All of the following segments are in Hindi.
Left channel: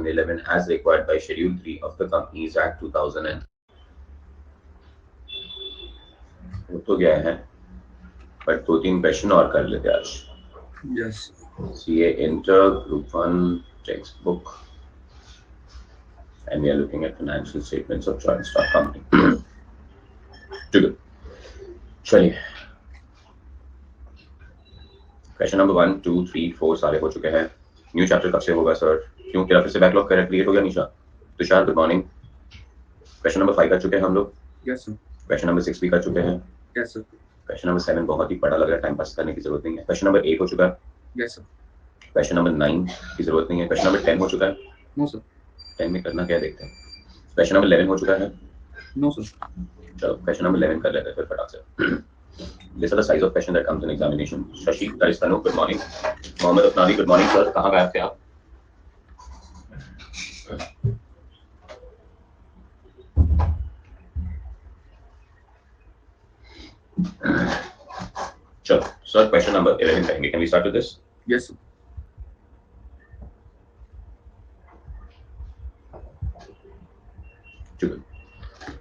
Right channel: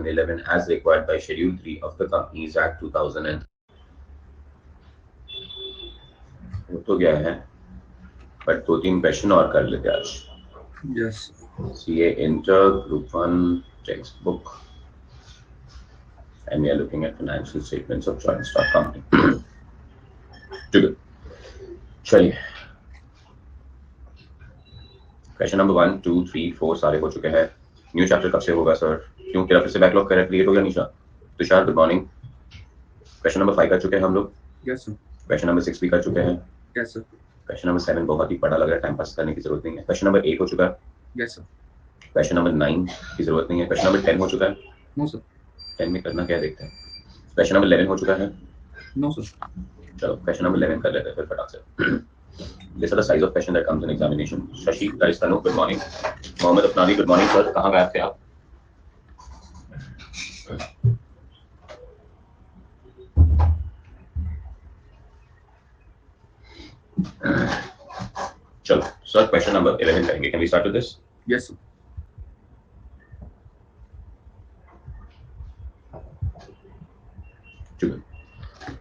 2011 as required by Schedule 3 of the Companies Act 2000 तो गया है, बट 2-3 क्वेश्चन और कर लेते आज. Yes. CA Inter Group 1 textbook, and we are looking at financial statements of joint stock company. ठीक है, चलिए. क्वेश्चन नंबर 1, 2, 3, 4 सारे हो चुके हैं. न्यू चैप्टर कब से होगा सर? क्यों तेरा फिर से बैकलॉग क्रिएट हो गया Nisha? Tushar good morning. Question number 5 कर चुके हैं हम लोग. Yes sir. क्वेश्चन नंबर 6 भी कर चुके हैं. Yes sir. क्वेश्चन नंबर 7 बहुत ही बड़ा लग रहा है, टाइम पास करने की जरूरत नहीं है. क्वेश्चन नंबर 8 हो चुका है. Yes sir. क्वेश्चन नंबर 9 की जरूरत नहीं है. क्वेश्चन नंबर 10 हो चुका है. No sir. 10 में करना क्या है देखते हैं. क्वेश्चन नंबर 11 हो चुका है. No sir. चलो क्वेश्चन नंबर 11 कर लेते हैं फिर फटाक से. These are the size of question that comes in examination. Shashi, that is Tanu, good morning. Mohammed Afnani, good morning sir. कहाँ गए थे आप? चलो सर क्वेश्चन नंबर 11 करेंगे. Can we start with this? Yes sir.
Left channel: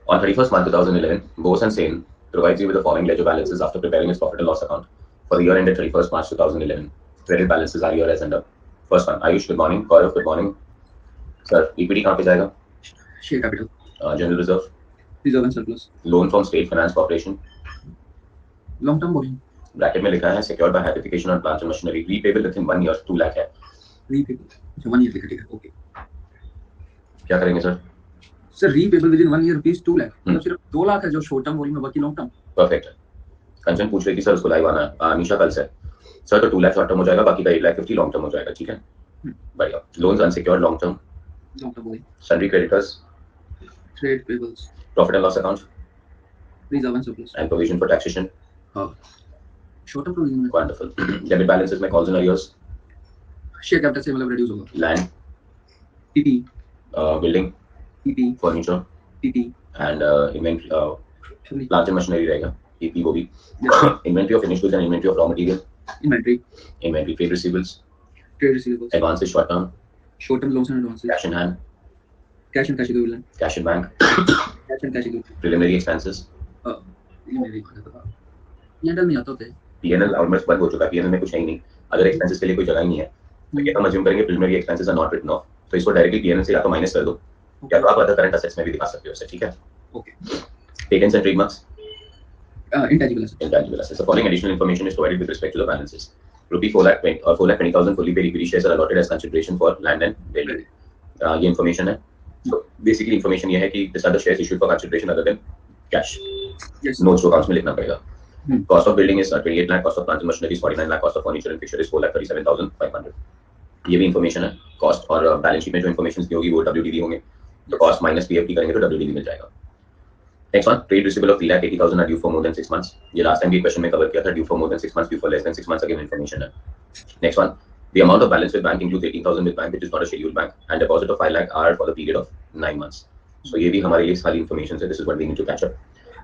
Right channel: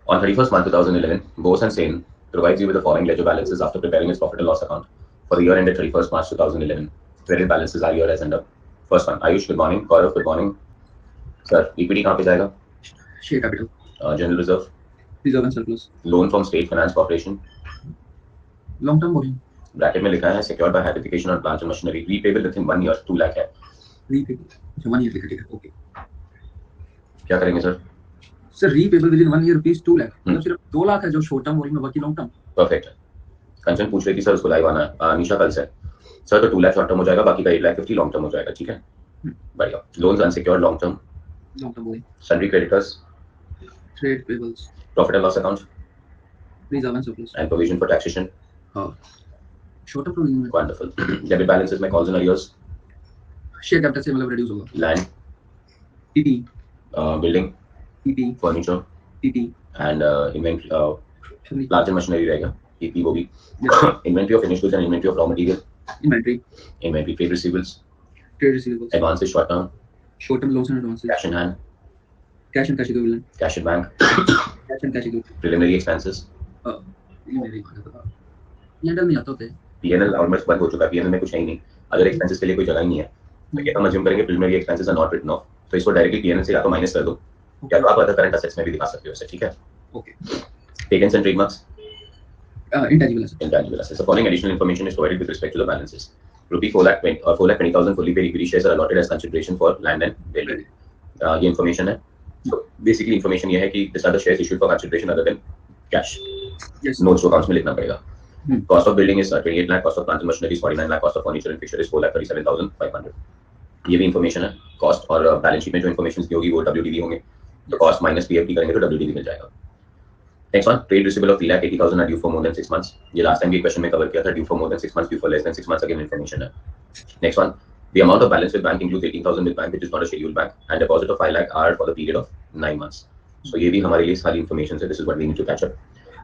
On 31st March 2011, Bose and Sen provides you with the following ledger balances after preparing its profit and loss account for the year ended 31st March 2011. Credit balances are here as under. First one, Ayush, good morning. Gaurav, good morning. Sir, equity कहाँ पे जाएगा? Share capital. General reserve. Reserve and surplus. Loan from State Finance Corporation. Long term borrowing. Bracket में लिखा है secured by hypothecation on plant and machinery. Repayable within 1 year, 2 lakh है. Repayable. अच्छा 1 year लिखा ठीक है. Okay. क्या करेंगे sir? Sir repayable within 1 year rupees 2 lakh. मतलब सिर्फ 2 लाख है जो short term borrowing में, बाकी long term. Perfect है. कंचन पूछ रही थी सर उसको लाइव आना है. निशा कल से. सर तो 2 लाख शॉर्ट टर्म हो जाएगा, बाकी का 8,50,000 लॉन्ग टर्म हो जाएगा. ठीक है, बढ़िया. Loans unsecured long term. Long term borrowing. Sundry creditors. Trade payables. Profit and loss account. Reserve and surplus. And provision for taxation. हाँ. Short term borrowing में. वंडरफुल. डेबिट बैलेंसेस में calls and arrears. Share capital से मतलब reduce होगा. Land. PP. Building. PP. Furniture. PP. And inventory. Plant and machinery रहेगा. PP वो भी. Inventory of finished goods and inventory of raw material. Inventory. Inventory. Trade receivables. Trade receivables. Advances short term. Short term loans and advances. Cash in hand. Cash and cash equivalent. Cash in bank. Cash and cash equivalent. Preliminary expenses. ये मेरी बात है. ये डल नहीं आता होते. पीएनएल ऑलमोस्ट बंद हो चुका है. पीएनएल में कुछ है ही नहीं. अगर एक्सपेंसेस के लिए कोई जगह ही नहीं है तो क्या हम अज्यूम करेंगे preliminary expenses are not written off, तो इसको डायरेक्टली पीएनएल से या तो माइनस कर दो या तो आप अदर करंट असेट्स में भी दिखा सकते हो इसे. ठीक है, okay. Patents and trademarks. Intangible assets. Intangible assets. The following additional information is provided with respect to the balances. Rupee 4,20,000 fully paid equity shares are allotted as consideration for land and building. ये information है. So basically information ये है कि these are the shares issued for consideration other than cash. Yes. Notes को accounts में लिखना पड़ेगा. Cost of building is 28 lakh, cost of plant and machinery is 49 lakh, cost of furniture and fixture is 4,37,500. ये भी information है. Cost और balance sheet में जो information दी होगी वो WDV होंगे. तो cost minus PFT करेंगे तो WDV मिल जाएगा. Next one, trade receivable of 3,80,000 are due for more than 6 months. ये last time भी question में cover किया था. Due for more than 6 months, due for less than 6 months, again information है. Next one, the amount of balance with bank includes 18,000 with bank which is not a scheduled bank and deposit of 5 lakh are for the period of 9 months. So ये भी हमारे लिए सारी information है. This is what we need to catch up.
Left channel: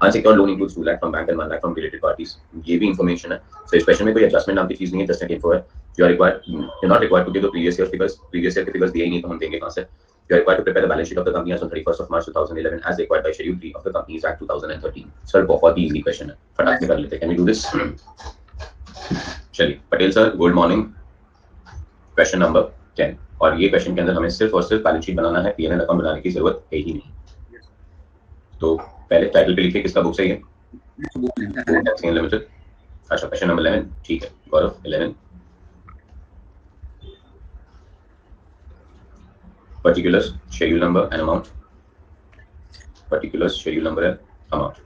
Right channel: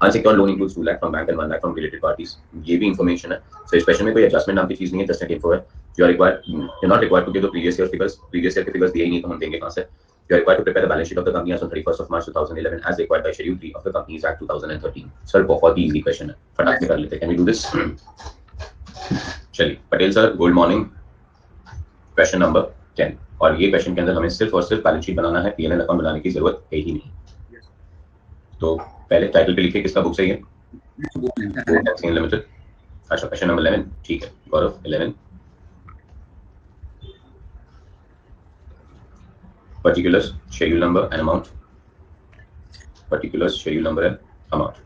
Unsecured loan includes 2 lakh from bank and 1 lakh from related parties. ये भी information है. So इस question में कोई adjustment नाम की चीज नहीं है, just एक info है. You're not required to give the previous year figures. Previous year के figures दिए ही नहीं तो हम देंगे कहाँ से? You are required to prepare the balance sheet of the company as on 31st of March 2011 as required by Schedule 3 of the Companies Act 2013. Sir, बहुत ही easy question है. फटाक से कर लेते हैं. Can we do this? चलिए, Patel sir, good morning. Question number 10. और ये question के अंदर हमें सिर्फ और सिर्फ बैलेंस शीट बनाना है. P&L अकाउंट बनाने की जरूरत है ही नहीं. तो पहले टाइटल पे लिखिए किसका बुक है ये? लिमिटेड. अच्छा, क्वेश्चन नंबर 11. ठीक है, गौरव 11. Particulars, schedule number and amount. Particulars, schedule number and amount.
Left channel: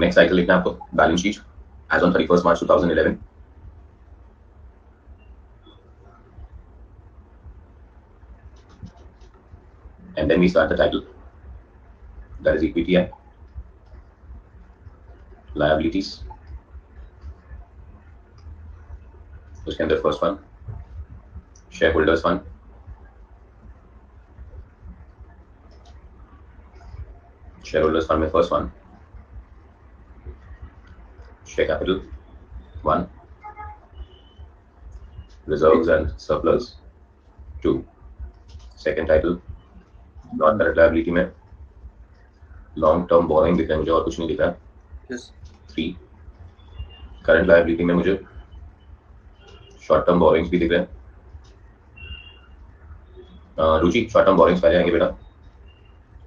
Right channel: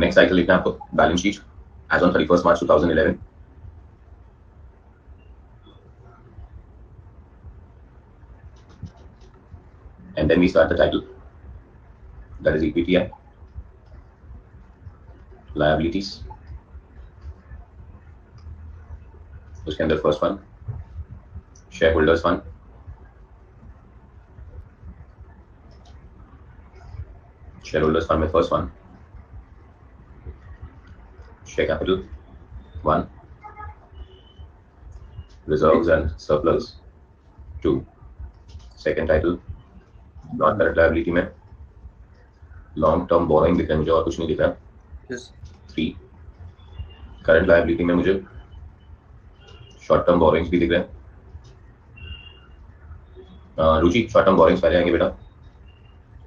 Next cycle लिखना है आपको. Balance sheet as on 31st March 2011. And then we start the title. That is equity and liabilities. उसके अंदर first one, shareholders fund. Shareholders fund में first one, share capital 1, reserves and surplus 2, second title, non current liability में लॉन्ग टर्म बोरोइंग दिख रहा है मुझे और कुछ नहीं दिख रहा है। यस 3 करंट लायबिलिटी में मुझे शॉर्ट टर्म बोरोइंग्स भी दिख रहे हैं। रुचि शॉर्ट टर्म बोरोइंग्स पहले आएंगे बेटा,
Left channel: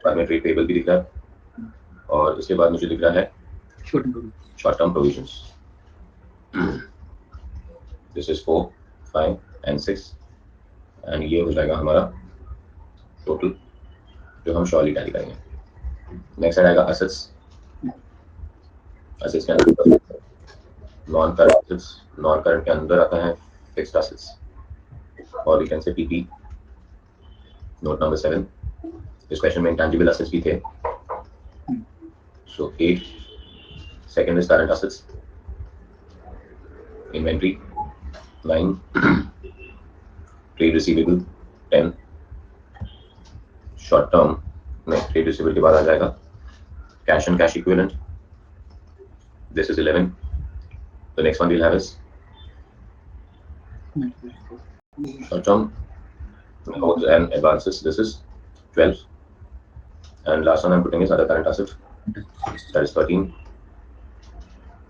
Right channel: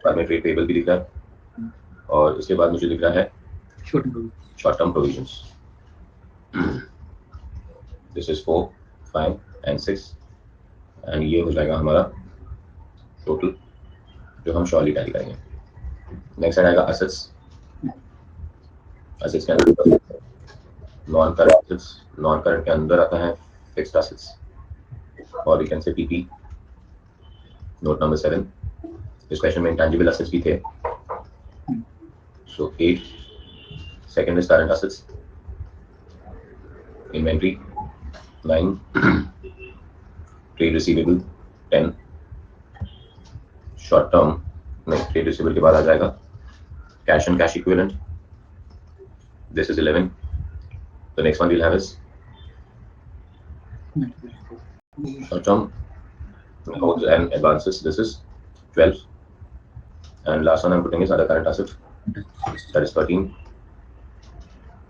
बाद में ट्रेड पेबल भी दिख रहा है और उसके बाद मुझे दिख रहा है short term provisions. This is 4 5 and 6 and ये हो जाएगा हमारा टोटल जो हम श्योरली टैली करेंगे। नेक्स्ट आएगा असेट्स। असेट्स के अंदर non current assets, non current के अंदर आता है फिक्स्ड असेट्स और we can say PP. Note number 7, इस क्वेश्चन में इंटेंजिबल असेट्स भी थे, so 8 second is current assets, inventory 9 trade receivable 10 short term नहीं ट्रेड रिसीवेबल के बाद आ जाएगा cash and cash equivalent, this is 11। The next one will have is short term loans and advances, this is 12 and last one I'm putting is other current asset, that is 13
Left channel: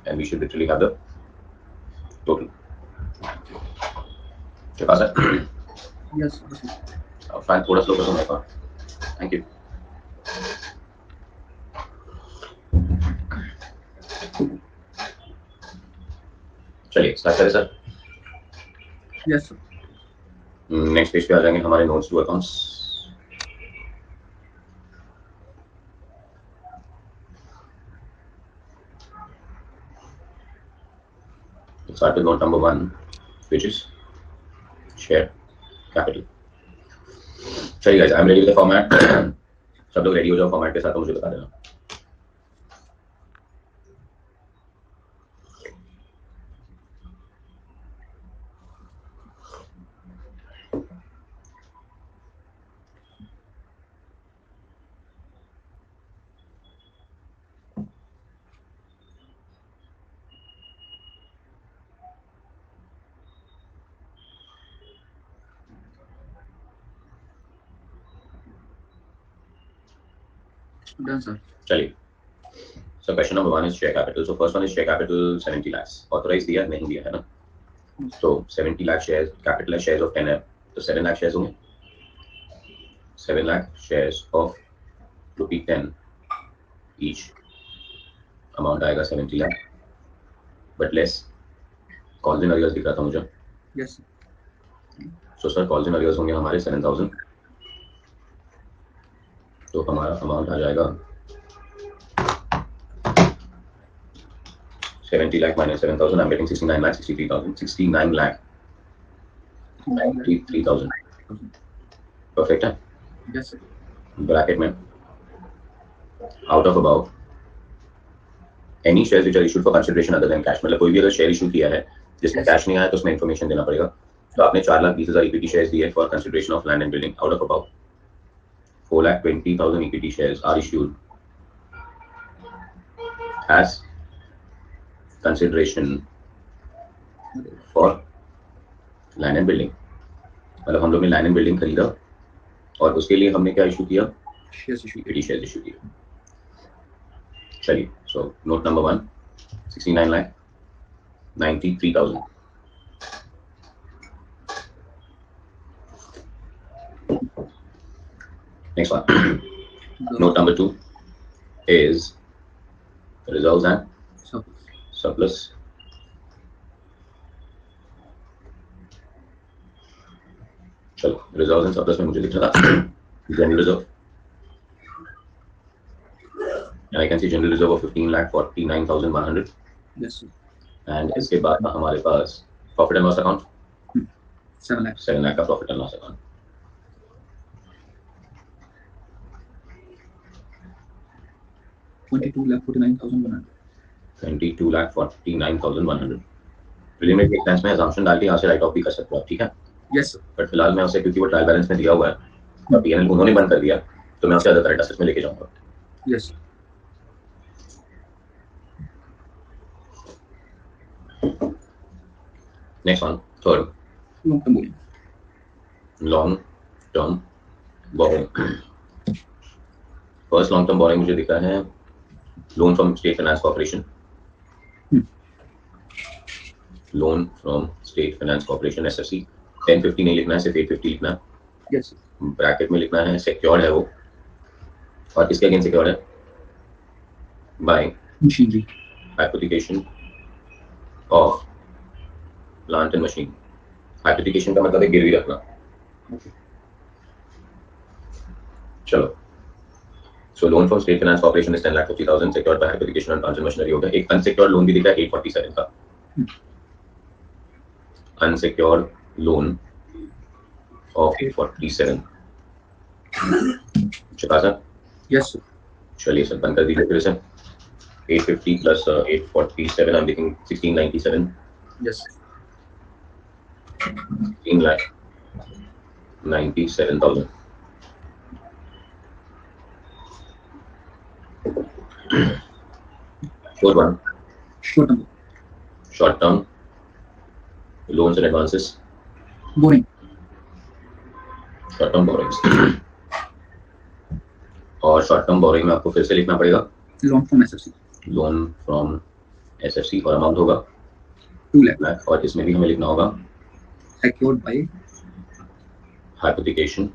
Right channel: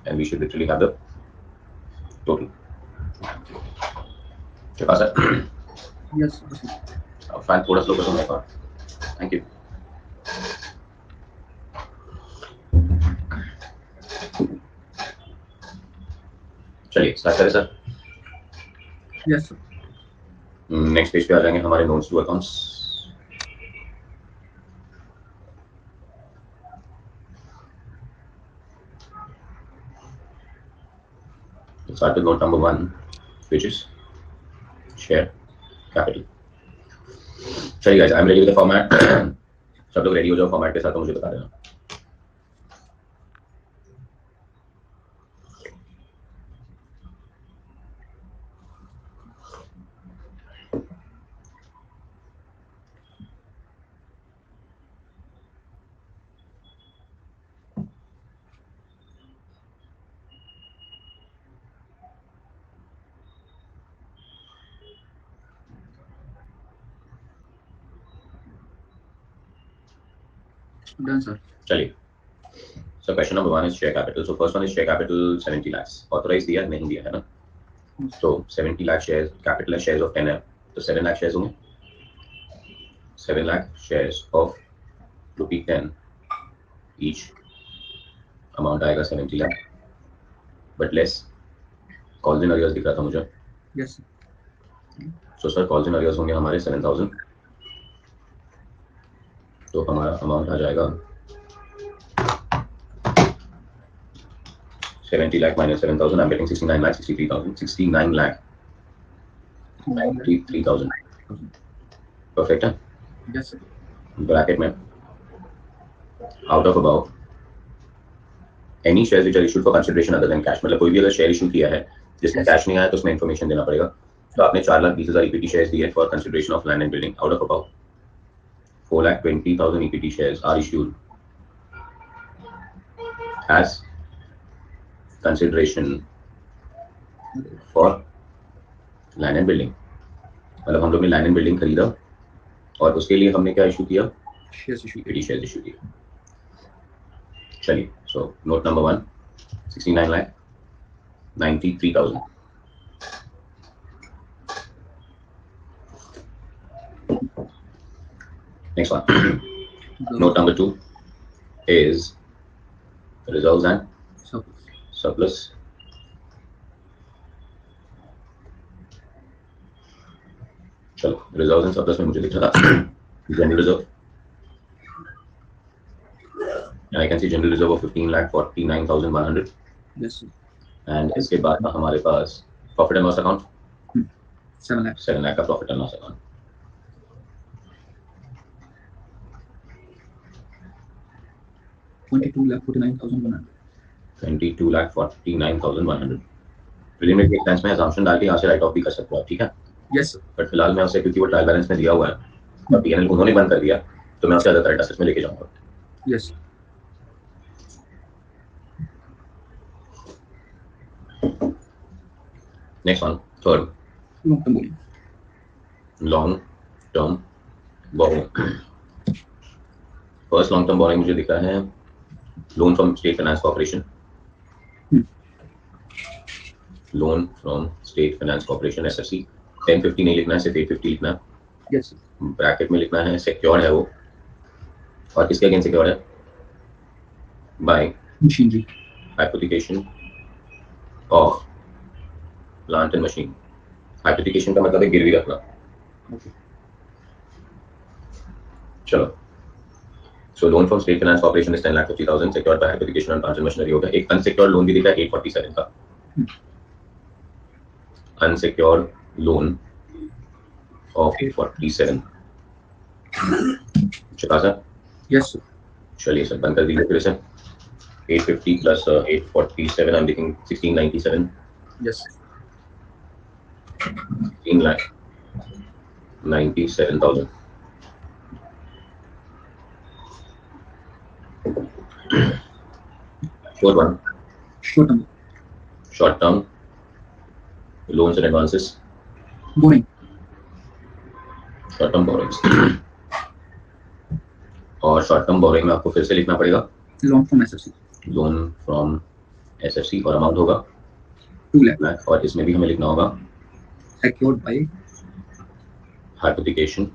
and we should literally have the total. के पास है? यस अब फाइल थोड़ा स्लो कर दूं मैं तो, थैंक यू। चलिए स्टार्ट करें सर। यस नेक्स्ट पेज पे आ जाएंगे हमारे notes to accounts. Start with note number 1, which is share capital. चलिए guys, I'm ready with the format. सब लोग रेडी हो जाओ फॉर्मेट के साथ, तो मुझे बता देना। Done sir. चलिए, so question number 1 is share capital. So first one is share capital 70 lakhs. Authorized दिया नहीं दिया है ना? So 70 lakh shares, capital है shares of 10 है, तो 7 lakh shares होंगे। 7 lakh shares of ₹10 each, amount आएगा 70 lakh, but less calls in arrears दिख रहा था मुझे। Yes So sir calls in arrears होंगे हमारे 7,000, तो हमारा अमाउंट आ जाएगा 70 lakh minus 7,000, I'm getting 69 lakh 63,000, 69 lakh 93,000, perfect है। यस ब्रैकेट में out of about any shares which are issued for consideration other than cash, मतलब कोई भी अगर शेयर इशू किया है जिसमें कैश नहीं आया तो उसमें इन्फॉर्मेशन देना पड़ेगा। तो आपने 4,20,000 इक्विटी शेयर्स दिए for consideration of land and building, out of about 4,20,000 equity shares are issued as consideration for land and building, मतलब हम लोग ने लैंड एंड बिल्डिंग खरीदा और उसके लिए हमने क्या इशू किया, इक्विटी शेयर्स इशू किया। चलिए, so note number 1 69 lakh 93,000। Next one. Note number 2 is reserves and surplus. चलो, reserves and surplus में मुझे लिख रहा था general reserve, and I can see general reserve of 15,49,100. Yes and इसके बाद था हमारे पास profit and loss account 7 lakh का profit and loss account. $22,49,100 preliminary expense में assumption डाल के यहाँ से राइट ऑफ भी कर सकते हो आप, ठीक है। यस बट फिलहाल मैं उसे, क्योंकि वो ट्रायल बैलेंस में दिया हुआ है और पीएनएल उन्होंने बंद कर दिया, तो मैं उसे अदर करंट असेट्स में लेके जाऊंगा। Yes next one, third, long term borrowing, first long term borrowing मुझे दिख रहा है loan from state finance corporation, loan from state finance corporation SFC. 1050 नहीं लिखना है, सिर्फ 850 लिखना है। यस ब्रैकेट में लिखना है सिक्योर्ड है वो, और किसके अगेंस्ट सिक्योर्ड है? By machinery hypothecation of plant and machine. Hypothecation का मतलब है गिरवी रखना। चलो, so loan from state finance corporation is 10,50,000 secured by hypothecation on plant and machinery होगा। एक अनसिक्योर्ड लोन भी दिख रहा है 847 का, अनसिक्योर्ड लोन ऑफ 847। चुका यस चलिए सर, बंद कर दीजिए फिर से। 850 प्लस 847 आई एम लिखिंग 1697, yes 16,97,000। Fourth one, short term short term loans and advances, borrowing short term borrowings। और शॉर्ट टर्म बोरिंग में आपको फिर से लिखना पड़ेगा loan from SFC loan from SFC, और अमाउंट होगा 2 lakh और इसमें भी हमें लिखना होगा secured by hypothecation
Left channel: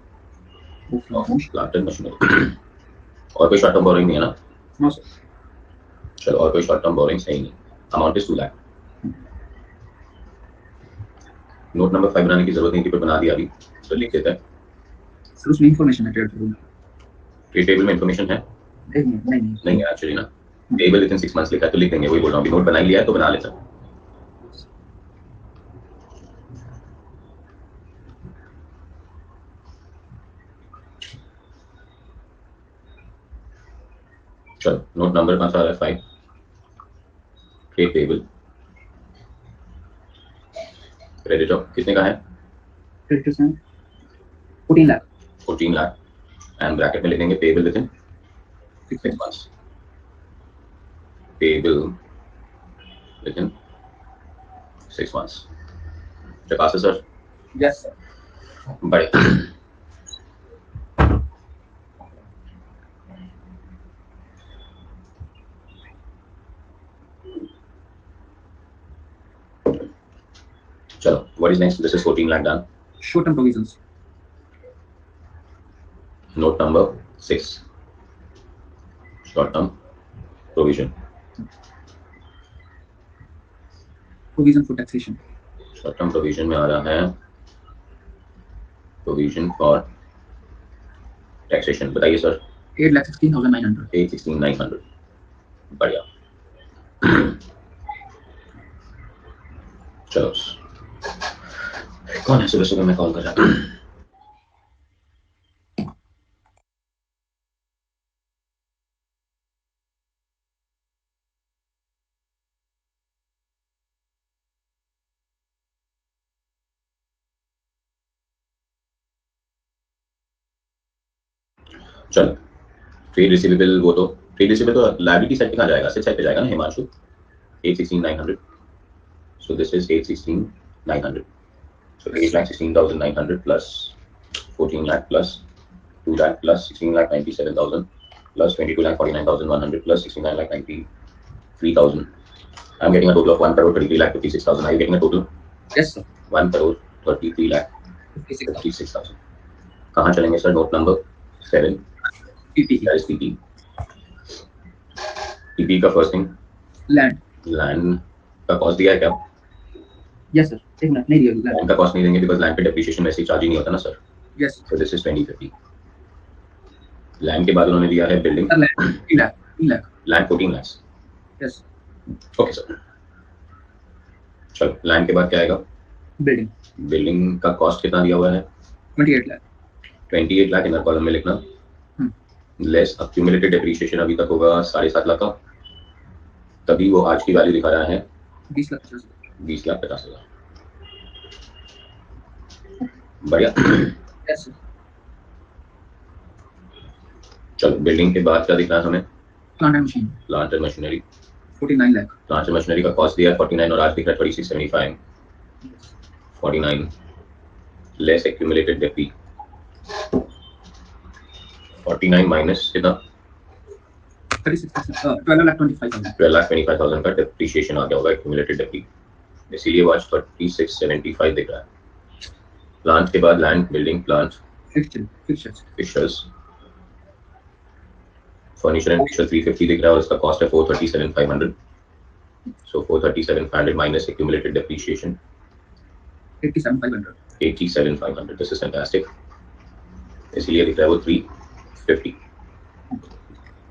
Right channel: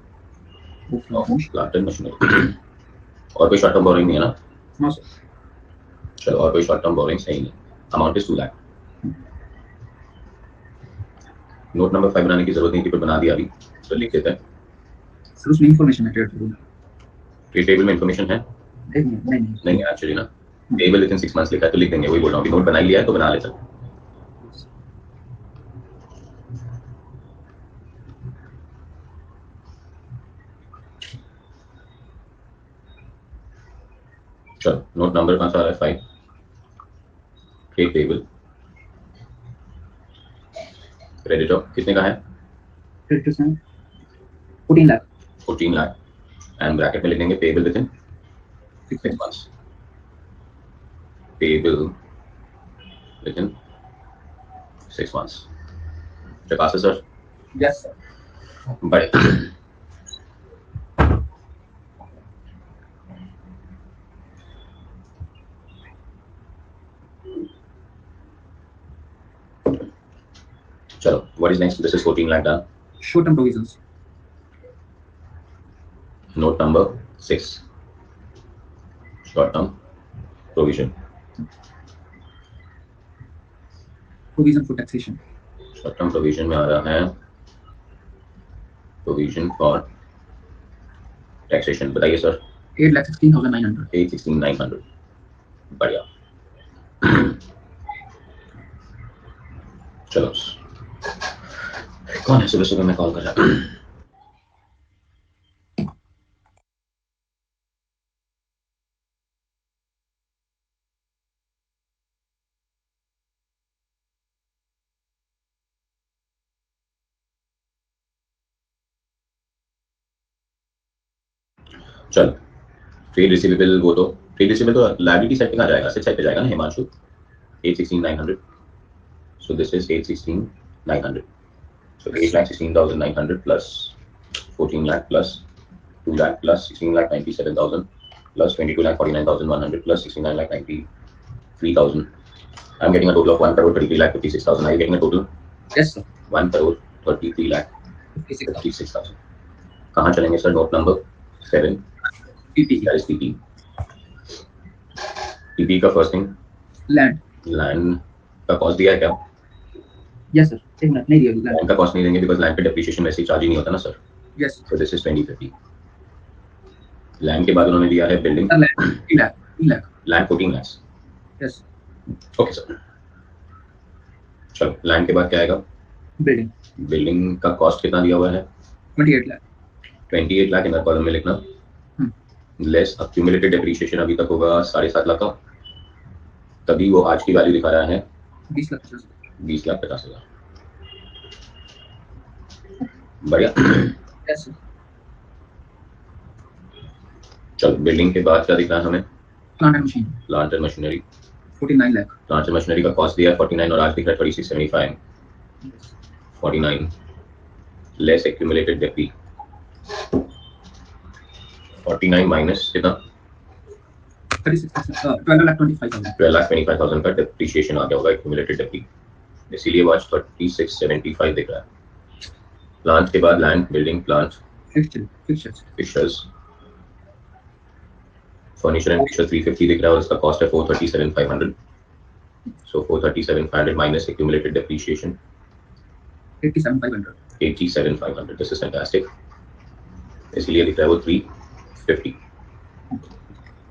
of of loan plant and machinery. और कोई शॉर्ट टर्म बोरिंग नहीं है ना? no sir चलो, और कोई शॉर्ट टर्म बोरिंग है ही नहीं। Amount is 2 lakh. Note number 5 बनाने की जरूरत नहीं थी, पर बना दिया अभी, तो लिख देते हैं। सर उसमें इंफॉर्मेशन है ट्रेड ये टेबल में इंफॉर्मेशन है? नहीं है एक्चुअली ना, टेबल विद इन 6 मंथ्स लिखा है, तो लिख देंगे। वही बोल रहा हूँ, नोट बना ही लिया है तो बना लेते हैं। चलो, नोट नंबर कौन सा आ रहा है? 5, ट्रेड टेबल, क्रेडिटर कितने का है? क्रेडिटर्स हैं 14 लाख 14 लाख, एंड ब्रैकेट में लिखेंगे payable within 6 months, payable within 6 months। चकास सर? यस सर बड़े चलो, what is next? This is 14 lakh done. short term provisions note number 6, short term provision, provision for taxation शॉर्ट टर्म प्रोविजन में आ रहा है प्रोविजन फॉर टैक्सेशन। बताइए सर। 8,16,900 816,900, बढ़िया। चलो, कौन है सुबह सुबह में कॉल कर रहा है? चलो, ट्रेड रिसीवेबल, वो तो ट्रेड रिसीवेबल तो लायबिलिटी साइड पे कहाँ जाएगा? असेट साइड पे जाएगा ना Himanshu. 816,900, so this is 816,900, so 8,16,900 plus 14 lakh plus 2 lakh plus 16,97,000 plus 22,49,100 plus 69,93,000. I'm getting a total of 1 crore 33,56,000. Are you getting a total? yes sir 1 crore 33,56,000। कहाँ चलेंगे sir? Note number 7, PPE that is PP। PP का फर्स्ट थिंग land लैंड का कॉस्ट दिया है क्या? yes sir एक मिनट नहीं दिया land लैंड का कॉस्ट नहीं देंगे, बिकॉज लैंड पे डेप्रिसिएशन वैसे ही चार्ज ही नहीं होता ना sir. yes So this is 2050। Land के बाद उन्होंने दिया है building, sir land 3 lakh land 14 lakhs। yes okay sir, चलो लैंड के बाद क्या आएगा? building बिल्डिंग का कॉस्ट कितना दिया हुआ है? 28 lakh 28 लाख इनर कॉलम में लिखना, लेस अक्यूमुलेटेड डेप्रिसिएशन अभी तक होगा 7.5 लाख का, तभी वो आज की वैल्यू दिखा रहा है 20,50,000 बढ़िया। yes sir चलो, बिल्डिंग के बाद क्या दिख रहा है हमें? plant and machine plant and machinery, 49 lakh plant and machinery का कॉस्ट दिया है 49 और आज दिख रहा है 2675। 49 लेस एक्यूमुलेटेड डेप्री 49 माइनस कितना 12,25,000 12,25,000 का डेप्रीशिएशन आ गया होगा एक्यूमुलेटेड डेप्री, इसीलिए वो आज 3675 दिख रहा है। प्लांट के बाद land, building, plant, fixtures, furniture and fixture 350 दिख रहा है और इसका कॉस्ट है 437,500। So 437,500 minus accumulated depreciation 87,500 87,500। This is fantastic, इसलिए दिख रहा है वो 350।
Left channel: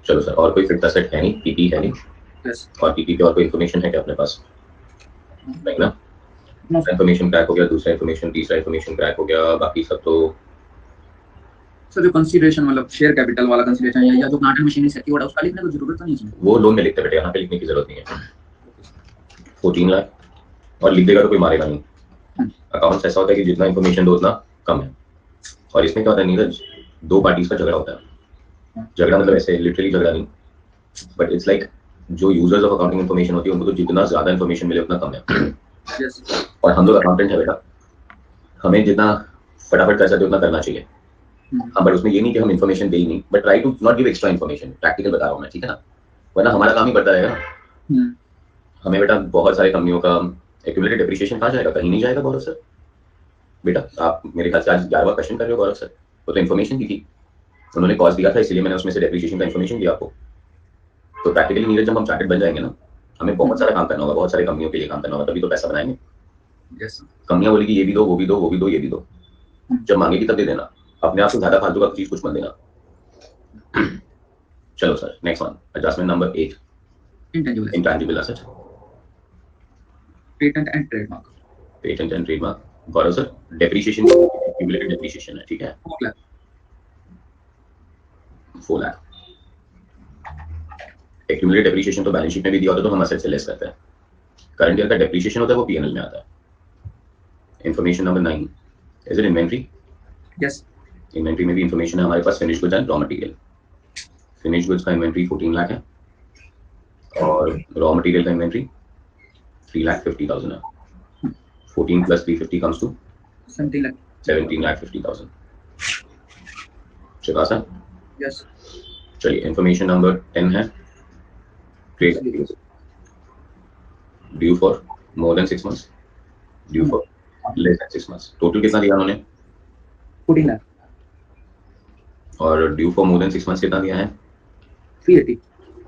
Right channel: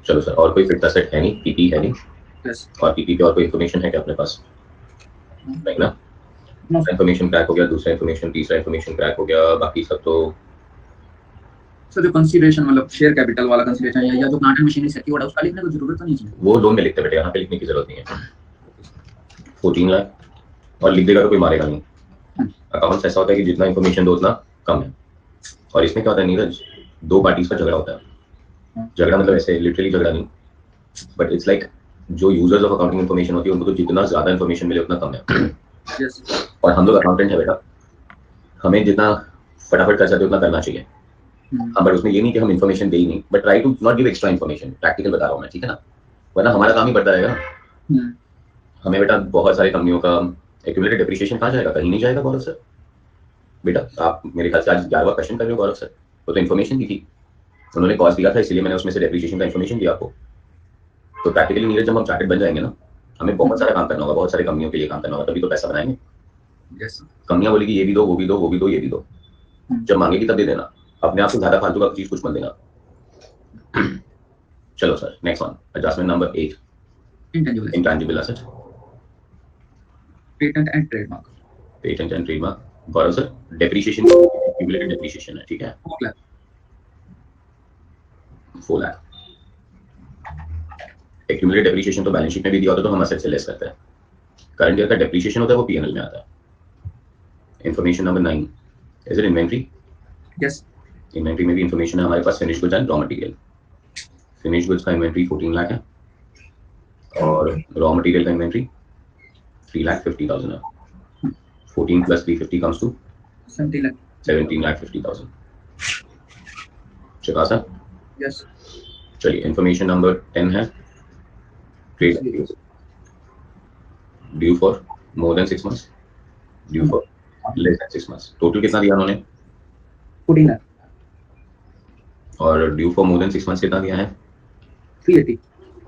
चलो सर, और कोई फिट सेट है नहीं, पीपी है नहीं, यस और पीपी पे और कोई इन्फॉर्मेशन है क्या अपने पास? नहीं ना, इन्फॉर्मेशन क्रैक हो गया, दूसरा इन्फॉर्मेशन, तीसरा इन्फॉर्मेशन क्रैक हो गया, बाकी सब तो सर जो कंसीडरेशन मतलब शेयर कैपिटल वाला कंसीडरेशन या जो प्लांट एंड मशीनरी सेक्यूर्ड है उसका लिखने की जरूरत तो नहीं है। वो लोन में लिखते बेटे, यहाँ पे लिखने की जरूरत नहीं है। 14 लाख, और लिख देगा तो कोई मारेगा नहीं। अकाउंट्स ऐसा होता है कि जितना इन्फॉर्मेशन दो उतना कम है, और इसमें क्या होता है नीरज, दो पार्टीज का झगड़ा होता है। झगड़ा मतलब ऐसे लिटरली झगड़ा नहीं, बट इट्स लाइक जो यूजर्स ऑफ अकाउंटिंग इन्फॉर्मेशन होती है उनको तो जितना ज्यादा इन्फॉर्मेशन मिले उतना कम है। और हम लोग अकाउंटेंट है बेटा, हमें जितना फटाफट कर सकते उतना करना चाहिए। हाँ, बट उसमें ये नहीं कि हम इन्फॉर्मेशन दे ही नहीं, but try to not give extra information. Practical बता रहा हूँ मैं, ठीक है ना, वरना हमारा काम ही बढ़ता रहेगा ना। हमें बेटा बहुत सारी कंपनियों का एक्यूमुलेटेड डेप्रिसिएशन कहाँ जाएगा? कहीं नहीं जाएगा गौरव सर। बेटा आप मेरे ख्याल से आज 11वां क्वेश्चन कर रहे हो गौरव सर, वो तो इन्फॉर्मेशन दी थी, उन्होंने कॉस्ट दिया था, इसलिए मैंने उसमें से डेप्रिसिएशन का इन्फॉर्मेशन दिया आपको। तो प्रैक्टिकली नीरज जब हम चार्टेड बन जाएंगे ना, हमें बहुत सारा काम करना होगा, बहुत सारी कंपनियों के लिए काम करना होगा, तभी तो पैसा बनाएंगे। कंपनियां बोलेगी ये भी दो, वो भी दो, वो भी दो, ये भी दो, जब मांगेगी तब दे देना, अपने आप को ज्यादा फालतू का चीज कुछ मत देना। चलो sir, next one, adjustment number 8, intangible asset, patent and trademark. Patent and trademark, Gaurav sir depreciation accumulated depreciation है, ठीक है, 4 लाख। एक्यूमुलेटेड डेप्रिसिएशन तो बैलेंस शीट में भी दिया होता है, तो हम असेट से लेस करते हैं। करंट ईयर का डेप्रिसिएशन होता है वो पीएनएल में आता है। Information number 9, is it inventory? Yes, inventory में भी इन्फॉर्मेशन है हमारे पास, finish goods and raw material. Finish goods का इन्वेंट्री 14 लाख है, और रॉ मटेरियल का इन्वेंट्री 3,50,000 है। 14 प्लस 350 कम्स टू 17,50,000। चुका सर? यस। चलिए, इन्फॉर्मेशन नंबर 10 है trade due for more than 6 months, due for less than 6 months. Total कितना दिया उन्होंने? 14 लाख। और due for more than 6 months कितना दिया है? 380।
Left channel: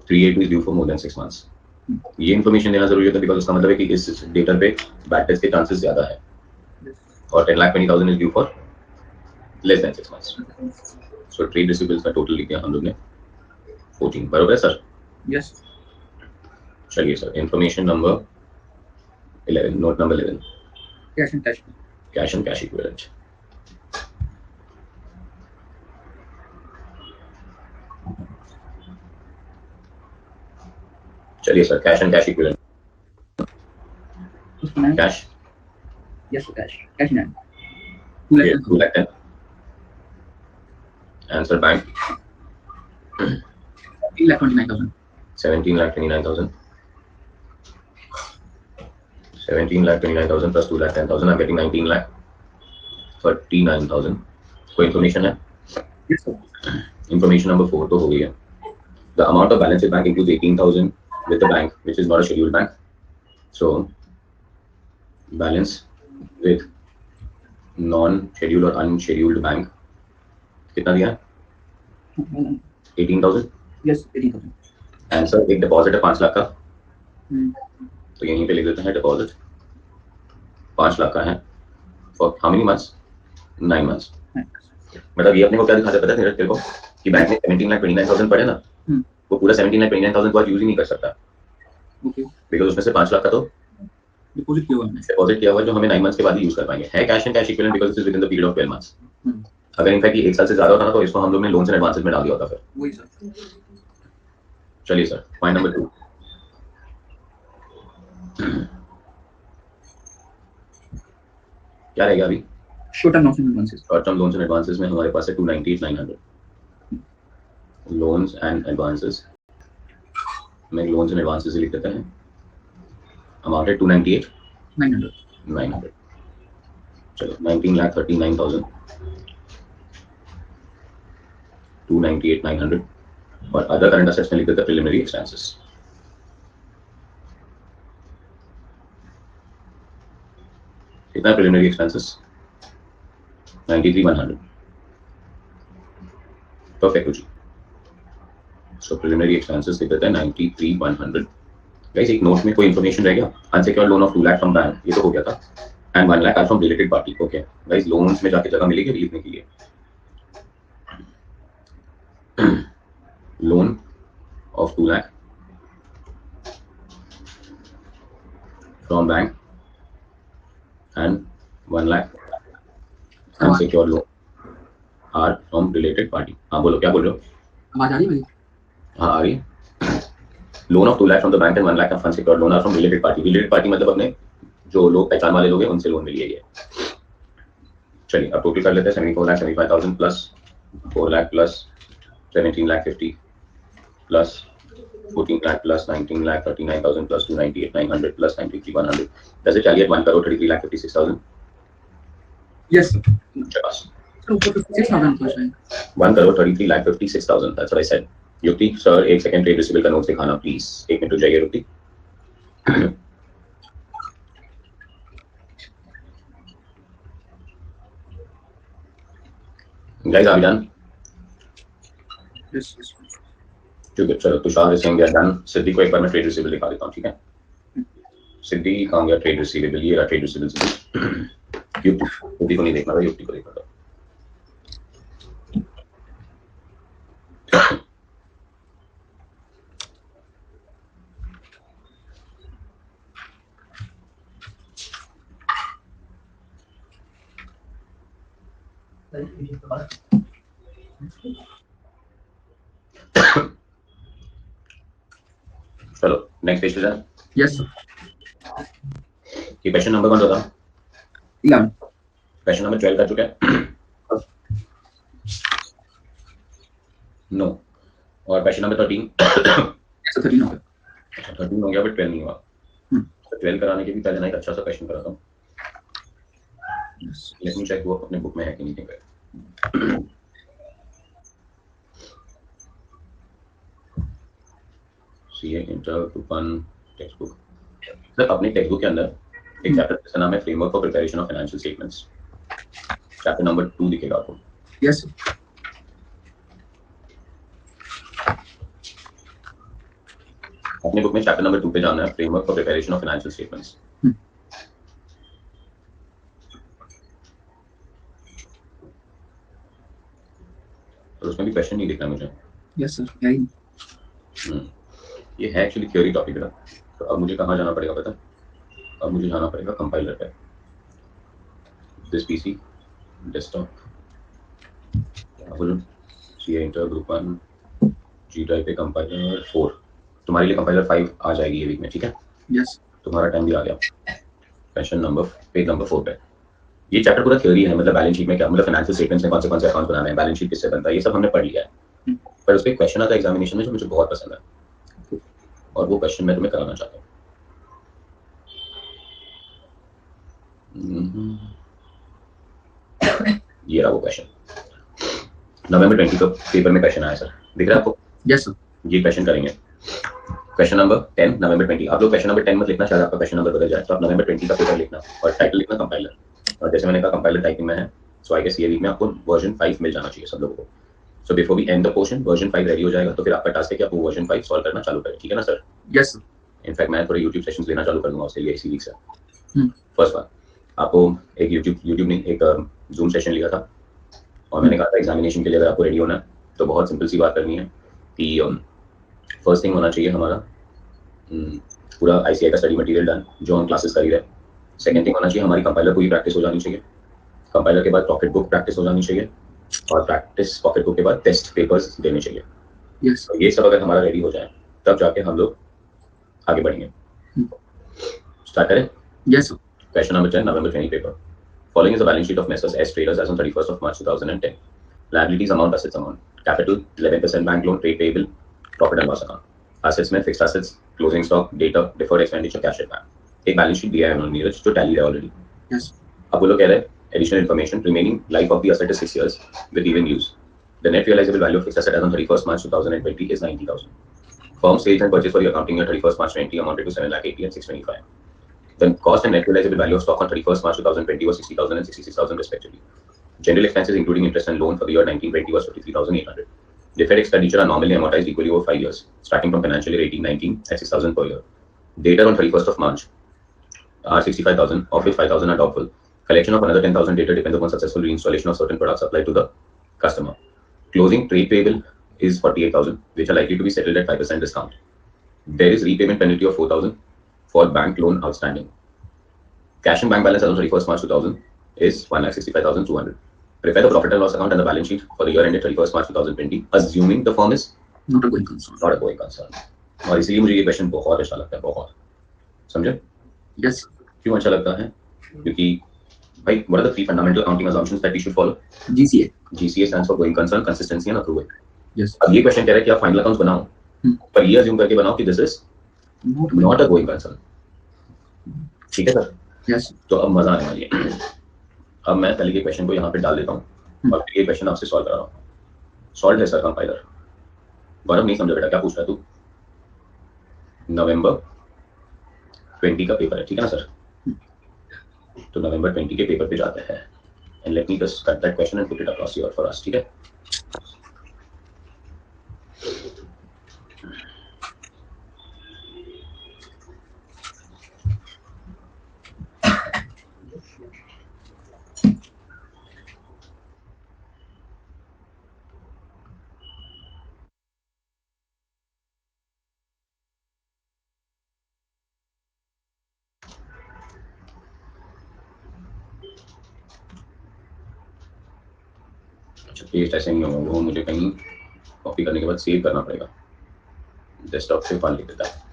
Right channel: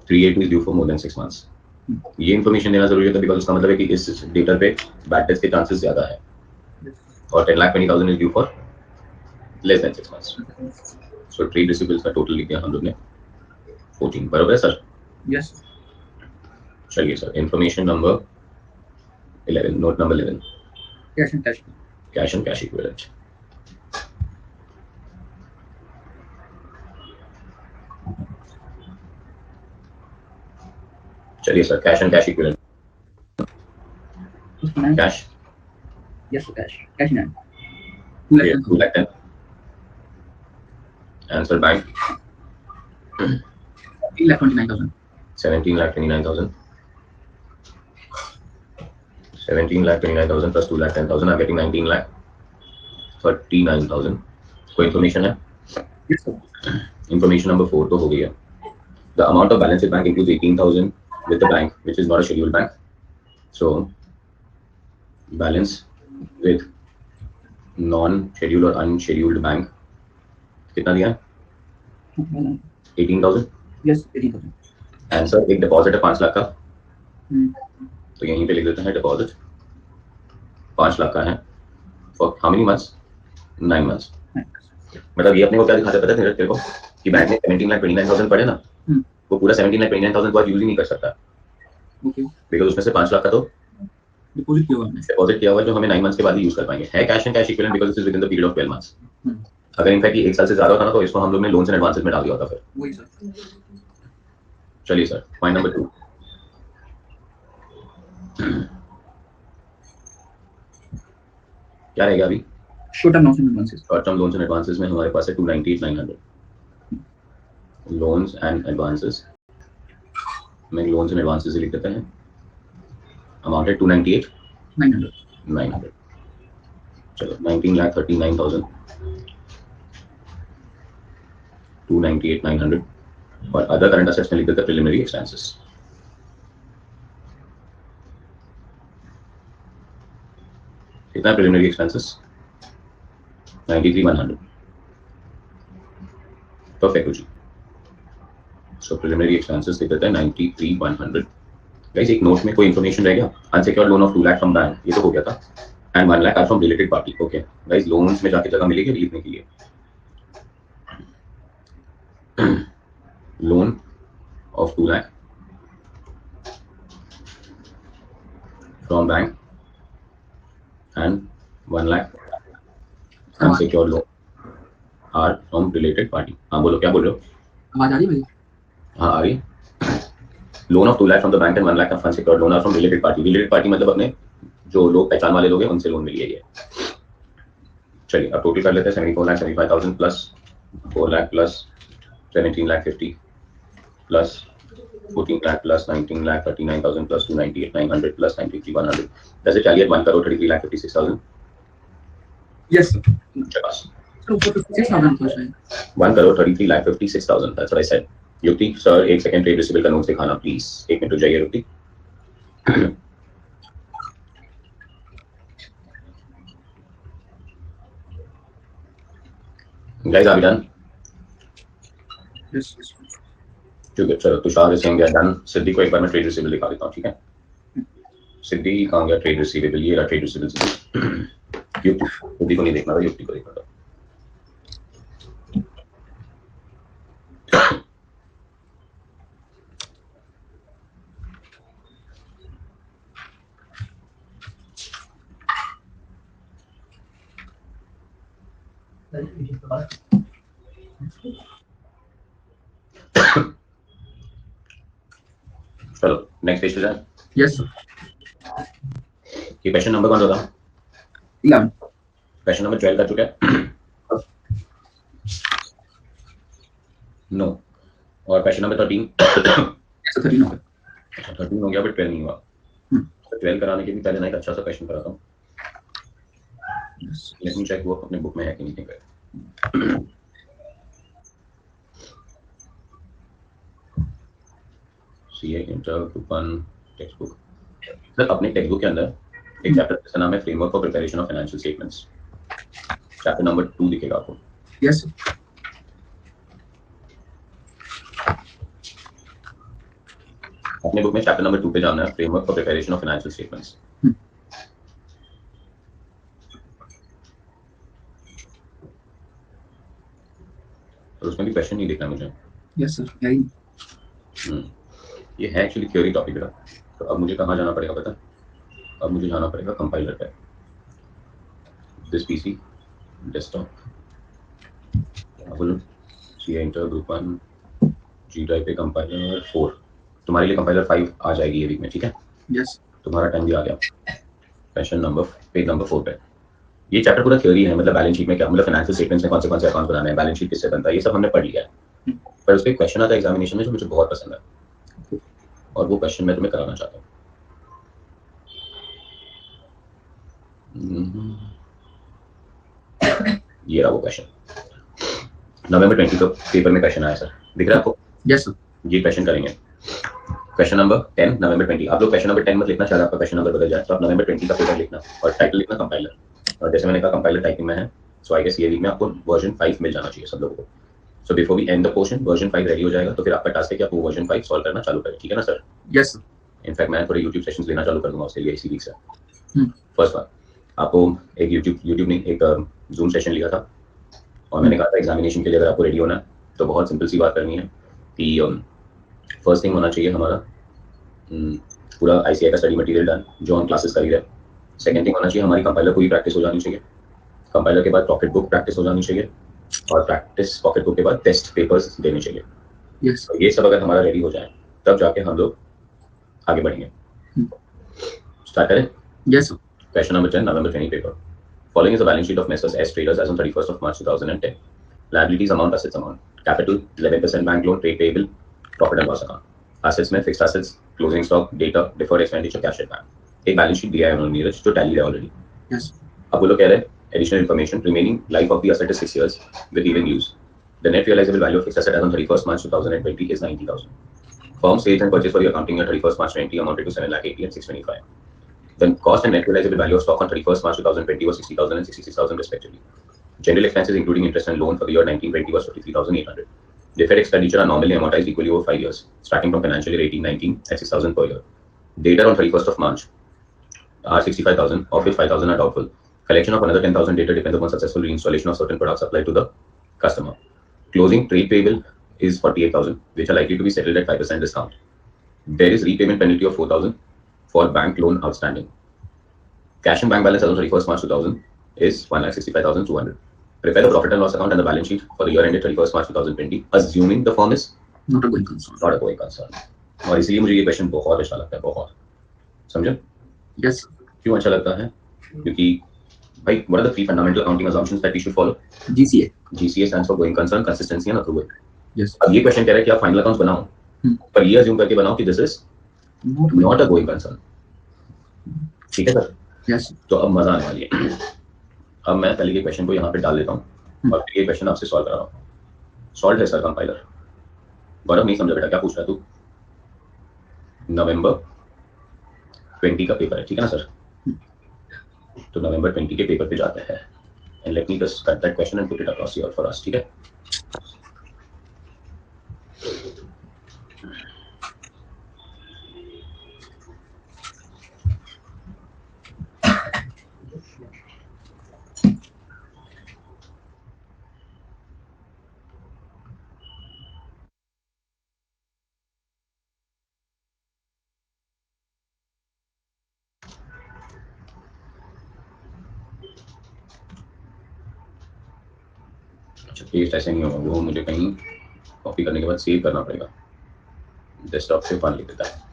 380 is due for more than 6 months. ये इन्फॉर्मेशन देना जरूरी होता है, बिकॉज उसका मतलब है कि इस डेटा पे बैड डेट्स के चांसेस ज्यादा है। और 10,20,000 is due for less than 6 months. So trade receivables का टोटल लिख दिया हम लोग ने 14, बराबर है सर? यस। चलिए sir, information number 11, note number 11, cash and cash equivalent. चलिए sir, cash and cash equivalent. Cash, yes cash in hand 2,10,000। Answer bank 17,29,000। 17,29,000। 17,29,000 plus 2,10,000, I'm getting 19,39,000। कोई इन्फॉर्मेशन है? Yes sir. इन्फॉर्मेशन नंबर 4 तो हो गई है। The amount of balance in bank includes 18,000 with the bank, which is not a scheduled bank. So, balance with non-scheduled or unscheduled bank कितना दिया है? 18,000। यस 18,000। आंसर, एक डिपॉजिट है 5 लाख का, तो यहीं पे लिख देते हैं डिपॉजिट 5 लाख का है। For how many months? 9 months. मतलब ये अपने को क्या दिखाता है पता है तेरे को, कि बैंक में 17,29,000 पड़े ना, वो पूरा 17,29,000 को आज यूज ही नहीं कर सकता, बिकॉज उसमें से 5 लाख का तो डिपॉजिट किया हुआ है, जो हमें 9 मंथ्स के बाद ही यूज कर पाएंगे। है cash and cash equivalent because it is with in the period of 12 months. अगर इनफैक्ट 1 साल से ज्यादा होता ना, तो इसको हम लोग ने लोन्स एंड एडवांसेस में डाल दिया होता फिर। वही सर। चलिए सर, पॉइंट नंबर 2, क्या रहेगा अभी? Short term loans and advances. Short term loans and advances में हमारे पास है 298,900। लोन्स एंड एडवांसेस में लोन्स एंड एडवांसेस लिख देते हैं, अमाउंट है 298,900। चलो, 19,39,000 298,900 और अदर करंट असेट्स में लिख देते प्रिलिमिनरी एक्सपेंसेस। कितना प्रिलिमिनरी एक्सपेंसेस? 93,100। परफेक्ट जी। सो प्रिलिमिनरी एक्सपेंसेस लिख देते हैं 93,100। गाइस एक नोट में कोई इन्फॉर्मेशन रह गया? Unsecured loan of 2 lakh from bank, ये तो हो गया था, and 1 lakh are from related party. Okay guys, loans में जाके जगह मिलेगी लिखने के लिए। Loan of 2 lakh from bank and 1 lakh unsecured loan are from related party. हाँ बोलो, क्या बोल रहे हो? आवाज आ रही है भाई? हाँ आ रही। Loan of 2 lakh from the bank and 1 lakh of unsecured loan are from related party. Related party मतलब अपने जो लोग पहचान वाले लोग हैं उनसे लोन मिली है ये। चलिए अब टोटल कर लेते हैं। 74,75,000 plus 4 lakh plus 17 lakh 50 plus 14 lakh plus 19 lakh 39,000 plus 298,900 plus 93,100. Does it tally at 1 crore 33 lakh 56,000? Yes. Chakash. So 56,000 plus है. 1 crore 33 lakh 56,000. That's what I said. Yukti sir एक सेकंड ट्रेड रिसीवेबल का नोट्स दिखाना प्लीज। एक मिनट रुक जाइए Yukti. Guys are we done? Yes. ठीक है चलो, Tushar is saying done. Siddhi को एक बार मैं ट्रेड रिसीवेबल दिखा देता हूँ, ठीक है? सिद्धि कहाँ गया ट्रेड रिसीवेबल? ये रहा ट्रेड रिसीवेबल। युक्ति को नहीं देखना था, युक्ति को देखना था। चलो नेक्स्ट पेज पे जाए। Yes sir. ये क्वेश्चन नंबर कौन सा था? 11. क्वेश्चन नंबर 12 कर चुके हैं। नो। और क्वेश्चन नंबर 13? Yes 13 हो गया. 13 हो गया बट 12 नहीं हुआ। 12 कराने के भी पहले ना एक अच्छा सा क्वेश्चन कराता हूँ। लेट मी चेक वो अपने बुक में है कि नहीं है। CA inter group 1 text book. Sir अपने टेक्स्ट बुक के अंदर एक चैप्टर जिसका नाम है framework for preparation of financial statements. Chapter number 2 दिखेगा आपको। Yes. अपने बुक में चैप्टर नंबर 2 पे जाना है, framework for preparation of financial statements. और उसमें भी क्वेश्चन नहीं दिखना मुझे। Yes sir. यही. ये है एक्चुअली थ्योरी टॉपिक का। तो अब मुझे कहाँ जाना पड़ेगा पता? अब मुझे जाना पड़ेगा कंपाइलर पे। दिस पीसी डेस्कटॉप, बोलो C inter group 1 G drive पे कंपाइलर 4। तुम्हारे लिए कंपाइलर 5 आ जाएगी ये वीक में, ठीक है? Yes. तुम्हारा टाइम भी आ गया। क्वेश्चन नंबर पेज नंबर 4 पे। ये चैप्टर पूरा थ्योरी है, मतलब बैलेंस शीट में क्या, मतलब फाइनेंशियल स्टेटमेंट्स में कौन से अकाउंट बनाने हैं, बैलेंस शीट किससे बनता है, ये सब हमने पढ़ लिया है। पर उसपे क्वेश्चन आता है एग्जामिनेशन में जो मुझे बहुत पसंद है, और वो क्वेश्चन मैं तुम्हें कराना चाहता हूँ। ये रहा वो क्वेश्चन। नवंबर 20 का पेपर में क्वेश्चन आया सर, दिख रहा है आपको? Yes sir. ये क्वेश्चन करेंगे। क्वेश्चन नंबर 10 नवंबर 20। आप लोग क्वेश्चन नंबर 10 मत लिखना, शायद आपका क्वेश्चन नंबर बदल जाए, तो आप नवंबर 20 का पेपर लिखना और टाइटल लिखना कंपाइलर। और जैसे मैंने कहा कंपाइलर टाइपिंग में है, सो आई गेस ये वीक में आपको वर्जन 5 मिल जाना चाहिए सब लोगों को। So before we end the portion version 5 ready हो जाएगा, तो फिर आपका टास्क है कि आप वो वर्जन 5 सॉल्व करना चालू करें, ठीक है ना सर? Yes sir. इनफैक्ट मैं थोड़े YouTube सेशंस लेना चालू कर दूंगा उसके लिए इसी वीक से। फर्स्ट बार आपको एक YouTube नहीं एक Zoom सेशन लिया था, और मैंने कहा था एग्जामिनेशन के लिए अगर आपको रेडी होना है तो बहुत सिंपल सी बात करनी है कि फर्स्ट थिंग होना चाहिए हमारा पूरा ICI का स्टडी मटेरियल डन जो हम क्लासेस कर ही रहे। सेकंड थिंग होना चाहिए हमारी कंपाइलर पूरी प्रैक्टिस हो जानी चाहिए। कंपाइलर के बाद पॉकेट बुक प्रैक्टिस हो जानी चाहिए, और प्रैक्टिस पॉकेट बुक के बाद टेस्ट पेपर्स देने चाहिए। Yes. तो ये सब अगर हमारा रेडी हो जाए तब जाके हम लोग आगे बढ़ेंगे। स्टार्ट करें? Yes sir. Question number 10, November 20 paper. Following is a balance sheet of Messrs. S Traders as on 31st of March 2010. Liabilities amount, assets amount. Capital 11% bank loan, trade payable, profit and loss account. Assets में fixed assets, closing stock, data, deferred expenditure, cash at bank. एक बैलेंस शीट दिया है उन्होंने नीरज जो टैली है ऑलरेडी। Yes. अब वो लोग कह रहे हैं additional information, remaining life of the asset is 6 years with even use. The net realizable value of fixed asset as on 31st March 2020 is 90,000. Firm sales and purchase for the accounting year 31st March 20 amounted to 7,80,000 and 625. The cost and net realizable value of stock on 31st March 2020 was 60,000 and 66,000 respectively. General expenses including interest and loan for the year 1920 was 53,800. Deferred expenditure are normally amortized equally over 5 years, starting from financial year 18-19 at 6,000 per year. Data on 31st of March are 65,000, of which 5,000 are doubtful. Collection of another 10,000 data depends upon successful reinstallation of certain products applied to the customer. Closing trade payable is 48,000, which are likely to be settled at 5% discount. There is repayment penalty of 4,000 for bank loan outstanding. Cash and bank balance as on 31st March 2000 is 1,65,200. Prepare the profit and loss account and the balance sheet for the year ended 31st March 2020, assuming the firm is not a going concern. Not a going concern. और इसीलिए मुझे ये क्वेश्चन बहुत अच्छा लगता है, बहुत समझे? Yes. क्यों अच्छा लगता है? क्योंकि भाई, what are the three fundamental accounting assumptions that we should follow? GCA. GCA stands for going concern, consistency and approval. Yes. अब ये क्वेश्चन कह रहा है कि आप फाइनल अकाउंट्स बनाओ, पर ये अज्यूम करके बनाओ कि this is not a going concern. ठीक है सर? Yes. तो अब मजा आने वाली है. अब मैं पहले के क्वेश्चन को यहाँ पे डाल देता हूँ और फिर ये क्वेश्चन आपसे सॉल्व करा रहा हूँ. सॉल्व है सर कंपाइलर. गौरव नहीं समझा बेटा, क्या पूछ रहा है तू? नवंबर 20 का पेपर है, ठीक है ना सर? तो नवंबर 20 के पेपर पे जाते हैं. And let me just cut that question and put it across here for us. ठीक है? अच्छा, पेस्ट ऐसे नहीं होगा, वो मुझे कहीं कॉपी करने के बाद सेव करना पड़ेगा. डेस्कटॉप से फाइल लिख देता है.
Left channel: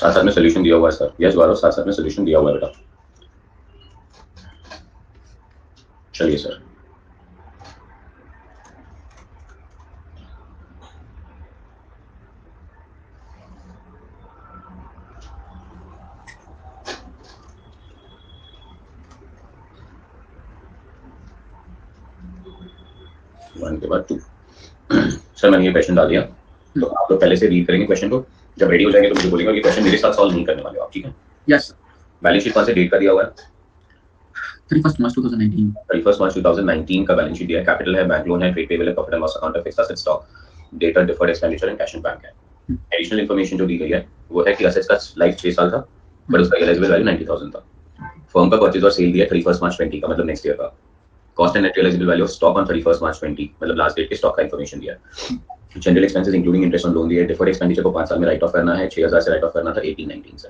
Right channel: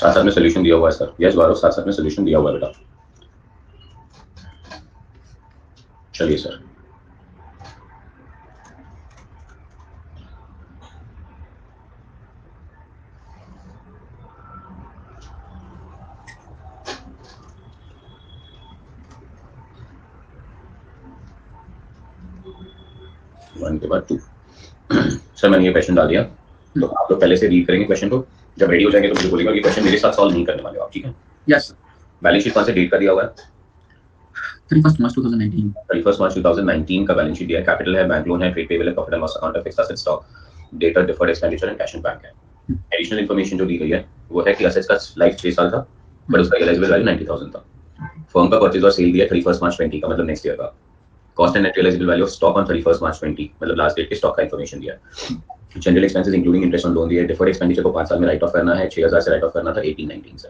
साथ साथ में सोल्यूशन दिया हुआ है सर. यस गौरव, साथ साथ में सोल्यूशन दिया हुआ है बेटा. चलिए सर. वन के बाद टू. सर मैंने ये क्वेश्चन डाल दिया, तो आप लोग पहले से रीड करेंगे क्वेश्चन को. जब रेडी हो जाएंगे तो मुझे बोलेंगे कि क्वेश्चन मेरे साथ सॉल्व नहीं करने वाले हो आप. ठीक है? यस. बैलेंस शीट कौन से डेट का दिया हुआ है? 31st March 2019. 31st March 2019 का बैलेंस शीट दिया है. कैपिटल है, बैंक लोन है, ट्रेड पेबल है, प्रॉफिट एंड लॉस अकाउंट है, fixed asset stock, data, deferred expenditure and cash in bank है. एडिशनल इन्फॉर्मेशन जो दी गई है वो है कि असेट्स का लाइफ 6 साल था, बट उसका रियलाइजेबल वैल्यू 90,000 था. फर्म का परचेज और सेल दिया 31st March 20 का, मतलब नेक्स्ट ईयर का. Cost and net realisable value of stock on 31st March 20, मतलब लास्ट डेट के स्टॉक का इन्फॉर्मेशन दिया है. General expenses including interest on loan दिया है. डिफर्ड एक्सपेंडिचर को 5 साल में राइट ऑफ करना है. 6,000 से राइट ऑफ करना था 18-19 से.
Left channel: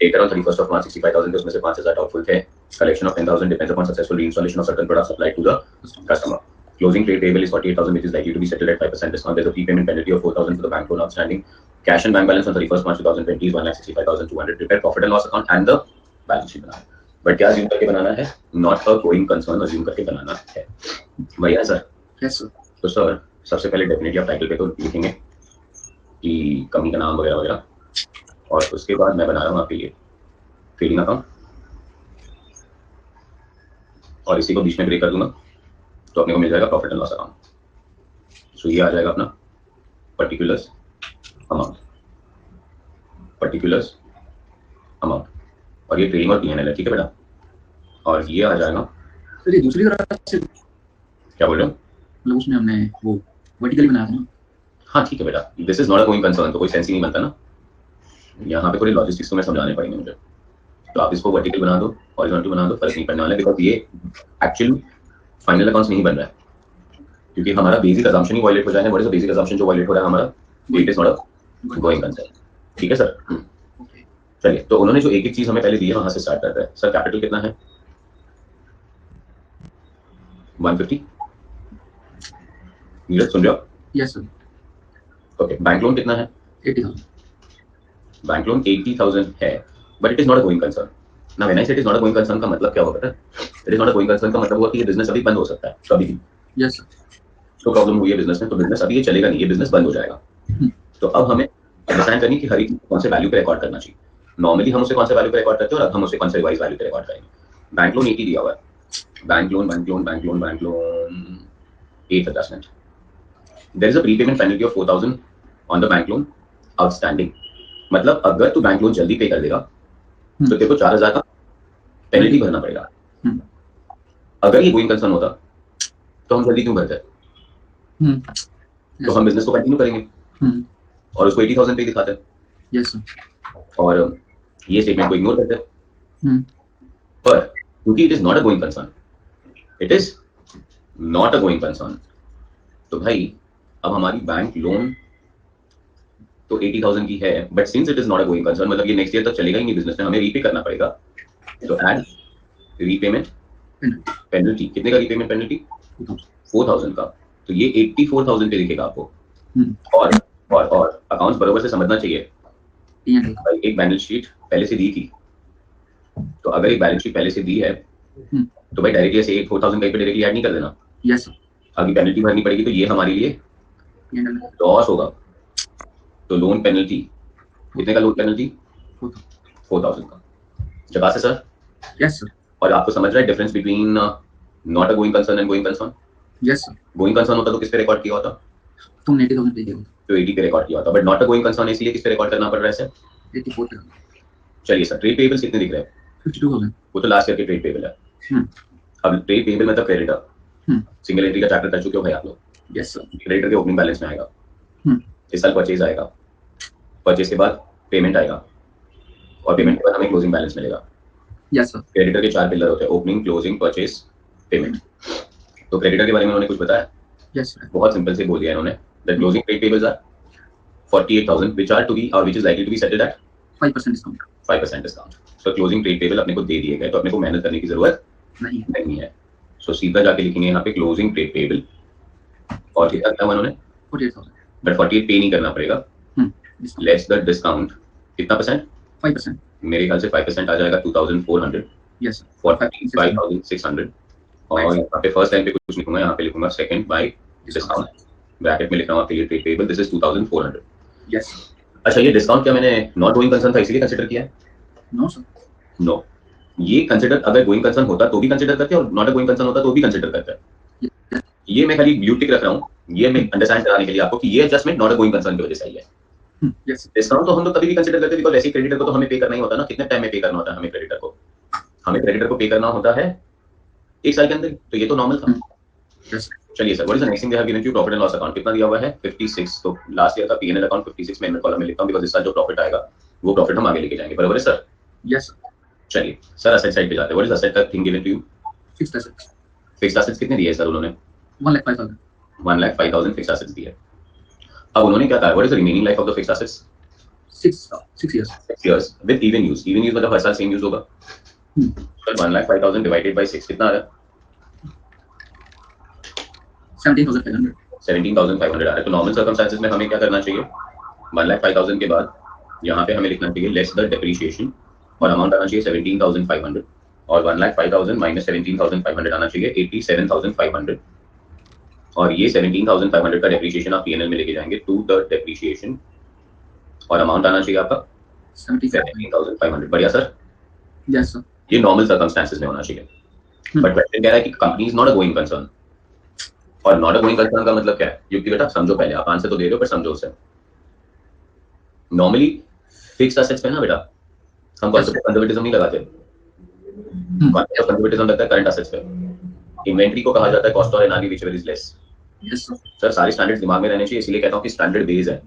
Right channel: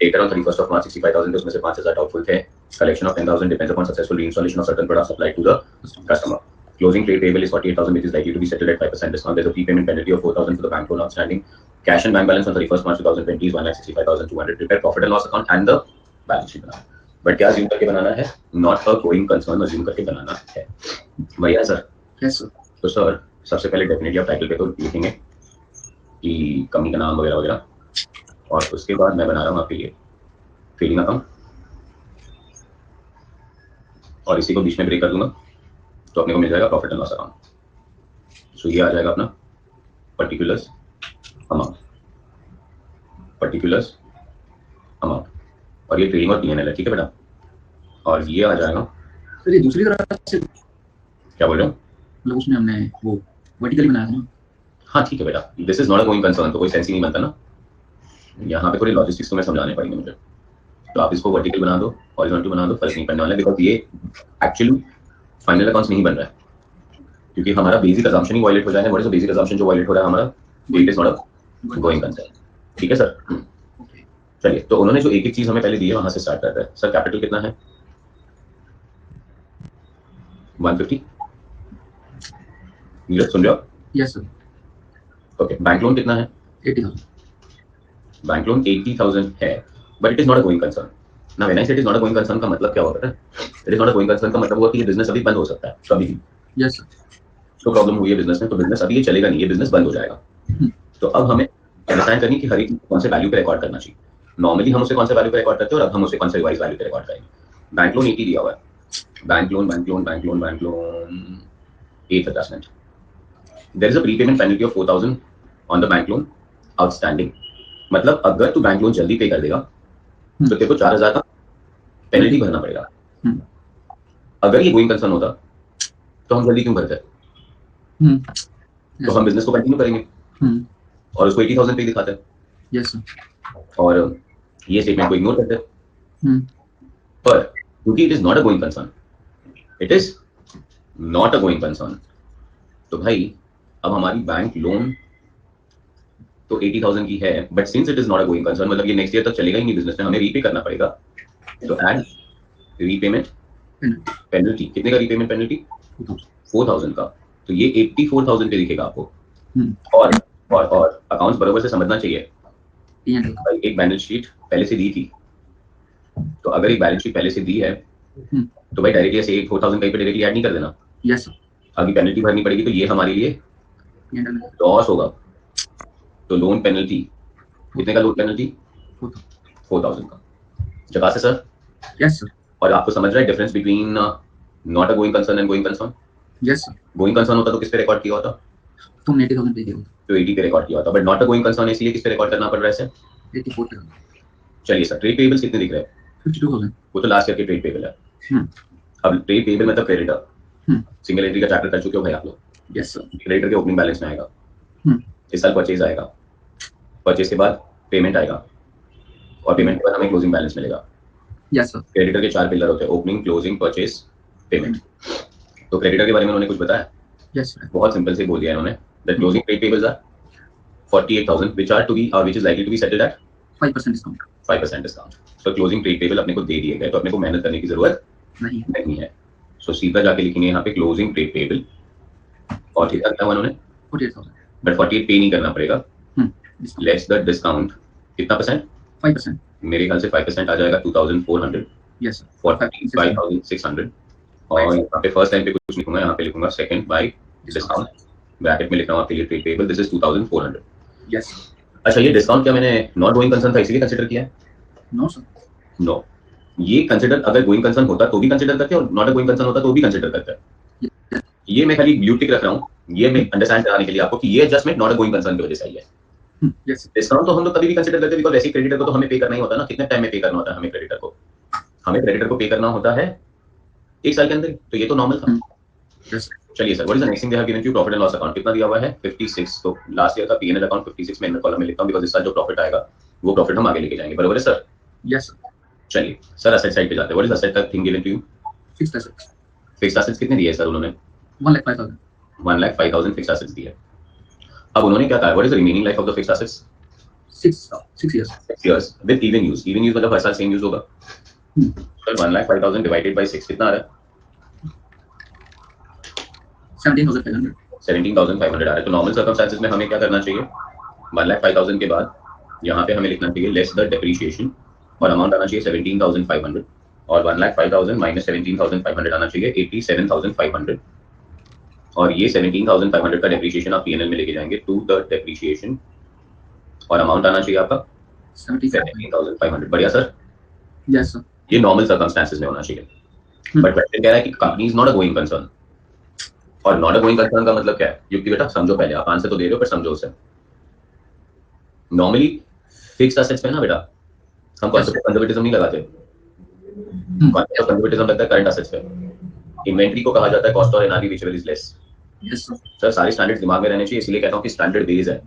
Data on 31st of March 65,000 उसमें से 5,000 doubtful थे. Collection of 10,000 depends upon successful reinstallation of certain products supplied to the customer. Closing trade payable is 48,000, which is likely to be settled at 5% discount. There's a prepayment penalty of 4,000 for the bank loan outstanding. Cash and bank balance on 31st March 2020 is 1,65,200. Prepare profit and loss account and the balance sheet banana. But क्या assume करके बनाना है? Not a going concern assume करके बनाना है. भैया सर? Yes sir. तो सर सबसे पहले डेफिनेटली आप टाइटल पे तो लिखेंगे कि कंपनी का नाम वगैरह वगैरह, और उसके बाद मैं बना रहा हूँ आपके लिए ट्रेडिंग अकाउंट, और इसी को बीच में ब्रेक कर दूंगा तो अपने को मिल जाएगा प्रॉफिट एंड लॉस अकाउंट. सो ये आ जाएगा अपना पर्टिकुलर्स अमाउंट, पर्टिकुलर्स अमाउंट, और ये ट्रेडिंग और पीएनएल है. ठीक है बेटा? और ये आ जाएगा सर ये दूसरी तरह से क्या बोल रहे हो? मतलब उसमें हमने वो वर्टिकली बनाया था ना. हाँ ठीक है बेटा, this is not a going concern, तो कोई सेंस ही नहीं बनता ना. यहाँ पे थोड़ी लॉजिस्टिक्स तुम्हें समझाने पड़ेंगे मुझे. तो आप इसको वर्टिकल बना दो, हॉरिजॉन्टल बना दो, फर्क नहीं पड़ने वाला है, बिकॉज ये एक्चुअली फाइनल अकाउंट्स नहीं बन रहा है, क्योंकि हमारा बेसिक अजम्पशन ही वायलेट हो जाएगा. What is the basic assumption जो वायलेट हो रहा है हमारा? It is not a going concern. ठीक है सर? चलिए, तो उन्होंने जो एक एक चीज हमें पहले दी है वहां से स्टार्ट करते हैं. सर कैपिटल कितना है? 150. नीरज सुन रहे हो? Yes sir. Okay. Bank loan कितना है? 80,000. बैंक लोन 80,000 है, but it is not a going concern. ना व्हेन आई से it is not a going concern का मतलब क्या होता है? It is not a going concern का मतलब हुआ कि ये बिजनेस अभी बंद हो सकता है कभी भी. Yes sir. तो प्रॉब्लम हुई है बिजनेस में, तो बिजनेस अभी ये चलेगा नहीं, ये बिजनेस बंद हो जाएगा. तो अब हमें अंडरस्टैंड करनी कि हर एक कौन से वैल्यू पे रिकॉर्ड करना चाहिए। नॉर्मली हम उसे कौन से वैल्यू पे रिकॉर्ड करते हैं और अब हम उसे कौन से रिवाइज वैल्यू पे रिकॉर्ड करेंगे। बैंक लोन 80 दिया हुआ है, bank loan 8 there is a prepayment penalty of 4000 on the bank loan outstanding. मतलब अगर तू बैंक लोन जल्दी पे कर देगा तो तेरे को 4000 का पेनल्टी भरना पड़ेगा। अगर ये गोइंग कंसर्न होता तो हम जल्दी क्यों भरते? तो हम बिजनेस को कंटिन्यू करेंगे और उसको 80,000 पे दिखाते हैं। यस और ये स्टेटमेंट को इग्नोर करते हैं। पर क्योंकि it is not a going concern, it is not a going concern, तो भाई अब हमारी बैंक लोन तो 80,000 की है, but since it is not a going concern, मतलब ये नेक्स्ट ईयर तक चलेगा ही नहीं बिजनेस में, हमें रीपे करना पड़ेगा। तो एड रीपेमेंट पेनल्टी, कितने का रीपेमेंट पेनल्टी? 4,000 का। तो ये 84,000 पे दिखेगा आपको। और अकाउंट्स बराबर से समझना चाहिए। भाई एक बैलेंस शीट पहले से दी थी, तो अगर एक बैलेंस शीट पहले से दी है तो भाई डायरेक्टली ऐसे 4,000 कहीं पे डायरेक्टली ऐड नहीं कर देना। यस आगे पेनल्टी भरनी पड़ेगी, तो ये हमारे लिए लॉस होगा। तो लोन पेनल्टी कितने का? लोन पेनल्टी 4,000 का। जगह से सर? Yes sir. और आपको समझ रहा है difference between not a going concern and going concern? Yes sir. Going concern होता तो किस पे रिकॉर्ड किया होता? तुमने 80,000 पे किया होता तो 80 पे रिकॉर्ड किया होता, but not a going concern इसलिए किस पे रिकॉर्ड करना पड़ रहा है सर? 84 पे। चलिए सर, ट्रेड पेबल्स कितने दिख रहे हैं? 52,000। वो तो लास्ट ईयर के ट्रेड पेबल है। अब ट्रेड पेबल मतलब क्रेडिटर, सिंगल एंट्री का चैप्टर कर चुके हो भाई आप लोग? Yes sir. क्रेडिटर के ओपनिंग बैलेंस में आएगा, इस साल परचेज आएगा, परचेज के बाद पेमेंट आएगा और पेमेंट के बाद हमें क्लोजिंग बैलेंस मिलेगा। Yes sir. क्रेडिटर के 4 पिलर होते हैं, ओपनिंग, क्लोजिंग, परचेज, पेमेंट। तो क्रेडिटर के बारे में उन्होंने कुछ बताया? Yes sir. बहुत सिंपल से बोल दिया इन्होंने, the closing trade payables are 48,000 which are to be which is likely to be settled at 5% discount. 5% discount. तो क्लोजिंग ट्रेड पेबल अपने को दे दिए गए, तो अपने को मेहनत करने की जरूरत नहीं है। सो सीधा जाके लिखेंगे यहाँ पे क्लोजिंग ट्रेड पेबल और कितना किया उन्होंने? 48,000। बट 48 पे नहीं करना पड़ेगा, लेस द डिस्काउंट। कितना परसेंट? 5%। मेरे ख्याल से 5% आ जाएगा 2,400। Yes sir. 45,600। और यहाँ पे फर्स्ट टाइम पे कुछ लिखूंगा, यहाँ पे लिखूंगा सेकंड बाय डिस्काउंट, ब्रैकेट में लिख रहा हूँ आपके लिए trade payable, this is 2,400। Yes. अच्छा, ये डिस्काउंट क्या मैंने नॉट गोइंग कंसर्न था इसलिए कंसीडर किया है? No sir. नो, ये कंसीडर अगर गोइंग कंसर्न होता तो भी कंसीडर करते हैं और नॉट अ गोइंग कंसर्न होता तो भी कंसीडर करते हैं। ये मैं खाली ब्लू टिक रख रहा हूँ, ये मैं अंडरस्टैंड कराने के लिए आपको कि ये adjustment not a going concern की वजह से आई है। डिस्काउंट तो हम लोग कभी भी कंसीडर करते हैं, बिकॉज़ ऐसे क्रेडिटर को तो हमें पे करना ही होता है ना। कितने टाइम में पे करना होता है हमें क्रेडिटर को? हमें क्रेडिटर को पे करना होता है 1 साल के अंदर, तो ये तो नॉर्मल था। चलिए sir, what is the next thing they have given you? Profit and loss account कितना दिया हुआ है? 56। तो लास्ट ईयर का पीएनएल अकाउंट 56 में इनमें कॉलम में लिखता हूं, बिकॉज़ इस साल जो प्रॉफिट आएगा वो प्रॉफिट हम आगे लेके जाएंगे। बराबर है सर? यस। चलिए सर, असेट साइड पे जाते हैं। व्हाट इज असेट का thing given to you? Fixed assets. Fixed assets कितने दिए सर उन्होंने? 1,05,000। 1,05,000 फिक्स्ड एसेट्स दिए। अब उन्होंने क्या कहा? What is the remaining life of the fixed assets? 6 years। 6 years with even use. Even use मतलब हर साल सेम यूज होगा। सर 1,05,000 डिवाइडेड बाय 6 कितना आ रहा है? 17,500। 17,500 आ रहा है। तो नॉर्मल सर्कमस्टेंसेस में हमें क्या करना चाहिए? 1,05,000 के बाद यहाँ पे हमें लिखना चाहिए लेस द डेप्रिसिएशन और अमाउंट आना चाहिए 17,500, और 1,05,000 माइनस 17,500 आना चाहिए 87,500, और ये 17,500 का डेप्रिसिएशन आप पीएनएल में लेके जाएंगे टू द डेप्रिसिएशन, और अमाउंट आना चाहिए आपका 17,500। बढ़िया सर? Yes sir. ये नॉर्मल सर्कमस्टेंसेस में होना चाहिए। बट क्वेश्चन कह रहा है कि company is not a going concern, और नॉट अ गोइंग कंसर्न का मतलब क्या है? युक्ति बेटा समझो, पहले आप आंसर तो दे रहे हो पर समझो उसे। नॉर्मली फिक्स्ड एसेट्स पे ना बेटा हम कॉन्सेप्ट ऑफ कंजर्वेटिज्म नहीं लगाते, कॉन्सेप्ट ऑफ कंजर्वेटिज्म लगता है करंट एसेट्स पे। इन्वेंटरी को कहा जाता है कॉस्ट और NRV whichever is less. Yes sir सारे स्टैंडर्ड्स दिमाग में रहने चाहिए, इसलिए कहता हूं कि स्टैंडर्ड बेस है,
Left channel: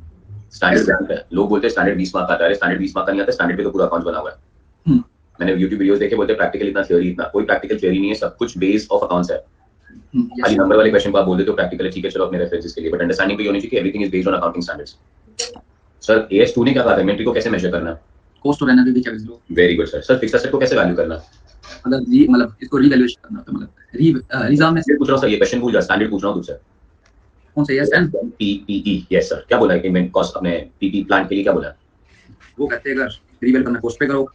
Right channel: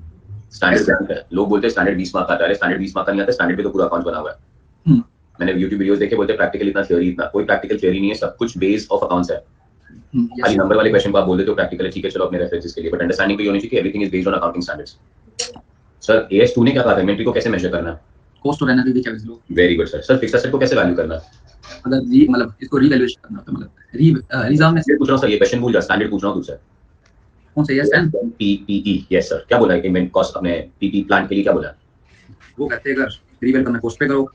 स्टैंडर्ड बैंक है। लोग बोलते हैं स्टैंडर्ड 20 मार्क आता है, स्टैंडर्ड 20 मार्क का नहीं आता, स्टैंडर्ड पे तो पूरा अकाउंट बना हुआ है। मैंने YouTube वीडियोस देखे, बोलते हैं प्रैक्टिकल इतना, थ्योरी इतना। कोई प्रैक्टिकल थ्योरी नहीं है, सब कुछ बेस ऑफ अकाउंट्स है। खाली नंबर वाले क्वेश्चन को आप बोल देते हो प्रैक्टिकल है, ठीक है चलो अपने रेफरेंसेस के लिए, बट अंडरस्टैंडिंग भी होनी चाहिए कि everything is based on accounting standards. Sir AS2 ने क्या कहा था? इन्वेंटरी को कैसे मेजर करना है? कॉस्ट और NRV whichever is low. Very good sir. Sir fixed asset को कैसे वैल्यू करना है? मतलब इसको रीवैल्यूएशन करना होता है, मतलब रिजर्व में ये पूछ रहा हूं सर, ये क्वेश्चन भूल जा, स्टैंडर्ड पूछ रहा हूं तुझसे। कौन सा? Yes and PPE। Yes sir, क्या बोला है? इन्वेंट कॉस्ट अपने PP प्लांट के लिए क्या बोला है? वो कहते हैं अगर रीवैल्यू करना कॉस्ट पे करो।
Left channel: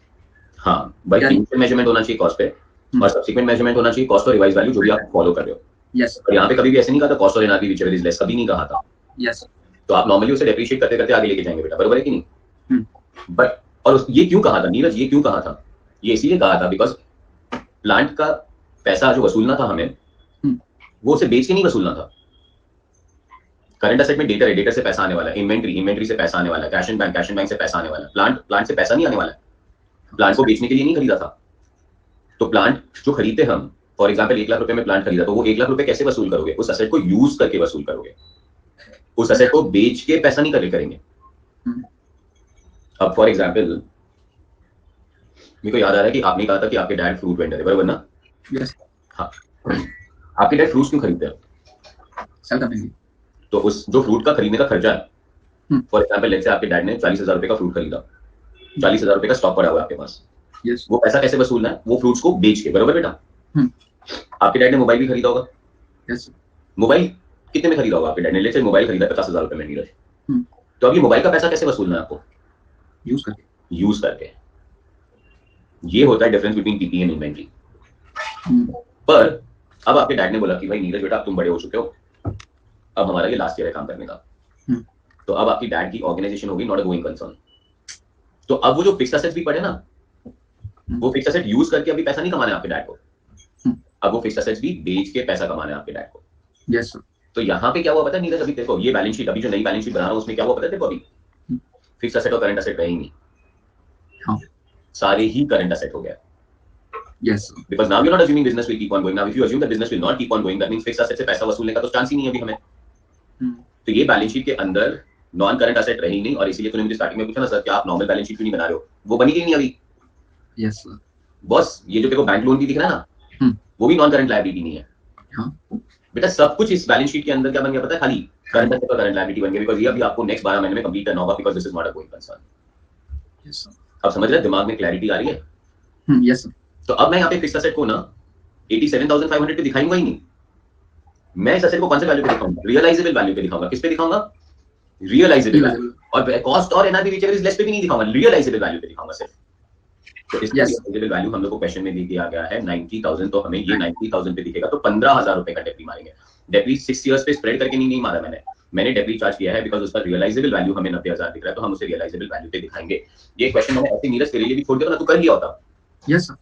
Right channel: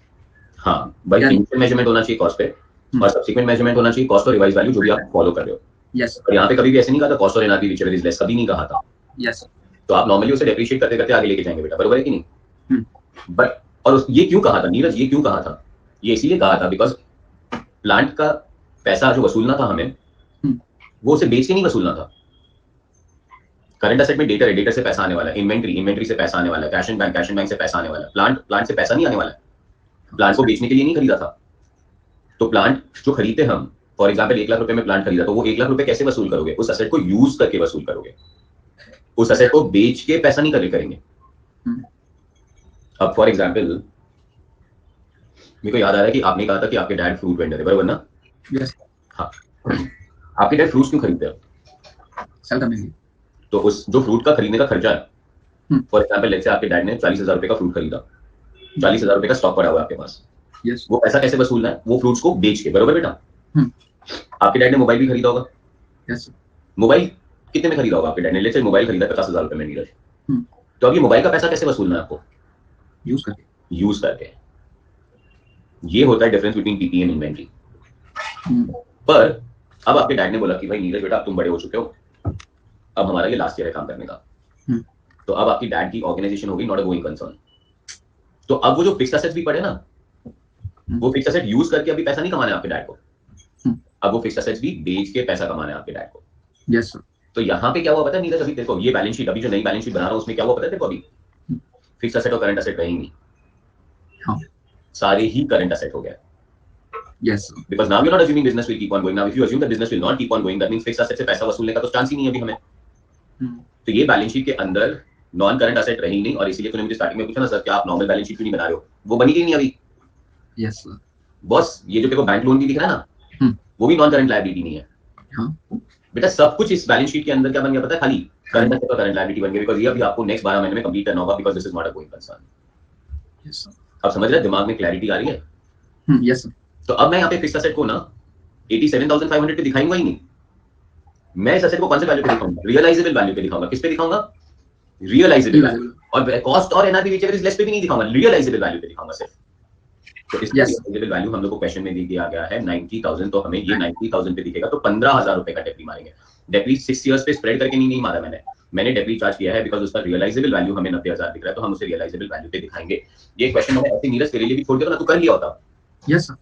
हाँ भाई, इनिशियल मेजरमेंट होना चाहिए कॉस्ट पे, और सब्सिक्वेंट मेजरमेंट होना चाहिए कॉस्ट और रिवाइज वैल्यू जो भी आप फॉलो कर रहे हो। यस। और यहाँ पे कभी भी ऐसे नहीं कहा था कॉस्ट और एनआरवी व्हिचएवर इज लेस, कभी नहीं कहा था। यस। तो आप नॉर्मली उसे डेप्रिशिएट करते करते आगे लेके जाएंगे बेटा, बरोबर है कि नहीं? बट और ये क्यों कहा था नीरज, ये क्यों कहा था? ये इसीलिए कहा था बिकॉज प्लांट का पैसा जो वसूलना था हमें, वो उसे बेच के नहीं वसूलना था। करंट एसेट में डेटर है, डेटर से पैसा आने वाला है, इन्वेंट्री से पैसा आने वाला है, कैश एंड बैंक से पैसा आने वाला है। प्लांट से पैसा नहीं आने वाला है, प्लांट को बेचने के लिए नहीं खरीदा था। तो प्लांट जो खरीदते हम, फॉर एग्जाम्पल 1 लाख रुपए में प्लांट खरीदा, तो वो 1 लाख रुपए कैसे वसूल करोगे? उस असेट को यूज करके वसूल करोगे, उस असेट को बेच के पैसा नहीं करेंगे। अब फॉर एग्जाम्पल मेरे को याद आ रहा है कि आपने कहा था कि आपके डैड फ्रूट वेंडर है, बराबर ना? यस। हाँ, आपके डैड फ्रूट्स क्यों खरीदते हैं? सेल करने के लिए। तो उस जो फ्रूट का खरीदने का खर्चा है, फॉर एग्जाम्पल लेट्स से आपके डैड ने 40,000 रुपए का फ्रूट खरीदा, 40,000 रुपए का स्टॉक पड़ा हुआ है आपके पास। यस। वो पैसा कैसे वसूलना है? वो फ्रूट्स को बेच के, बरोबर बेटा? आपके डैड ने मोबाइल भी खरीदा होगा। यस। मोबाइल कितने में खरीदा होगा आपके डैड ने? लेट्स से मोबाइल खरीदा 50,000 रुपए में नीरज। तो अब ये मोबाइल का पैसा कैसे वसूलना है आपको? यूज करके। यूज करके। ये होता है difference between PP and inventory. पर अब आपके डैड ने बोला कि भाई नीरज बेटा, अब तुम बड़े हो चुके हो, अब हमारा ये लास्ट ईयर है काम करने का। तो अब आपकी डैड की ऑर्गेनाइजेशन होगी नॉट अ गोइंग कंसर्न। तो अब वो जो फिक्स्ड एसेट्स भी पड़े ना, वो फिक्स्ड एसेट यूज करके अभी पैसा नहीं कमाना है आपके डैड को, अब वो फिक्स्ड एसेट्स भी बेच के पैसा कमाना है आपके डैड को। Yes sir. तो यहाँ पे क्या हुआ पता है नीरज? अभी देखो ये बैलेंस शीट, अभी जो नई बैलेंस शीट बना रहा हूँ उसमें क्या हुआ पता है? देखो अभी फिक्स्ड एसेट और करंट एसेट रहे ही नहीं। हाँ, सारे ही करंट एसेट हो गया। Yes, sir. Because now you're not assuming business will keep on going. Now if you assume that business will not keep on going, that means fixed asset से पैसा वसूलने का तो चांस ही नहीं है अभी हमें। तो ये बैलेंस शीट के अंदर नॉन करंट एसेट रही नहीं, और इसीलिए तूने मुझे स्टार्टिंग में पूछा ना सर कि आप नॉर्मल बैलेंस शीट क्यों नहीं बना रहे हो? वो बनी नहीं अभी। Yes, sir. बॉस ये जो तेरे को बैंक लोन भी दिख रहा है ना, वो भी नॉन करंट लायबिलिटी नहीं है। हाँ। बेटा सब कुछ इस बैलेंस शीट के अंदर क्या बन गया पता है? खाली करंट एसेट और करंट लायबिलिटी बन गया, बिकॉज़ ये अभी आपको नेक्स्ट 12 महीने में कंप्लीट करना होगा, because this is not a going concern. Yes, sir. अब समझ रहे हैं? दिमाग में क्लैरिटी आ रही है? Yes, sir. तो अब मैं यहाँ पे फिक्स्ड एसेट को ना 87,500 पे दिखाऊंगा ही नहीं। मैं इस एसेट को कौन से वैल्यू पे दिखाऊंगा? रियलाइजेबल वैल्यू पे दिखाऊंगा। किस पे दिखाऊंगा? Realisable value. और कॉस्ट और एनआरवी व्हिचएवर इज लेस पे भी नहीं दिखाऊंगा, रियलाइजेबल वैल्यू पे दिखाऊंगा सिर्फ। तो इस रियलाइजेबल वैल्यू हम लोग को क्वेश्चन में दे दिया गया है 90,000, तो हमें ये 90,000 पे दिखेगा, तो 15,000 रुपए का डेप्री मारेंगे। डेप्री 6 इयर्स पे स्प्रेड करके नहीं मारा मैंने डेप्री चार्ज किया है बिकॉज उसका रियलाइजेबल वैल्यू हमें 90,000 दिख रहा है, तो हम उसे रियलाइजेबल वैल्यू पे दिखाएंगे। ये क्वेश्चन मैंने ऐसे नीरज तेरे लिए भी छोड़ दिया ना, तू कर लिया होता। Yes, sir.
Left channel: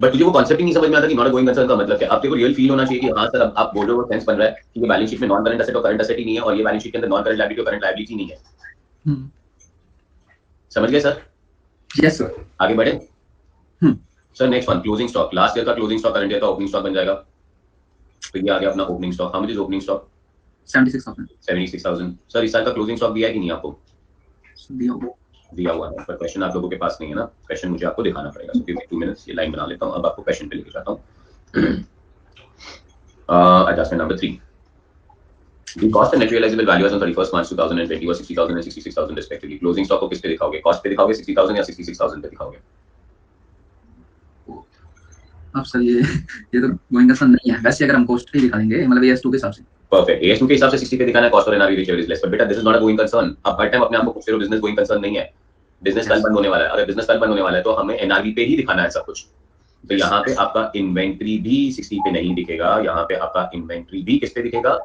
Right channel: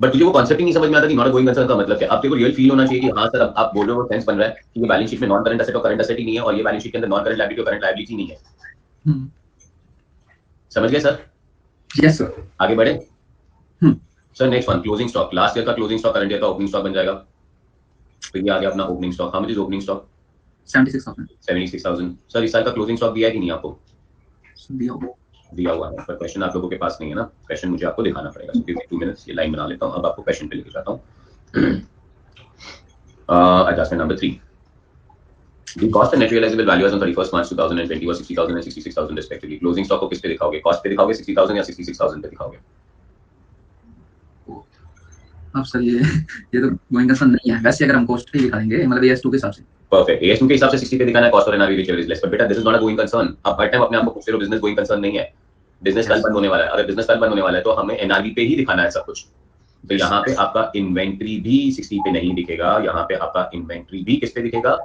बट तुझे वो कॉन्सेप्ट ही नहीं समझ में आता कि नॉट गोइंग कंसर्न का मतलब क्या। अब तेरे को रियल फील होना चाहिए कि हाँ सर, अब आप बोल रहे हो, सेंस बन रहा है कि ये बैलेंस शीट में नॉन करंट एसेट और करंट एसेट ही नहीं है, और ये बैलेंस शीट के अंदर नॉन करंट लायबिलिटी और करंट लायबिलिटी नहीं है। समझ गए सर? Yes, sir. आगे बढ़े sir. Next one, closing stock. Last year का क्लोजिंग स्टॉक करंट ईयर का ओपनिंग स्टॉक बन जाएगा। तो ये आ गया अपना opening stock. How much is opening stock? 76,000. 76,000। Sir इस साल का क्लोजिंग स्टॉक दिया है कि नहीं आपको? दिया हुआ है, पर क्वेश्चन आप लोगों के पास नहीं है ना, क्वेश्चन मुझे आपको दिखाना पड़ेगा। सो गिव मी 2 मिनट्स, ये लाइन बना लेता हूं, अब आपको क्वेश्चन पे लेके जाता हूं। Adjustment number 3, the cost and net realizable value as on 31st March 2020 was 60,000 and 66,000 respectively. Closing stock को किस पे दिखाओगे? कॉस्ट पे दिखाओगे 60,000 या 66,000 पे दिखाओगे? अब सर ये तो गोइंग कंसर्न नहीं है। वैसे अगर हम कॉस्ट पे दिखा देंगे, मतलब AS2 के हिसाब से। परफेक्ट। AS2 के हिसाब से 60 पे दिखाना है, कॉस्ट और NRV whichever is less. But बेटा this is not a going concern. आप हर टाइम अपने आप को पूछते हो बिजनेस गोइंग कंसर्न नहीं है, बिजनेस कल बंद होने वाला है। अगर बिजनेस कल बंद होने वाला है तो हमें एनआरवी पे ही दिखाना है सब कुछ। तो यहाँ पे आपका इन्वेंट्री भी 60 पे नहीं दिखेगा, यहाँ पे आपका इन्वेंट्री भी किस पे दिखेगा?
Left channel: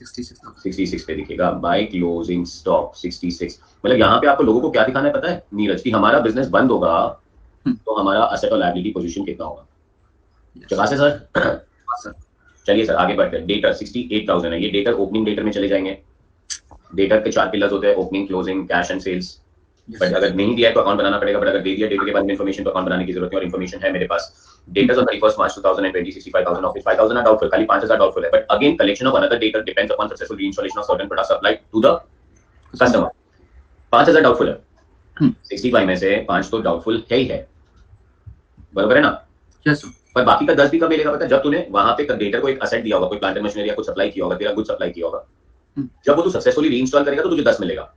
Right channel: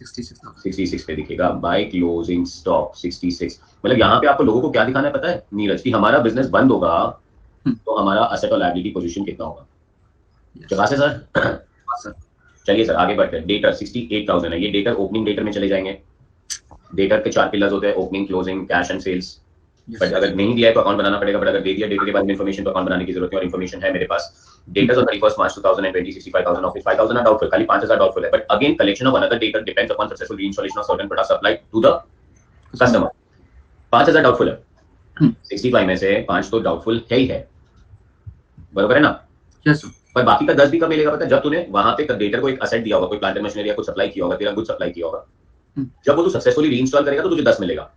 66 पे दिखेगा। By closing stock 66। मतलब यहाँ पे आपको लोगों को क्या दिखाना है पता है नीरज? कि हमारा बिजनेस बंद होगा तो हमारा असेट और लायबिलिटी पोजीशन कितना होगा। चला से सर? चलिए सर आगे बढ़ते हैं। डेटर 68,000 है, ये डेटर ओपनिंग डेटर में चले जाएंगे। डेटर के 4 पिलर्स होते हैं, opening, closing, cash and sales. But अगर नहीं दिया है तो अकाउंट बनाना पड़ेगा, बट अगर दे दिया डेटर के बारे में इन्फॉर्मेशन तो अकाउंट बनाने की जरूरत है, और इन्फॉर्मेशन है मेरे पास। Debtors on 31st March 2020 65,000, of 5,000 are doubtful, खाली 5,000 डाउटफुल है। But again collection of another debtor depends upon successful reinstallation of certain products supplied to the customer. 5,000 doubtful है, 65 में से 5 तो डाउटफुल है ही है, बरोबर है ना? Yes, sir. पर बाकी का 10 भी कब मिलेगा पता है? जब तूने वहां पे डेटर को एक असेट दिया होगा, कोई प्लांट एंड मशीनरी या कुछ सप्लाई किया होगा, तेरा गुड सप्लाई किया होगा, जब वो तू सक्सेसफुली रीइंस्टॉल करेगा तो तुझे 10 मिलेगा।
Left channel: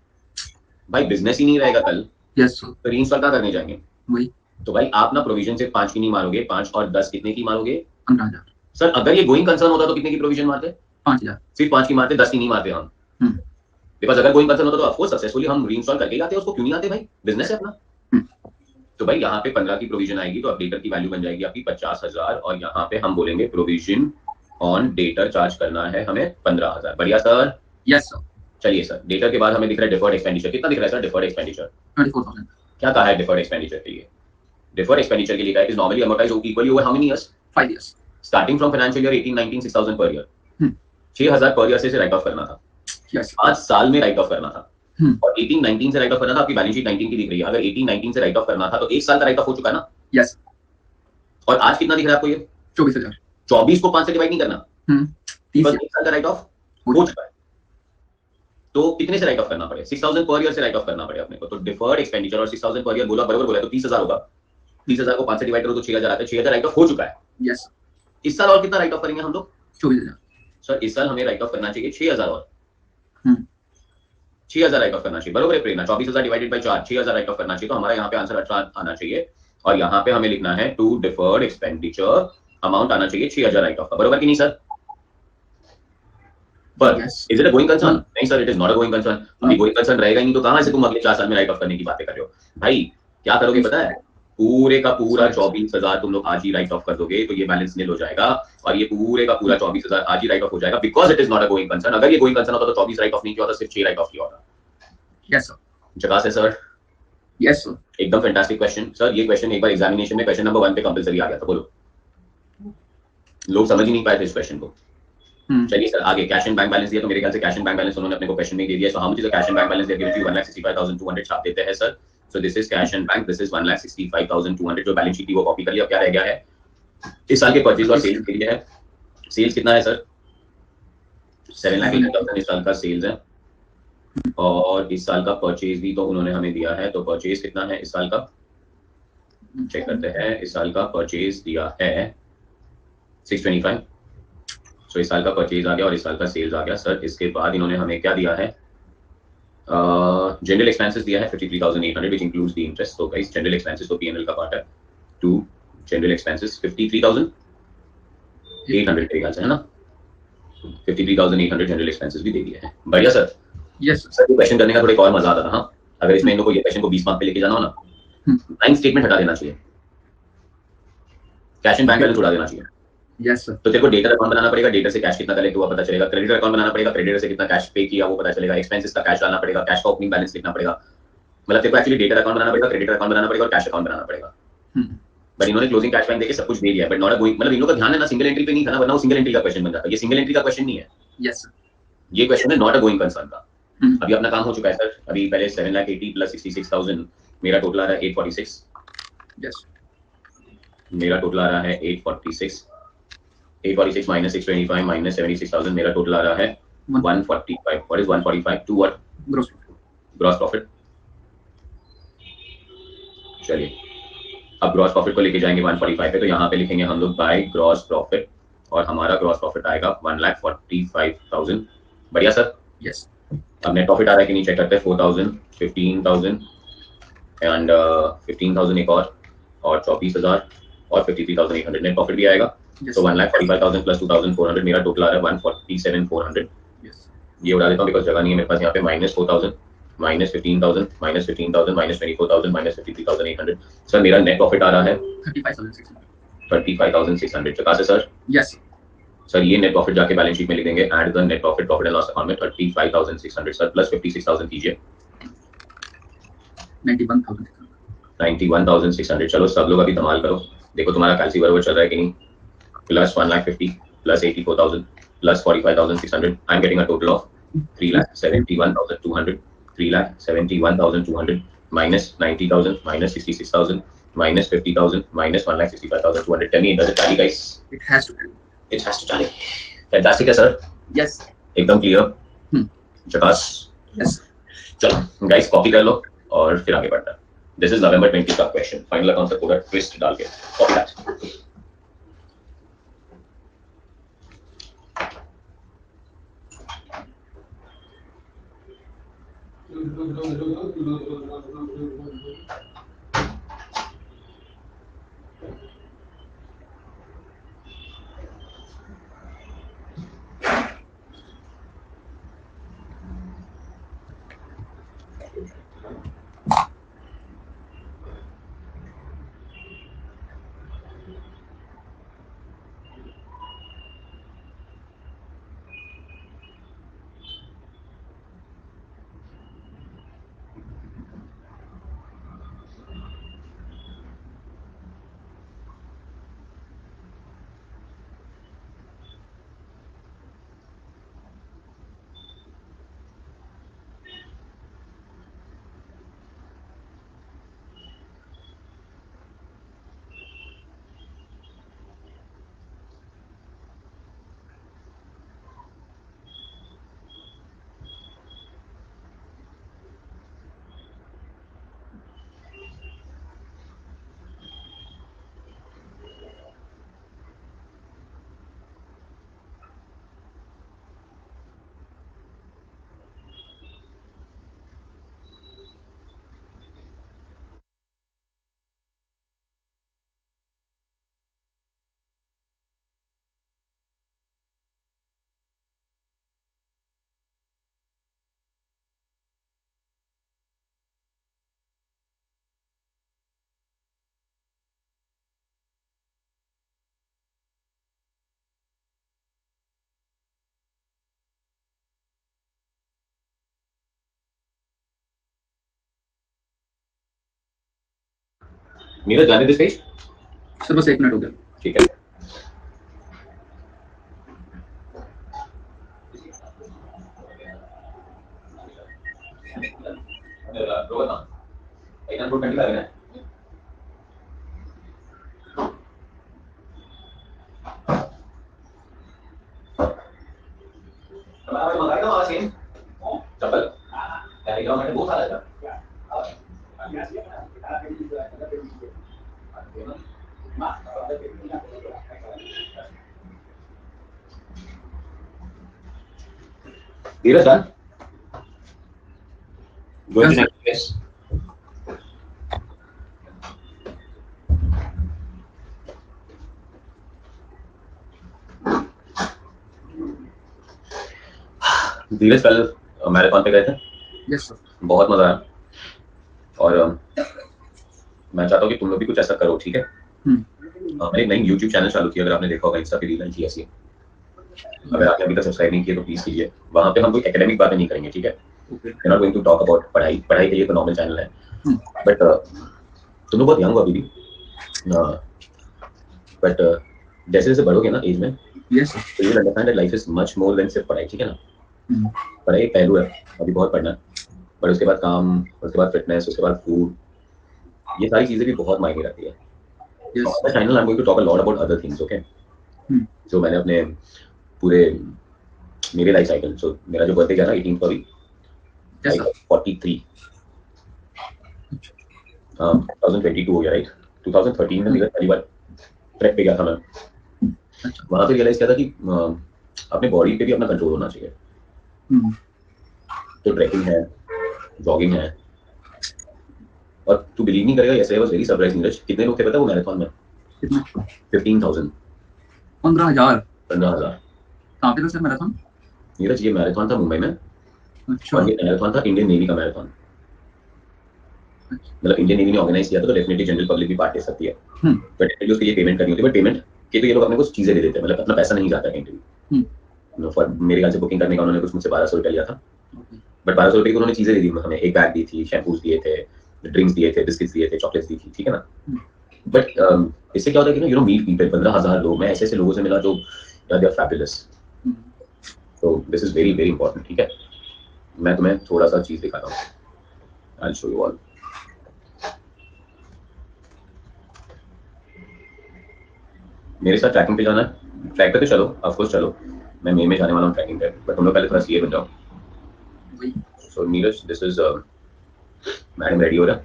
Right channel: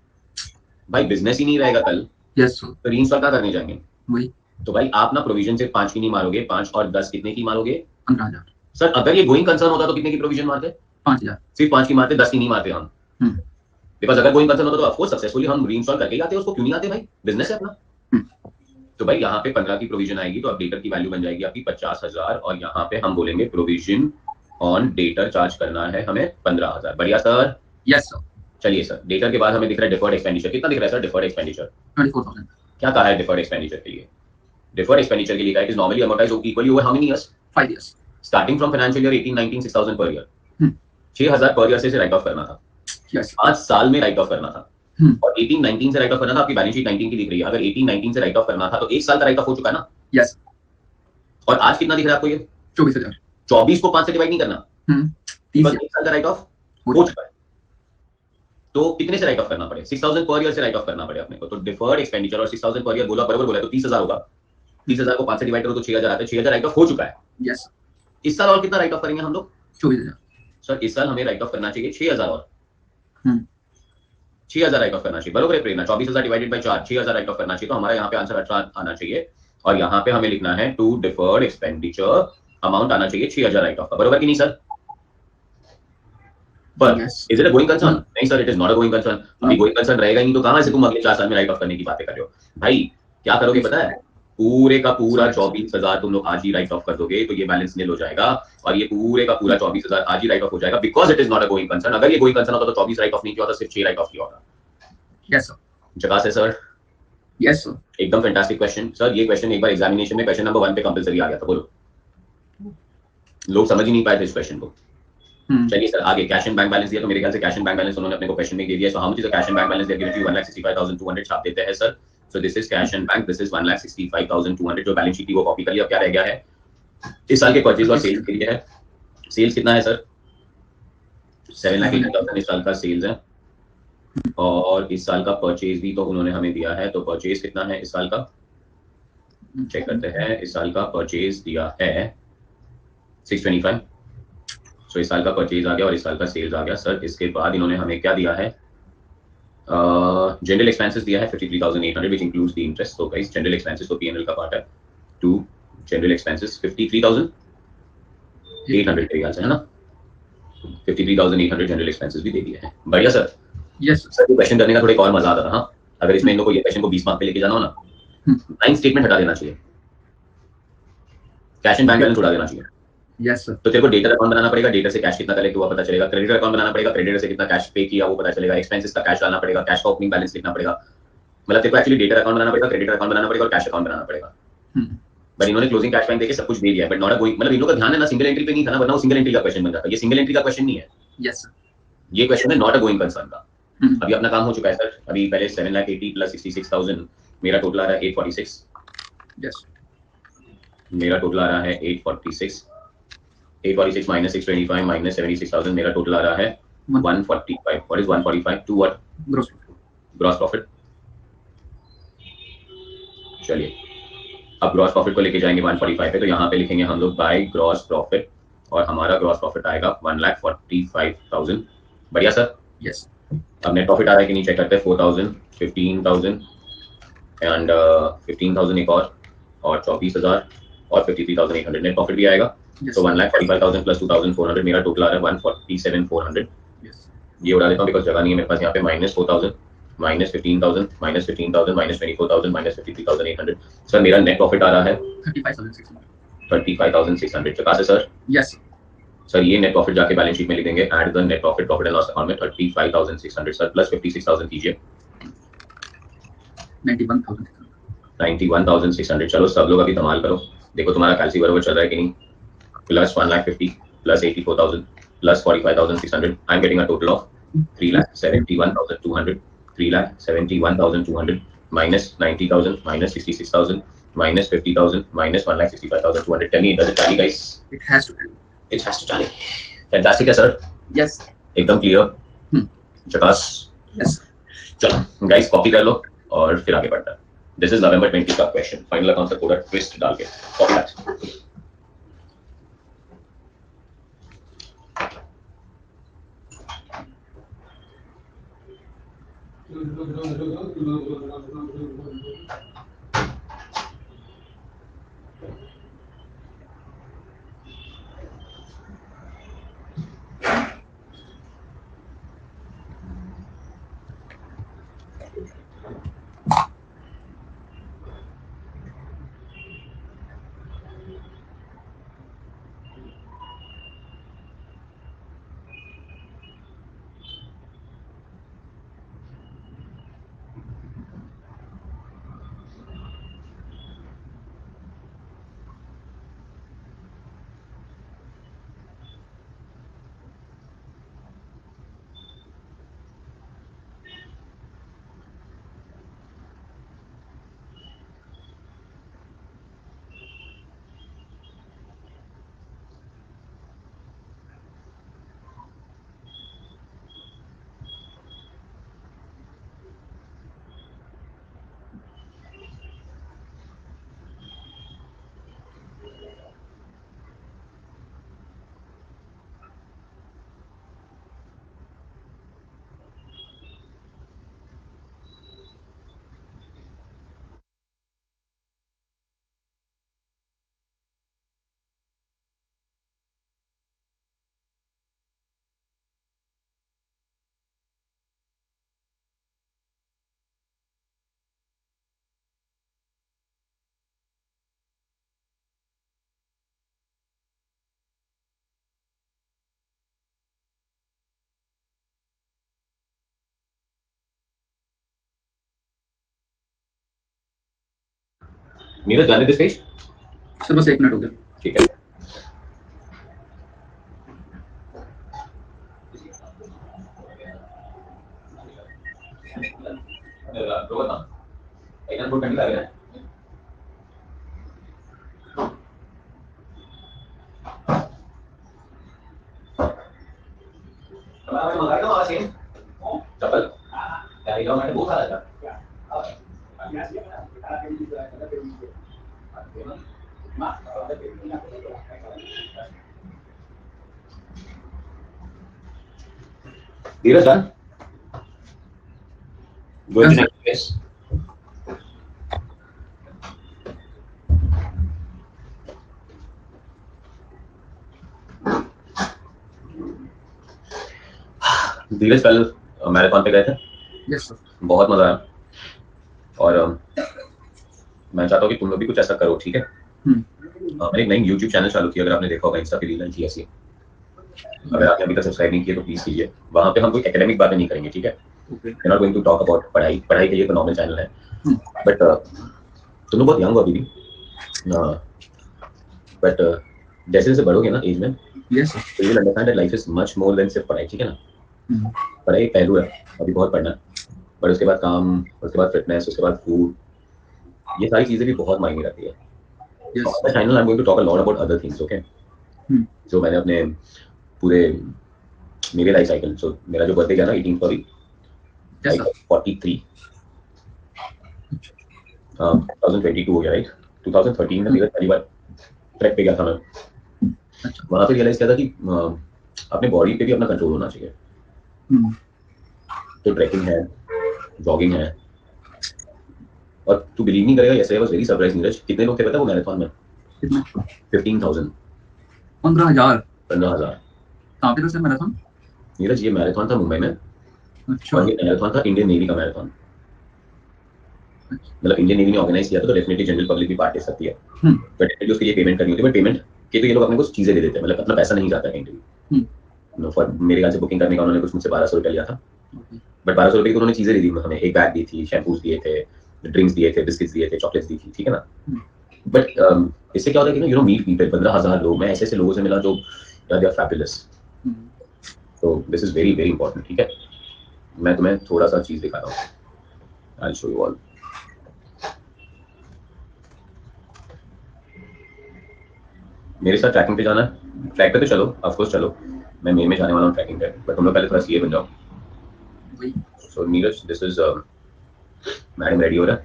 भाई बिजनेस ही नहीं रहेगा कल, Yes, sir. तो रीइंस्टॉल कहाँ करने जाएंगे? वही। तो भाई आप ना प्रोविजन सिर्फ 5 की नहीं मारोगे, 5 और 10 कितने की मारोगे? 15,000. सर अगर ये गोइंग कंसर्न होता तो कितने की प्रोविजन मारते? 5,000. सिर्फ 5 की मारते, 10 की नहीं मारते हम। बिकॉज अगर गोइंग कंसर्न होता तो ऑफकोर्स सक्सेसफुली हम रीइंस्टॉल करके ही आते, उसको क्यों नहीं आते भाई, बिजनेस है अपना। तो भाई यहाँ पे 15 की प्रोविजन आएगी, तो अब डेटर की वैल्यू बन जाएगी आपकी 50,000, और यहाँ पे हम बोलेंगे प्रोविजन ऑन डेटर चार्ज करना है हमें 15,000। बढ़िया सर? Yes sir. चलिए सर, डेटर के बाद हमें दिख रहा है डिफर्ड एक्सपेंडिचर। कितना दिख रहा है सर डिफर्ड एक्सपेंडिचर? 24,000। क्या कहा है डिफर्ड एक्सपेंडिचर के लिए? डिफर्ड एक्सपेंडिचर के लिए कहा है is normally amortised equally over how many years? 5 years। Starting from financial year 18-19 6000 per year. Hmm. 6000 per year से राइट ऑफ करना था। यस। 5 साल में राइट ऑफ करना था। और 18-19 से राइट ऑफ करना था। आपकी बैलेंस शीट 19 की दिख रही है, अगर 18-19 से राइट ऑफ करना था तो 1 साल का राइट ऑफ हो चुका है ना? यस। और आज कितना दिख रहा है आपको ये? 24,000। 24 को 5 से डिवाइड नहीं करना, 30 बस year। 1 साल का राइट ऑफ हो चुका है। तो कितने से राइट ऑफ करना पड़े? 6000 पर ईयर से राइट ऑफ करना पड़े अपने को। तो डिफर्ड एक्सपेंडिचर और 6000 पर ईयर बोला, बराबर बोला, तो 30,000 होगा। 30,000 को 5 से डिवाइड करो तो 6,000 आता है। 6,000 राइट ऑफ हो चुका है। यस। इस साल और कितना राइट ऑफ करेंगे हम लोग? 24,000। सर इस साल हमें राइट ऑफ करना चाहिए 6,000 और हम्म। 6,000 राइट ऑफ करना चाहिए, बरोबर है प्रेरणा? 24,000 डिवाइडेड बाई 4, 6,000 राइट ऑफ करना चाहिए। तो हमारा यहाँ पे आंसर 18 आना चाहिए। और यहाँ पे हमें लिखना है टू डिफर्ड एक्सपेंडिचर अमाउंट आना चाहिए 6,000 राइट ऑफ का, बरोबर कि नहीं सर? पर is it a going concern? नहीं sir, it is not a going concern. अभी गोइंग कंसर्न रहेगा ही नहीं तो कहां से तुम अगले 4 साल में राइट ऑफ करने की बातें कर रहे हो? भाई क्या करोगे पता है? पूरे का पूरा 24,000 तुम लोग आज ही राइट ऑफ कर दोगे तो ये बैलेंस नील हो जाएगा। और ये पूरे का पूरा 24,000 आज ही राइट ऑफ हो जाएगा, because it is not a going concern. अगर ये गोइंग कंसर्न होता तो 24 राइट ऑफ नहीं किया होता, सिर्फ 6 राइट ऑफ किया होता। Yes sir. जगह से सर। Yes sir. एकदम फैंटास्टिक क्वेश्चन सर। ये क्वेश्चन एक बार एग्जामिनेशन में क्वेश्चन नंबर 1 पे कंपलसरी आ गया था। बोलो, लोग समझ ही नहीं पाए थे इस क्वेश्चन को। चलिए सर आगे, कैश एंड बैंक बैलेंस दिया तो मेरे ख्याल से कैश एंड बैंक बैलेंस उन्होंने अपने को क्वेश्चन में दे दिया। So how much is the cash and bank balance? They given you 1,65,200 छाप देते हैं sir. So this is cash and bank, this is 1,65,200। जो बैलेंस शीट थी वो कॉपी कर लिया। अब क्या रह गया है? इस साल के परचेज और सेल्स के लिए है। सेल्स कितना है सर? 7,80,000 इस साल का सेल्स है। और इस साल का परचेज भी तो उन्होंने हमें दिया है। तो परचेज कितना है इस साल का? चेक करते हैं। इस साल का परचेज दिया है 625। सो इस साल का परचेज आ गया और इस साल का सेल्स आ गया सर। इसके बाद इन्होंने हमें क्या दिया है? जनरल एक्सपेंसेस दिया है 53,800 व्हिच इंक्लूड्स द इंटरेस्ट। तो गाइस जनरल एक्सपेंसेस तो पीएनएल का पार्ट है। टू जनरल एक्सपेंसेस 53,800 के ख्याल से है ना? 53,800 जनरल एक्सपेंसेस भी दे दिए हैं। बढ़िया सर। यस सर ये क्वेश्चन करने का थोड़ा और मजा आता था। हाँ, अगर इसमें इन लोगों को ये क्वेश्चन को 20 मार्क पे लेके जाना हो ना, लाइन स्टेटमेंट हटा देना चाहिए, कैश एंड बैंक बैलेंस उड़ा देना चाहिए। Yes sir. तो तेरे को डेटर अकाउंट बनाना पड़ेगा, डेटर से कैश कितना कलेक्ट हुआ पता चलेगा। क्रेडिटर अकाउंट बनाना पड़ेगा, क्रेडिटर से कितना कैश पे किया वो पता चलेगा। एक्सपेंसेस का कैश डालना पड़ेगा, कैश का ओपनिंग बैलेंस लिखना पड़ेगा। मतलब तेरे को एक्चुअली डेटर अकाउंट बनाना पड़ेगा, क्रेडिटर अकाउंट बनाना पड़ेगा और कैश अकाउंट बनाना पड़ेगा। बट इन्होंने क्लोजिंग कैश बैंक देके सब कुछ दे दिया है, बट नॉट अ गोइंग, मतलब इन लोगों का ध्यान है ना सिंगल एंट्री पे नहीं था ना, वरना वो सिंगल एंट्री का क्वेश्चन बन जाता। ये सिंगल एंट्री का क्वेश्चन नहीं है। Yes sir. ये क्वेश्चन है नॉट अ गोइंग कंसर्न का। अभी अपना काम हो चुका है सर। अभी पहले 7,80,000 प्लस 66,000 मेरा टोटल आ रहा है 846। यस। मेरा टोटल आ रहा है 846। 846 माइनस 625 माइनस 76,000 मेरा टोटल आ रहा है 145। What is 145 to what? Gross gross profit. चलिए अब ग्रॉस प्रॉफिट को लेके जाएंगे 145 पे। तो यहाँ पे लिखेंगे हम लोग बाय ग्रॉस प्रॉफिट और हमारा ग्रॉस प्रॉफिट आएगा 1,45,000। बढ़िया सर। यस। अब नेट प्रॉफिट आ रहा है कि नहीं चेक करते हैं। 4,000, 15,000 एंड 15,000 एक और 24,000 और 53,800 नेट प्रॉफिट भी आएगा। तो 1,45,000 प्लस 2,400 मेरा टोटल आ रहा है 147,400। ये उड़ा देता हूँ बिकॉज जगह नहीं है मेरे पास यहाँ पे। Minus 4,000 minus 15,000 minus 15,000 minus 24,000 minus 53,800। Sir मेरा नेट प्रॉफिट आ रहा है 35,600। चुका से सर? यस सर ये नेट प्रॉफिट जाके बैलेंस शीट में लिख देंगे। Add the net profit profit and loss account में 35,600 सर प्लस 56,000 कीजिए 91,600। चलो सब लोग अभी धमाल करो, देखो तुम्हारा कैलसी बराबर चल रहा है कि नहीं। Plus 1,50,000 plus 84,000 plus 45,600। I am getting a total of 3,71,200। 3,71,200 minus 90,000 minus 66,000 minus 50,000 minus 1,65,200। Tell me does it tally guys? It has to tally. It has to tally. Fantastic है सर। यस एकदम क्लियर। झकास। यस। चलो गाइस कॉपी कर लो और फिर आगे बढ़ना है। दिस इज नवंबर 20 का क्वेश्चन। फाइनल अकाउंट से पूरा ट्विस्ट डाल के कॉपी दैट। नीरज जाने दे स्टेज। सर बस 1 मिनट हो गया। ठीक है। चप्पल बहुत सारा धीरज सर Yes, sir. धीरज कल मैराथन पे गए थे। Yes, sir. बहुत मजा आया और मैं चाहता हूँ कि तुम लोग भी कुछ ऐसा करो, ठीक है। मैंने एक नई यूट्यूब चैनल चालू किया, अगर आपने देखा होगा, इंस्टा पे रील की ऐसी। अगर आपने अभी तक सब्सक्राइब नहीं किया तो प्लीज कीजिए। वहाँ पे हम कोई एकेडमिक बातें नहीं करेंगे, ठीक है। We are not going to talk about पढ़ाई के लिए तो नॉर्मल चैनल है, बट तुम लोग बहुत यंग हो अभी भी, बट जैसे जैसे बढ़ोगे ना एज में, Yes, sir. तो you will understand that life is much more than सिर्फ पढ़ाई, ठीक है ना। पढ़ाई एक पहलू है, अभी बहुत पढ़ना है, बट उसके बाद काम, उसके बाद फिटनेस, उसके बाद फूड, ये सारी चीजें भी बहुत मायने रखती है। Yes, On the channel I'm going to talk a lot about other things, okay? जो मैंने अपने पूरे मेरे लाइफ साइकिल, सो मेरा जो बर्थडे गया था 18 फरवरी, Yes, sir. 43 2022 हो गया, राइट। 2013 में मेरा पहली बार ट्रैक पे गया था मैं। वहां पे रियलाइज किया था कि अपने बॉडी पे भी अपना कंट्रोल होना चाहिए। तो ट्रैकिंग है, जॉगिंग है, और तू बिलीव नहीं करेगा, ऐसे I was very surprise Neeraj, कितने लोग थे पता है वो मैराथन में? 15,000। 15,000। 15,000। कहाँ पे था सर मैराथन? नीरज ये मैराथन था मुंबई में, अच्छा। और ये मैराथन था इंडियन नेवी का मैराथन। मतलब इंडियन नेवी ने ऑर्गेनाइज किया था, तो डेफिनेटली जनरल पब्लिक भी पार्ट ले सकती है, बट डेफिनेटली उसके लिए पेमेंट करनी होती है। बट पेमेंट के तो ये लोग अपने कुछ चीजें दे देते हैं, मतलब अपना पैसा नहीं जाता कहीं भी। फॉर मेरे ख्याल से बुकिंग करने का उन्होंने कुछ मुझसे 1200 रुपया लिया था, बट 1200 रुपये की उन्होंने चीजें दे दी हमें। एक बैग दी थी, शैम्पूज दिए थे, ड्रिंक्स दिए थे, बिस्किट्स दिए थे, चॉकलेट्स दी थी, ठीक है ना। बट इससे क्या होता है कि यू नो मीट पीपल, 15,000 लोग, मैं ऐसे ऐसे लोगों से मिला जो दे आर फैबुलस। तो this is very very important, ठीक है। मैं तुम्हें थोड़ा सा चीज दिखाता हूँ, I will show you all. मेरे साथ ट्रैकिंग पे जाना है, ट्रैक पे तो चलो, ऑफ कोर्स चलो, मैं मई में जाने वाला हूँ ट्रैकिंग पे, बट तुम लोग पहले थोड़ा सीए बन जाओ। So Neeraj this is madam ready हो रहा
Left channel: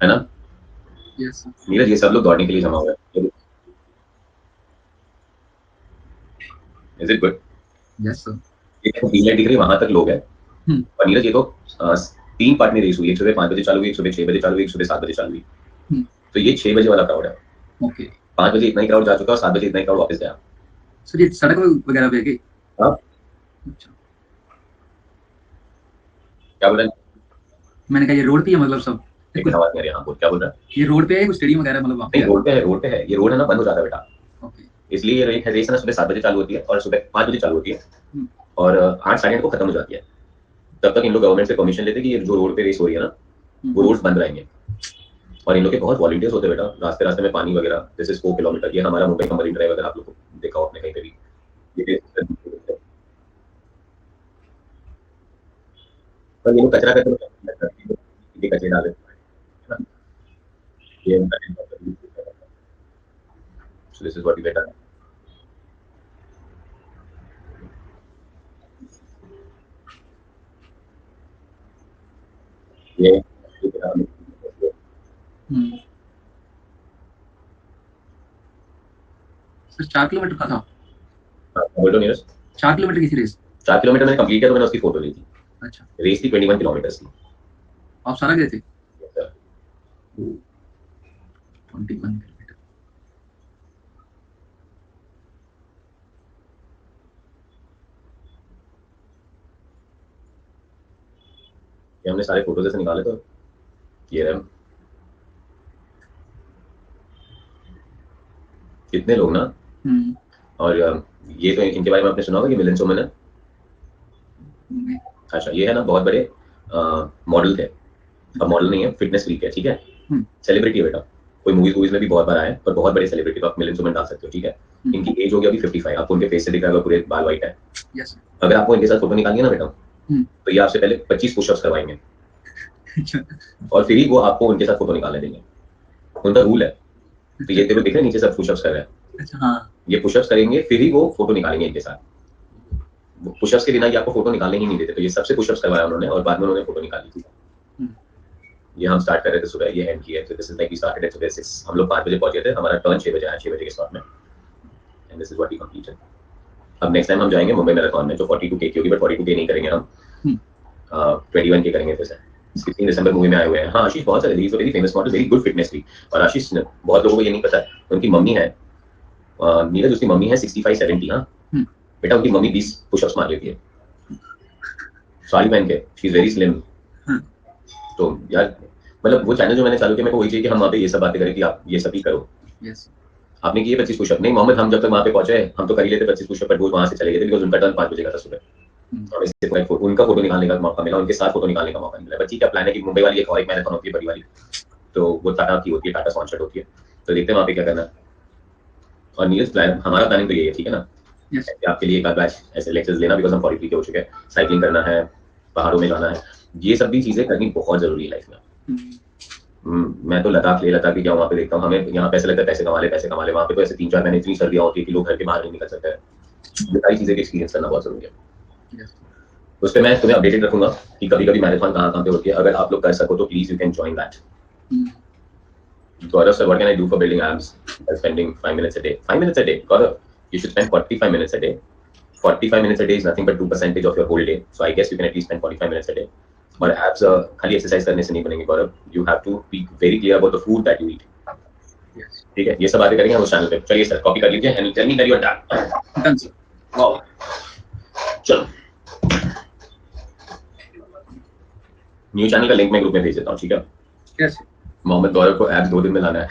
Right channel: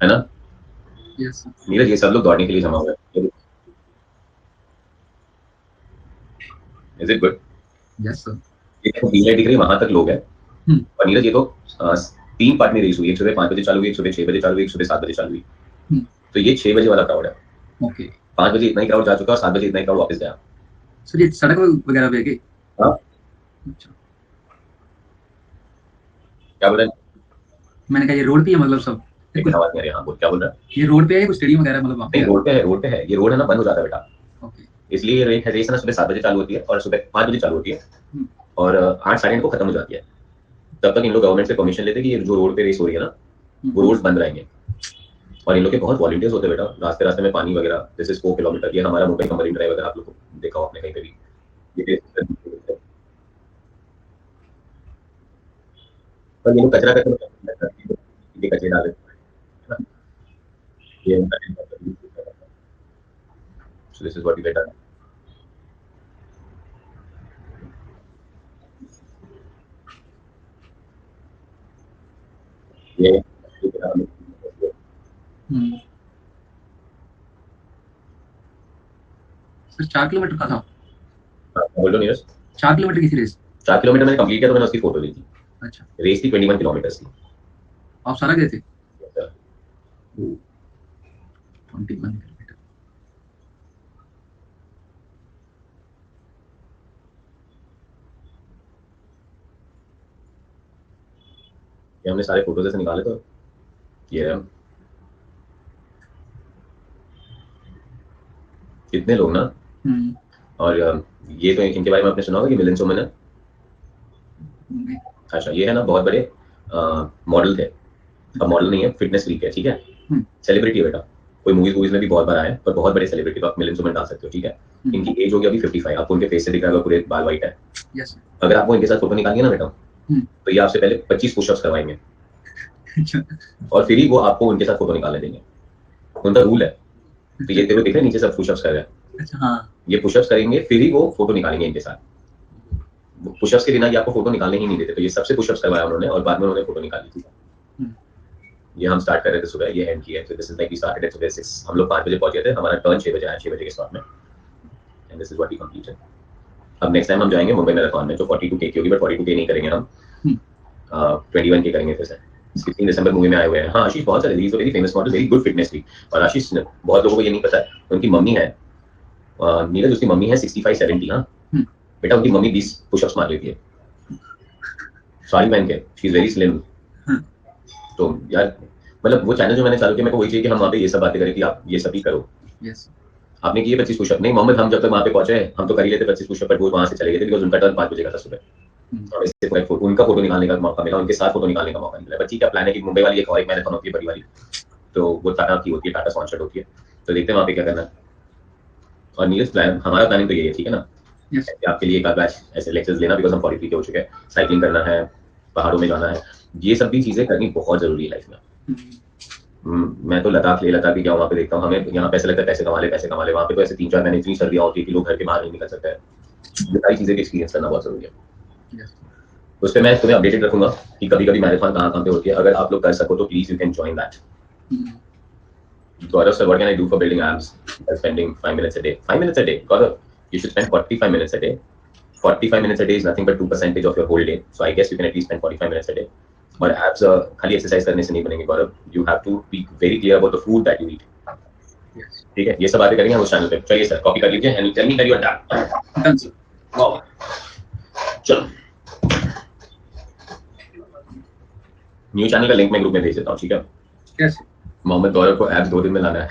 है ना। Yes, sir. नीरज ये सब लोग दौड़ने के लिए जमा हुए हैं, is it good? Yes, sir. ये तीन लाइट दिख रही है, वहां तक लोग हैं। और नीरज ये तो 3 पार्ट में रेस हुई, एक सुबह 5 बजे चालू हुई, एक सुबह 6 बजे चालू हुई, एक सुबह 7 बजे चालू हुई। तो ये 6 बजे वाला क्राउड है। ओके। 5 बजे इतना ही क्राउड जा चुका है और 7 बजे इतना ही क्राउड वापस गया। सर ये सड़क वगैरह पे है कि? हाँ, अच्छा। क्या बोल रहे हैं? मैंने कहा ये रोड पे है मतलब सब? लेकिन आवाज नहीं आ रही। हाँ बोल, क्या बोल रहा है? ये रोड पे है, कुछ स्टेडियम वगैरह मतलब वहाँ पे नहीं, है? रोड पे है, रोड पे है। ये रोड है ना, बंद हो जाता है बेटा, ओके। इसलिए ये रेस है ना, सुबह 7 बजे चालू होती है और सुबह 5 बजे चालू होती है, और 8 साढ़े 8 को खत्म हो जाती है। तब तक इन लोग गवर्नमेंट से परमिशन लेते हैं कि ये जो रोड पे रेस हो रही है ना, वो रोड्स बंद रहेंगे। और इन लोग के बहुत वॉलंटियर्स होते हैं बेटा, रास्ते रास्ते में पानी वगैरह। This is 4 kilometre. ये हमारा मुंबई का मरीन ड्राइव, अगर आप लोग को देखा हो आपने कहीं पे भी, ये पर ये लोग कचरा करते, ये कचरे डाले, है ना? ये so this is what we get done. ये सर 4 किलोमीटर का था? बोलो नीरज। 4 किलोमीटर की थी रेस? 4 किलोमीटर मैंने कंप्लीट किया तो मैंने उसकी फोटो ली थी। अच्छा। रेस थी 21 किलोमीटर की। आप सारा गए थे? 21 किलोमीटर। ये हमने सारे फोटोज ऐसे निकाले, तो ये रहे। कितने लोग ना। और ये तो इनके बारे में आपने सुना होगा कि मिलिंद सोमन है। अच्छा, ये है ना बहुत बड़े मॉडल थे, अब मॉडल नहीं है, फिटनेस फ्रीक है, ठीक है, हम्म, सेलिब्रिटी है बेटा, कोई मूवीज में भी बहुत बार आया है, पर बहुत बड़े सेलिब्रिटी तो आप मिलियंस में डाल सकते हो, ठीक है। इनकी एज होगी अभी 55, आपको उनके फेस से दिख रहा होगा पूरे बाल वाइट है। यस अगर आपको इनके साथ फोटो निकालनी है ना बेटा, हम्म, तो ये आपसे पहले 25 पुशअप्स करवाएंगे अच्छा और फिर ही वो आपको उनके साथ फोटो निकालने देंगे, उनका रूल है। तो ये देखो, दिख रहे हैं नीचे सब पुशअप्स कर रहे हैं, अच्छा हाँ ये पुशअप्स करेंगे फिर ही वो फोटो निकालेंगे इनके साथ, पुशअप्स के बिना ये आपको फोटो निकालने ही नहीं देते, तो ये सबसे पुशअप्स करवाया उन्होंने और बाद में उन्होंने फोटो निकाली थी। हम्म, ये हम स्टार्ट कर रहे थे सुबह, ये एंड किया, तो this is like we started at सुबह 6, हम लोग 5 बजे पहुंचे थे, हमारा टर्न 6 बजे आया, 6 बजे के स्लॉट में, and this is what we completed. अब नेक्स्ट टाइम हम जाएंगे मुंबई मैराथन में, जो 42K की होगी, बट 42K नहीं करेंगे हम, हम्म, 21K करेंगे फिर से। 16 दिसंबर मूवी में आए हुए हैं। हाँ आशीष बहुत सारे, very famous model, very good fitness थी। और आशीष बहुत लोगों को ये नहीं पता है, उनकी मम्मी है, नीरज उसकी मम्मी है 65-70, हाँ हम्म, बेटा, उनकी मम्मी 20 पुशअप्स मार लेती है साड़ी पहन के, शी इज वेरी स्लिम। हाँ, तो यार मतलब वो चैनल जो मैंने चालू किया, मेरे को वही चाहिए कि हम वहाँ पे ये सब बातें करें कि आप ये सब भी करो। यस आपने किए 25 पुशअप नहीं मोहम्मद, हम जब तक वहाँ पे पहुंचे हम तो कर ही लेते 25 पुशअप, पर वो वहाँ से चले गए थे बिकॉज उनका टर्न 5 बजे का था सुबह। हम्म, हमें सिर्फ एक उनका फोटो निकालने का मौका मिला, उनके साथ फोटो निकालने का मौका मिला। बच्ची का प्लान है कि मुंबई वाली एक और एक मैराथन होती है बड़ी वाली, तो वो टाटा की होती है, टाटा स्पॉन्सर्ड होती है, तो देखते हैं वहाँ पे क्या करना है। और नीरज प्लान, हमारा प्लानिंग तो यही है, ठीक है ना, यस कि आपके लिए एक आध बैच ऐसे लेक्चर्स लेना, बिकॉज हम 43 के हो चुके हैं, साइकिलिंग करना है, पहाड़ों में जाना है, ये सब भी चीजें करनी बहुत जरूरी है लाइफ में। मैं तो लद्दाख ले लद्दाख भी गया, वहाँ पे देखता हूँ, हमें यहाँ पैसे लगता है, पैसे कमा ले पैसे कमा ले, वहाँ पे तो ऐसे 3-4 महीने इतनी सर्दियाँ होती है कि लोग घर के बाहर नहीं निकल सकते हैं। ये सारी चीजें एक्सपीरियंस करना बहुत जरूरी है। यस उस पर मैं तुम्हें अपडेटेड रखूंगा कि कभी कभी मैराथन कहाँ कहाँ पे होती है, अगर आप लोग कर सको तो please you can join that. Gaurav sir, what can I do for building abs by spending 5 minutes a day? 5 minutes a day, Gaurav, you should spend 45 minutes a day. 45 minutes a day is nothing but 2% of your whole day, so I guess you can at least spend 45 minutes a day. और abs खाली एक्सरसाइज करने से नहीं बनेंगे Gaurav, you have to be very clear about the food that you eat, yes ठीक है, ये सब बातें करेंगे हम उस चैनल पे। चलिए सर कॉपी कर लीजिए and tell me that you are done. Done sir wow, चलो न्यू चैनल का लिंक मैं ग्रुप में भेज देता हूँ, ठीक है। कैसे मोहम्मद गौरव को एब्स 2 दिन में लाना है।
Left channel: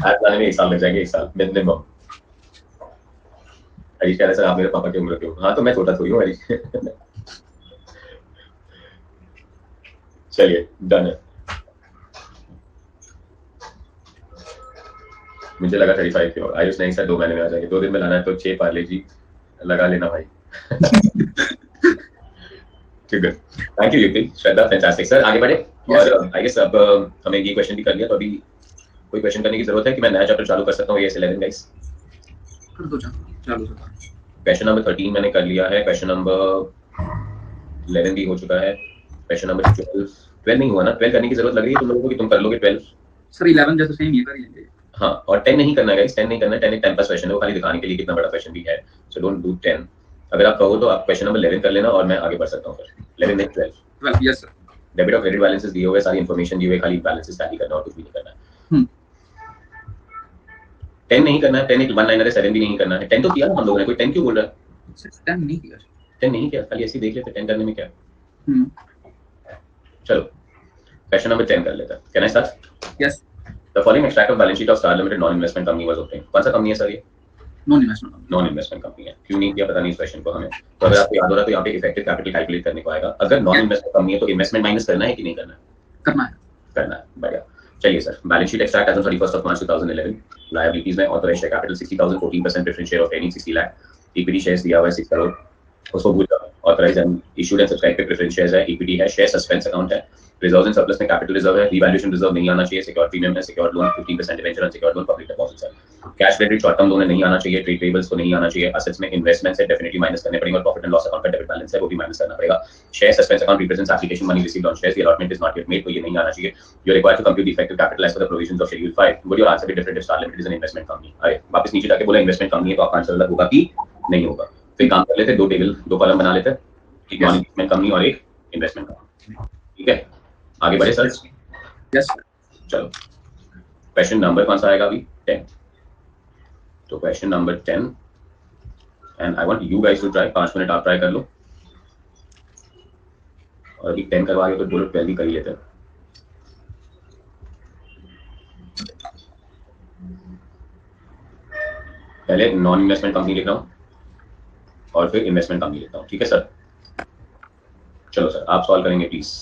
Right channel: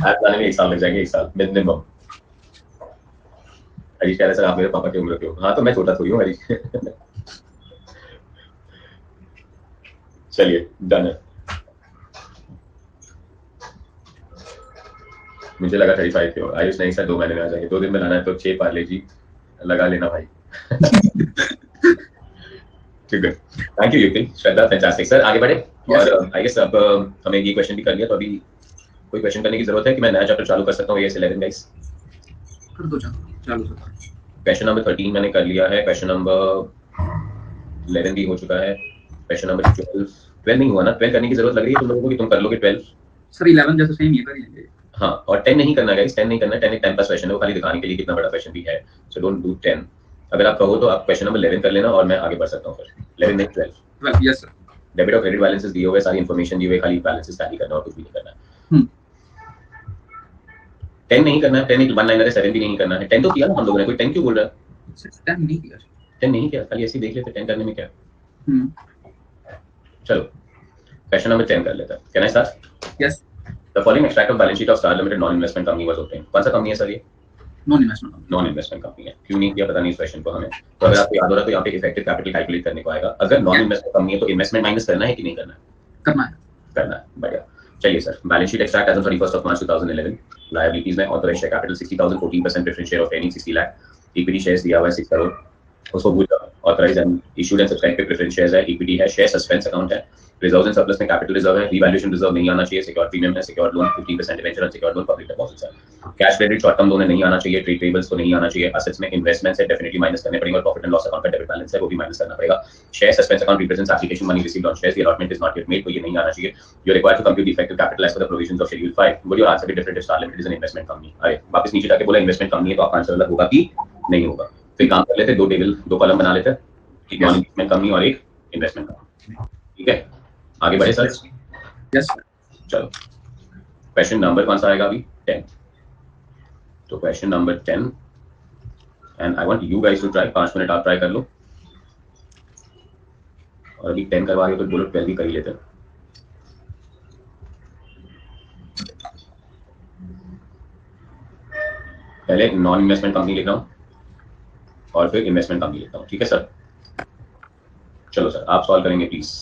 एब्स लाने में 1 साल लग जाएंगे, 1 साल मिनिमम। हरीश कह रहे सर आप मेरे पापा की उम्र के हो, हाँ तो मैं छोटा थोड़ी हूँ हरीश। चलिए डन है, मुझे लगा 35 के हो। आयुष नहीं सर 2 महीने में आ जाएंगे, 2 दिन में लाना है तो 6 पार्ले जी लगा लेना भाई। ठीक है, thank you UP Shraddha, fantastic sir, आगे बढ़े। Yes. और आई गेस अब हमें ये क्वेश्चन भी कर लिया, तो अभी कोई क्वेश्चन करने की जरूरत है कि मैं नया चैप्टर चालू कर सकता हूँ, ये 11 गाइस। कर दो चालू सर क्वेश्चन नंबर 13 मैंने कर लिया है, क्वेश्चन नंबर 11 भी हो चुका है, क्वेश्चन नंबर 12 नहीं हुआ ना, 12 करने की जरूरत लग रही है तुम लोगों को कि तुम कर लोगे 12? सर 11 जैसे सेम ये कर लेंगे। हाँ, और 10 नहीं करना है गाइस, 10 नहीं करना है, 10 एक टाइम पास क्वेश्चन है, वो खाली दिखाने के लिए कितना बड़ा क्वेश्चन भी है, सो डोंट डू 10। अगर आप कहो तो आप क्वेश्चन नंबर 11 कर लेना और मैं आगे बढ़ सकता हूँ फिर 11 नहीं 12। 12 यस सर डेबिट और क्रेडिट बैलेंसेस दिए हुए, सारी इन्फॉर्मेशन दी हुई, खाली बैलेंसेस टैली करना और कुछ भी नहीं करना है। हम्म 10 नहीं करना है, 10 एक 1 लाइनर है, 7 भी नहीं करना है। 10 तो किया ना हम लोगों ने, कोई 10 क्यों बोल रहा है? सर 10 नहीं किया 10 नहीं किया, खाली ऐसे ही देख लेते 10 करने में क्या। हम्म चलो क्वेश्चन नंबर 10 कर लेते हैं, can I start? Yes the following extract of balance sheet of star limited non investment company was obtained. कौन सा कंपनी है सर ये? Non investment non investment company है, क्यों नहीं किया पता नहीं इस क्वेश्चन को हमें। तो अगर आपको याद हो रहा है तो यहाँ पे इफेक्टिव कैपिटल कैलकुलेट करने को आएगा, अगर नॉन इन्वेस्टमेंट कंपनी है तो इन्वेस्टमेंट माइनस करना है कि नहीं करना है? करना है करना है, बढ़िया। चलिए sir, balance sheet extract as on 31st of March 2011। Liabilities में authorised share capital 60,000, 14% preference share of training 60 lakh, equity shares दिया हुआ है 6 करोड़, उसको भूल जाओ। Authorised and issued and subscribe पे प्रेफरेंस शेयर्स है, इक्विटी है, शेयर सस्पेंस अकाउंट है, रिजर्व्स एंड सरप्लस में कैपिटल रिजर्व है, रिवैल्यूएशन रिजर्व नहीं आना चाहिए, सिक्योर प्रीमियम है, secure loan 15% debenture unsecured loan, public deposits है, cash credit short term loan नहीं आना चाहिए, ट्रेड पेबल्स को नहीं आना चाहिए, असेट्स में इन्वेस्टमेंट्स है डेफिनेटली माइनस करने पड़ेंगे, और प्रॉफिट एंड लॉस अकाउंट का डेबिट बैलेंस है वो भी माइनस करना पड़ेगा। Share suspense account represents application money received on shares, the allotment is not yet made, तो ये नहीं आना चाहिए। You are required to compute the effective capital as per the provisions of schedule 5। Would your answer be different if star limited is an investment company? अरे वापस नीचे जाके बोला इन्वेस्टमेंट कंपनी है, तो आपका आंसर अलग होगा कि नहीं होगा? तो एक काम कर लेते, 2 टेबल 2 कॉलम बना लेते हैं, एक नॉन इन्वेस्टमेंट कंपनी और एक इन्वेस्टमेंट कंपनी, ठीक है। आगे बढ़े सर? यस चलो क्वेश्चन नंबर कौन सा आएगा अभी? 10। तो question number 10 and I want you guys to try, 5 minute आप ट्राई कर लो, और अभी 10 करवा रहे हो तो बोलो 12 भी कर ही लेते हैं। पहले नॉन इन्वेस्टमेंट कंपनी लिख रहा हूँ और फिर इन्वेस्टमेंट कंपनी लिखता हूँ, ठीक है सर। चलो सर आप सॉल्व करेंगे प्लीज।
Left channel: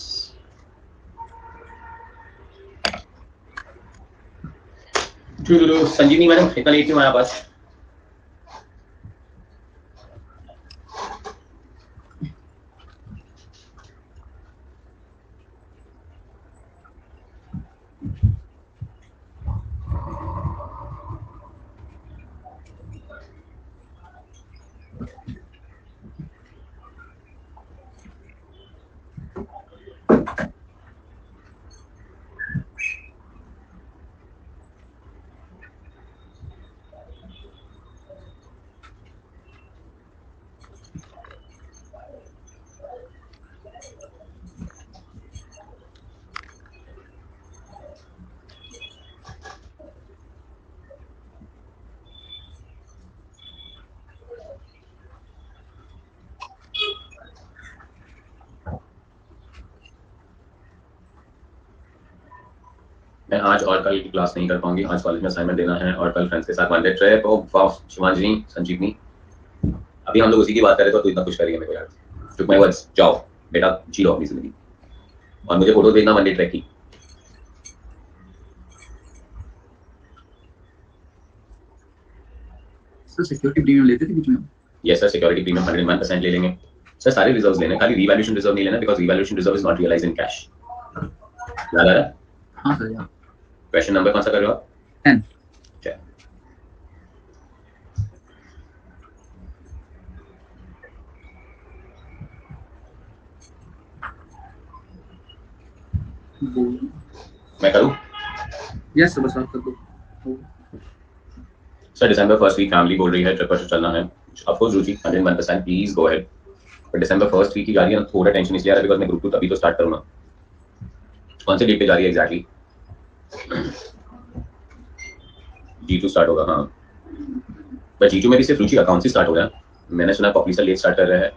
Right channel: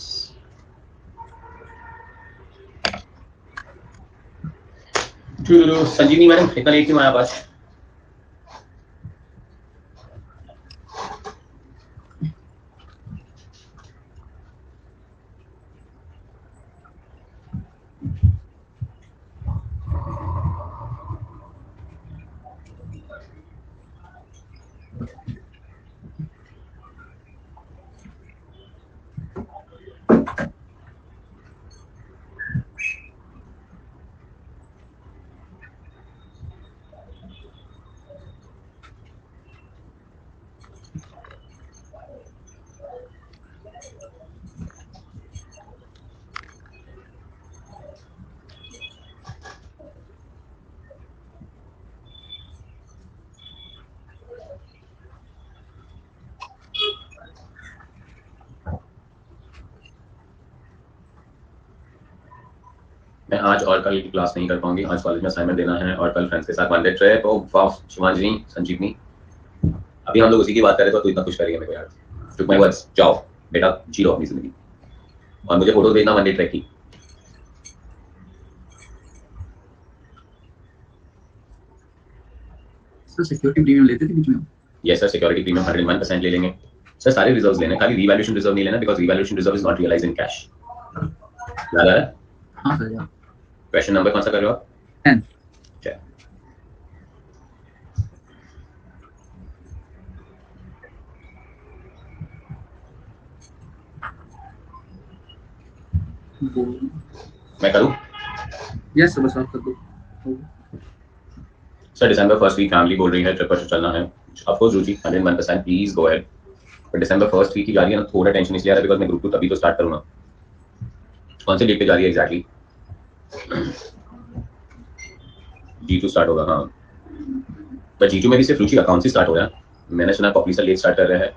संजीवनी मैडम इतना लेट क्यों आया पास? मैं आज और कल की क्लास नहीं कर पाऊंगी, आज कॉलेज में असाइनमेंट देना है और कल फ्रेंड्स के साथ वन डे ट्रिप। ओ वाह शिवांजनी, संजीवनी, अभी हम लोग उसी की बात कर रहे थे तो इतना कुछ करिए मेरे को यार। टुक माय वर्ड्स, जाओ बेटा जी लो अपनी जिंदगी और मुझे फोटो भेजना वन डे ट्रिप की। सर सिक्योरिटी प्रीमियम लेते थे बीच में? यस सर, सिक्योरिटी प्रीमियम 101% ले लेंगे सर। सारे रिजर्व्स लेने, खाली रीवैल्यूएशन रिजर्व नहीं लेना, because revaluation reserve is not realised in cash. याद आ रहा है? हाँ सर यार। क्वेश्चन नंबर कौन सा कर रहे हो आप? 10। चल मैं करूं? यस सर, बस आप कर दो। सर दिसंबर फर्स्ट वीक फैमिली बोल रही है ट्रिप पर चलना है। Of course Ruchi 101% please go ahead. पर दिसंबर फर्स्ट वीक की जा रही है ना, थोड़ा टेंशन इसलिए आ रहा है बिकॉज़ मैं ग्रुप 2 तभी तो स्टार्ट करूंगा। कौन से डेट पे जा रही है एग्जैक्टली? G2 स्टार्ट होगा हाँ, पर G2 में भी सिर्फ रुचि अकाउंट से स्टार्ट हो रहा है। मैंने सुना पॉपुलर सर लेट स्टार्ट कर रहे हैं।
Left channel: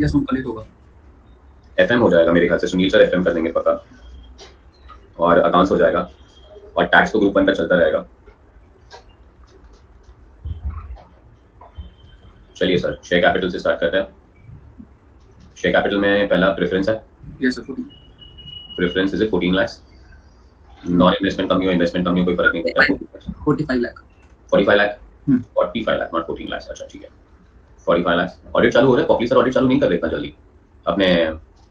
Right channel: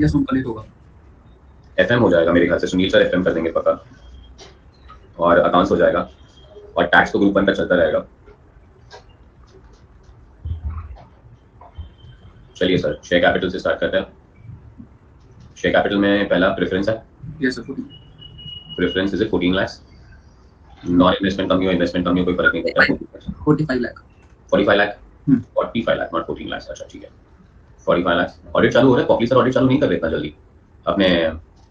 यस उनका लेट होगा। FM हो जाएगा मेरे ख्याल से, सुनील सर FM कर देंगे पक्का, और अकाउंट्स हो जाएगा और टैक्स तो ग्रुप 1 का चलता रहेगा। चलिए सर शेयर कैपिटल से स्टार्ट करते हैं। शेयर कैपिटल में पहला प्रेफरेंस है। Yes sir. Preference is 14 lakh. Non investment company और इन्वेस्टमेंट कंपनी कोई फर्क नहीं पड़ता। 45 लाख। 45 लाख 45 लाख नॉट 14 लाख। अच्छा ठीक है 45 लाख। ऑडिट चालू हो रहा है, पॉपुलर सर ऑडिट चालू नहीं कर रहे इतना जल्दी। अपने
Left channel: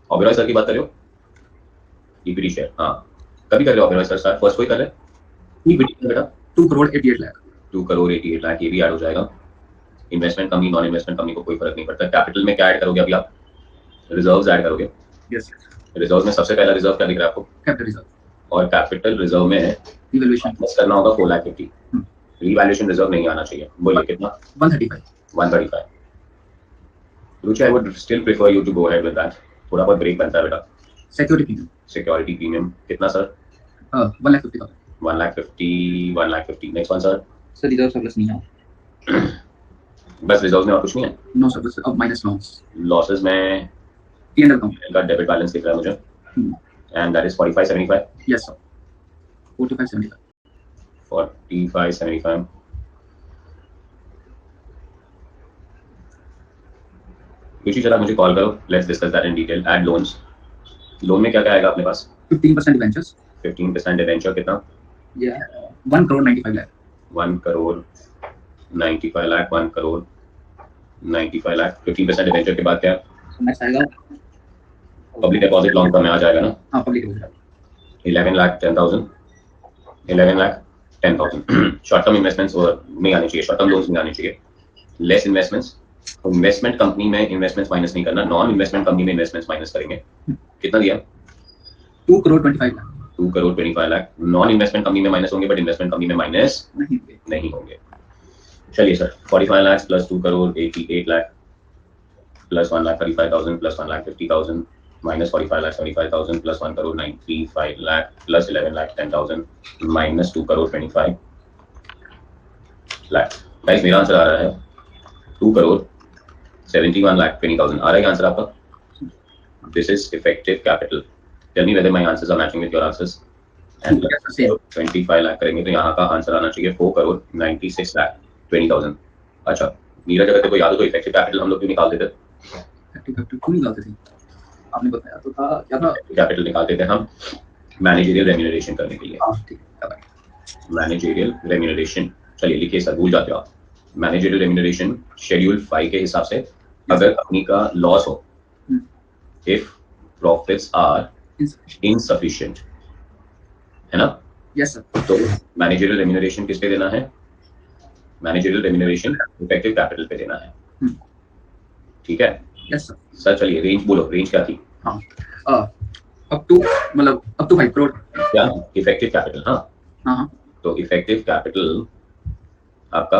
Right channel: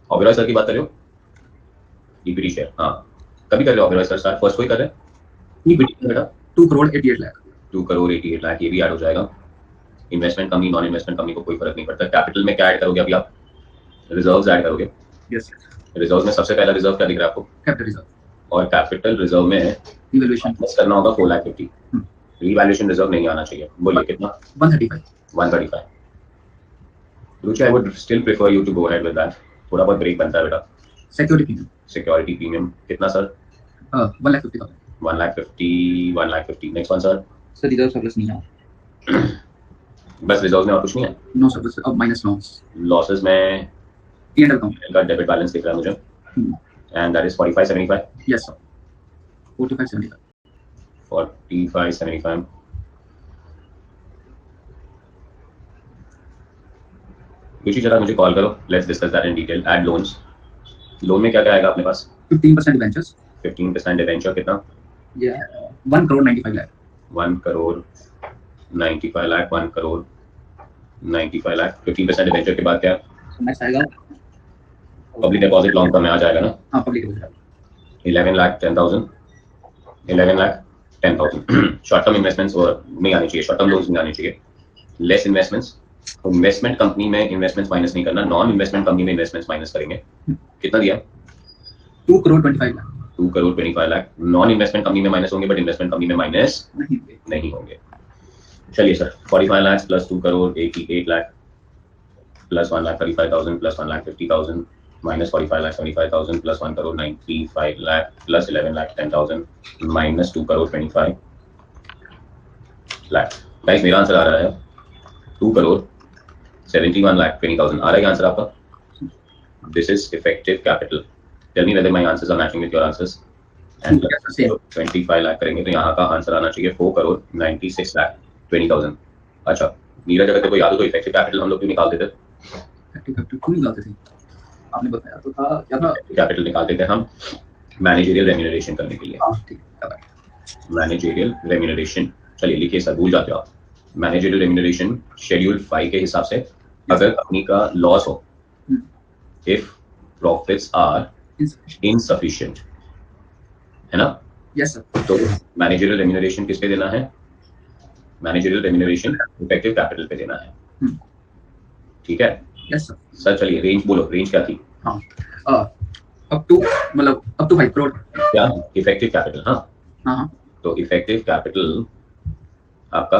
ओबेरॉय सर की बात कर रहे हो? इक्विटी शेयर हाँ, कभी कर रहे हो ओबेरॉय सर? फर्स्ट कोई कर रहे हैं इक्विटी बेटा? 2 करोड़ 88 लाख। 2 करोड़ 88 लाख, ये भी ऐड हो जाएगा। Investment company non investment company को कोई फर्क नहीं पड़ता। कैपिटल में क्या ऐड करोगे अभी आप? रिजर्व्स ऐड करोगे। यस। रिजर्व्स में सबसे पहला रिजर्व क्या दिख रहा है आपको? Capital reserve. और कैपिटल रिजर्व में रिवैल्यूएशन बस करना होगा 4,50,000। रिवैल्यूएशन रिजर्व नहीं आना चाहिए। बोलिए कितना? 135। 135। Ruchi I would still prefer you to go ahead with that. थोड़ा बहुत ब्रेक बनता है बेटा। Security premium. सिक्योरिटी प्रीमियम कितना sir? 1,50,000। 1,50,000 1,50,000। Next one sir. Sir reserve surplus नहीं है। बस रिजर्व में और कुछ नहीं है? नो सर, बस अब माइनस लॉसेस में P&L अकाउंट का डेबिट बैलेंस दिख रहा है मुझे, and that is 4575। Yes sir 4575। 4575। रुचि जरा मुझे कॉल करो, let's discuss that in detail. Add loans. Loan में क्या क्या आएगा अपने पास? 15% डिबेंचर्स। 15% डिवेंचर कितना? ये 1 करोड़ 95 लाख। 1 करोड़ 95 लाख। 1 करोड़ 95 लाख। 15% डिवेंचर के बाद क्या? नेक्स्ट आएगा पब्लिक डिपॉजिट लॉन्ग टर्म में आ जाएगा ना? हाँ public deposit. 11,10,000। 11,10,000। Short term investments नहीं आने चाहिए, शॉर्ट टर्म लोन्स नहीं आने चाहिए। Less investments. इन्वेस्टमेंट कंपनी में इन्वेस्टमेंट्स माइनस नहीं करना, नॉन इन्वेस्टमेंट कंपनी में इन्वेस्टमेंट्स माइनस करेंगे। कितना दिया? 2 crore 25 lakh. 2 crore 25 lakh. Non investment company में माइनस होंगे, बट इन्वेस्टमेंट कंपनी में माइनस नहीं होंगे। चलिए sir 45 lakh plus 2 crore 88 lakh plus 1,35,000 plus 1,50,000 minus 45 lakh 75,000 plus 1 crore 95 lakh plus 11,10,000 minus 2 crore 25 lakh. Guys मेरा आंसर आ रहा है 2 करोड़ 71,20,000 आ रहा है आंसर आपका। This is effective capital. Tell me whether my answers are matching with your answers. And 25 lakh करेंगे तो यहाँ का आंसर आना चाहिए 4 करोड़ 96,20,000। अच्छा नीरज, अगर तेरे को याद हो तो इफेक्टिव कैपिटल हम लोग क्यों निकालते थे? क्यों निकालते थे? आपने बताया तो था क्या था? कैपिटल निकालते थे हम मैनेजरियल रेम्यूनरेशन करने के लिए। हाँ ठीक है। मैनेजरियल रेम्यूनरेशन, चलिए लिखिए सर, भूल जाते हो आप। मैनेजरियल रेम्यूनरेशन शेड्यूल 5 के हिसाब से अगर कंपनी का लॉस हो, इफ प्रॉफिट्स आर इनसफिशिएंट, है ना? Yes sir. तो मैनेजरियल रेम्यूनरेशन किस पे देना है? मैनेजरियल रेम्यूनरेशन इफेक्टिव कैपिटल पे देना है, ठीक है? Yes sir. सर चलिए रेंज बोलो, रेंज क्या थी? हाँ, अप टू मतलब अप टू 5 करोड़। क्या? इफेक्टिव कैपिटल, हाँ। हाँ, तो इफेक्टिव कैपिटल आपका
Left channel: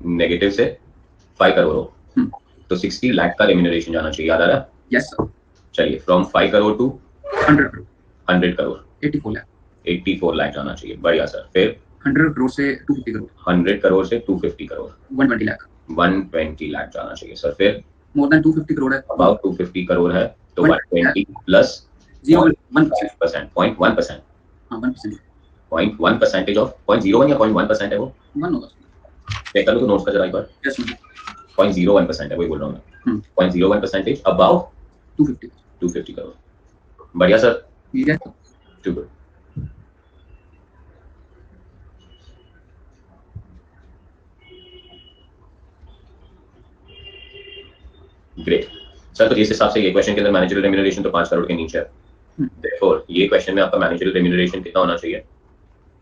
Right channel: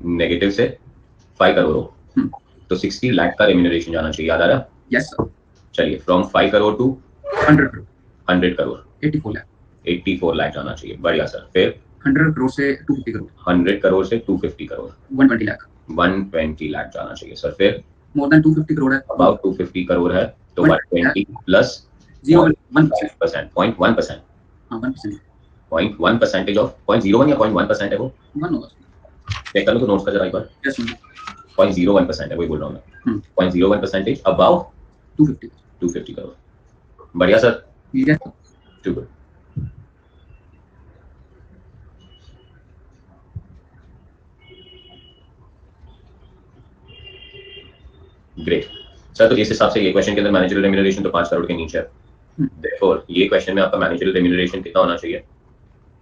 नेगेटिव से 5 करोड़ हो, तो 60 लाख का रेम्यूनरेशन जाना चाहिए, याद आ रहा? Yes sir. चलिए फ्रॉम 5 करोड़ टू 100 करोड़, 100 करोड़, 84 लाख, 84 लाख जाना चाहिए, बढ़िया सर। फिर 100 करोड़ से 250 करोड़, 100 करोड़ से 250 करोड़, 120 लाख, 120 लाख जाना चाहिए सर। फिर मोर देन 250 करोड़ है, अबाउट 250 करोड़ है, तो 120 प्लस 0.1%, 0.1%, हाँ 1%, 0.1 परसेंटेज ऑफ 0.01 या 0.1% है वो, 1 होगा। चेक कर लो तो नोट्स का जरा एक बार। यस 0.01% है, वही बोल रहा हूँ मैं, 0.01 परसेंटेज अबाउ 250 करोड़, बढ़िया sir, yes too good. Great sir, तो इस हिसाब से ये क्वेश्चन के अंदर मैनेजरियल रेम्यूनरेशन तो 5 करोड़ के नीचे है, देयरफॉर ये क्वेश्चन में आपका मैनेजरियल रेम्यूनरेशन कितना होना चाहिए?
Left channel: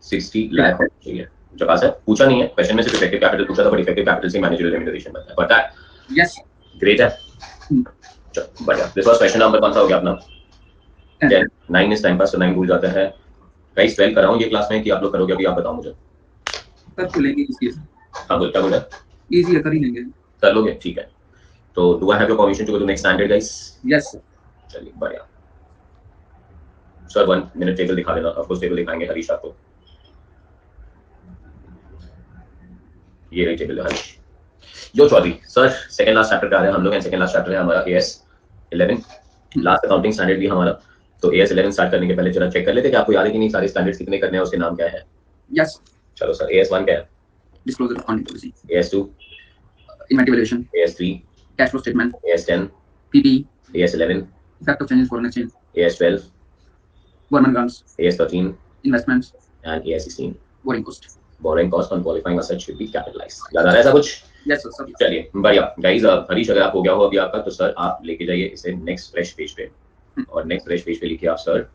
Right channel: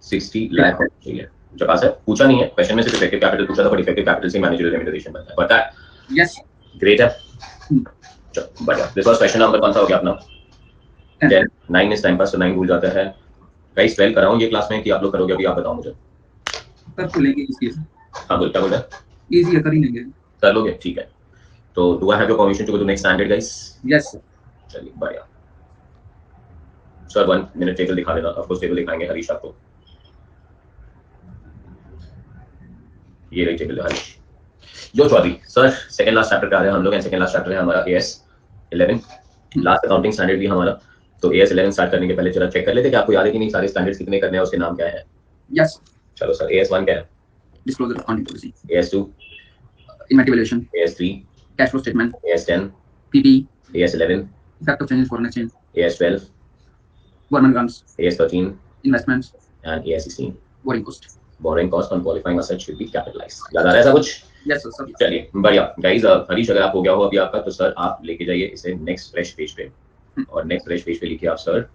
60 लाख होना चाहिए। जब सर पूछा नहीं है क्वेश्चन में, सिर्फ इफेक्टिव कैपिटल पूछा था, बट इफेक्टिव कैपिटल से मैनेजरियल रेम्यूनरेशन बनता है, पता है? यस ग्रेट है, चलो बढ़िया। दिस वाज क्वेश्चन नंबर कौन सा हो गया अपना? 10। 9 इस टाइम पास, तो 9 भूल जाता है। गाइस 12 कराऊं ये क्लास में कि आप लोग करोगे अभी? आप बताओ मुझे। कर तो लेंगे इसकी, हाँ बोल, क्या बोल रहे हैं? इजी है, कर ही लेंगे। कर लोगे, ठीक है। तो do I have your permission to go to next standard guys? Yes sir. चलिए बढ़िया सर, 1 मिनट टेबल दिखा देना, ऑफ कोर्स टेबल दिखाएंगे हरीश आपको, ये रही टेबल हरीश। जो Chaudhary sir, second last chapter का आ रहे हैं हम लोग, सेकंड लास्ट चैप्टर है हमारा AS 11, लास्ट अकाउंटिंग स्टैंडर्ड भी हमारा। तो AS 11 स्टार्ट करने के पहले जरा चेक कर लेते कि आपको याद है कि नहीं, सारे स्टैंडर्ड्स कितने करने हैं, उसके नाम क्या है? यस। चलो सर, AS 1 क्या है? Disclosure accounting policy. AS 2? Inventory valuation. AS 3? Cash flow statement. AS 10? PP. AS 11? Effect of change in foreign exchange. AS 12? Government grants. AS 13? Investments. and AS 16? Borrowing cost. Borrowing cost on qualifying asset should be capitalized. याद आ रहा है ऐसा कुछ? यस सर सब। चलिए बढ़िया गाइस, हरीश अगर आप हो गया हो अभी आपका, तो सर आप लेके जाइए इसे नेक्स्ट फ्रेश पेज पे, और नेक्स्ट फ्रेश पेज पे लिखिए आप sir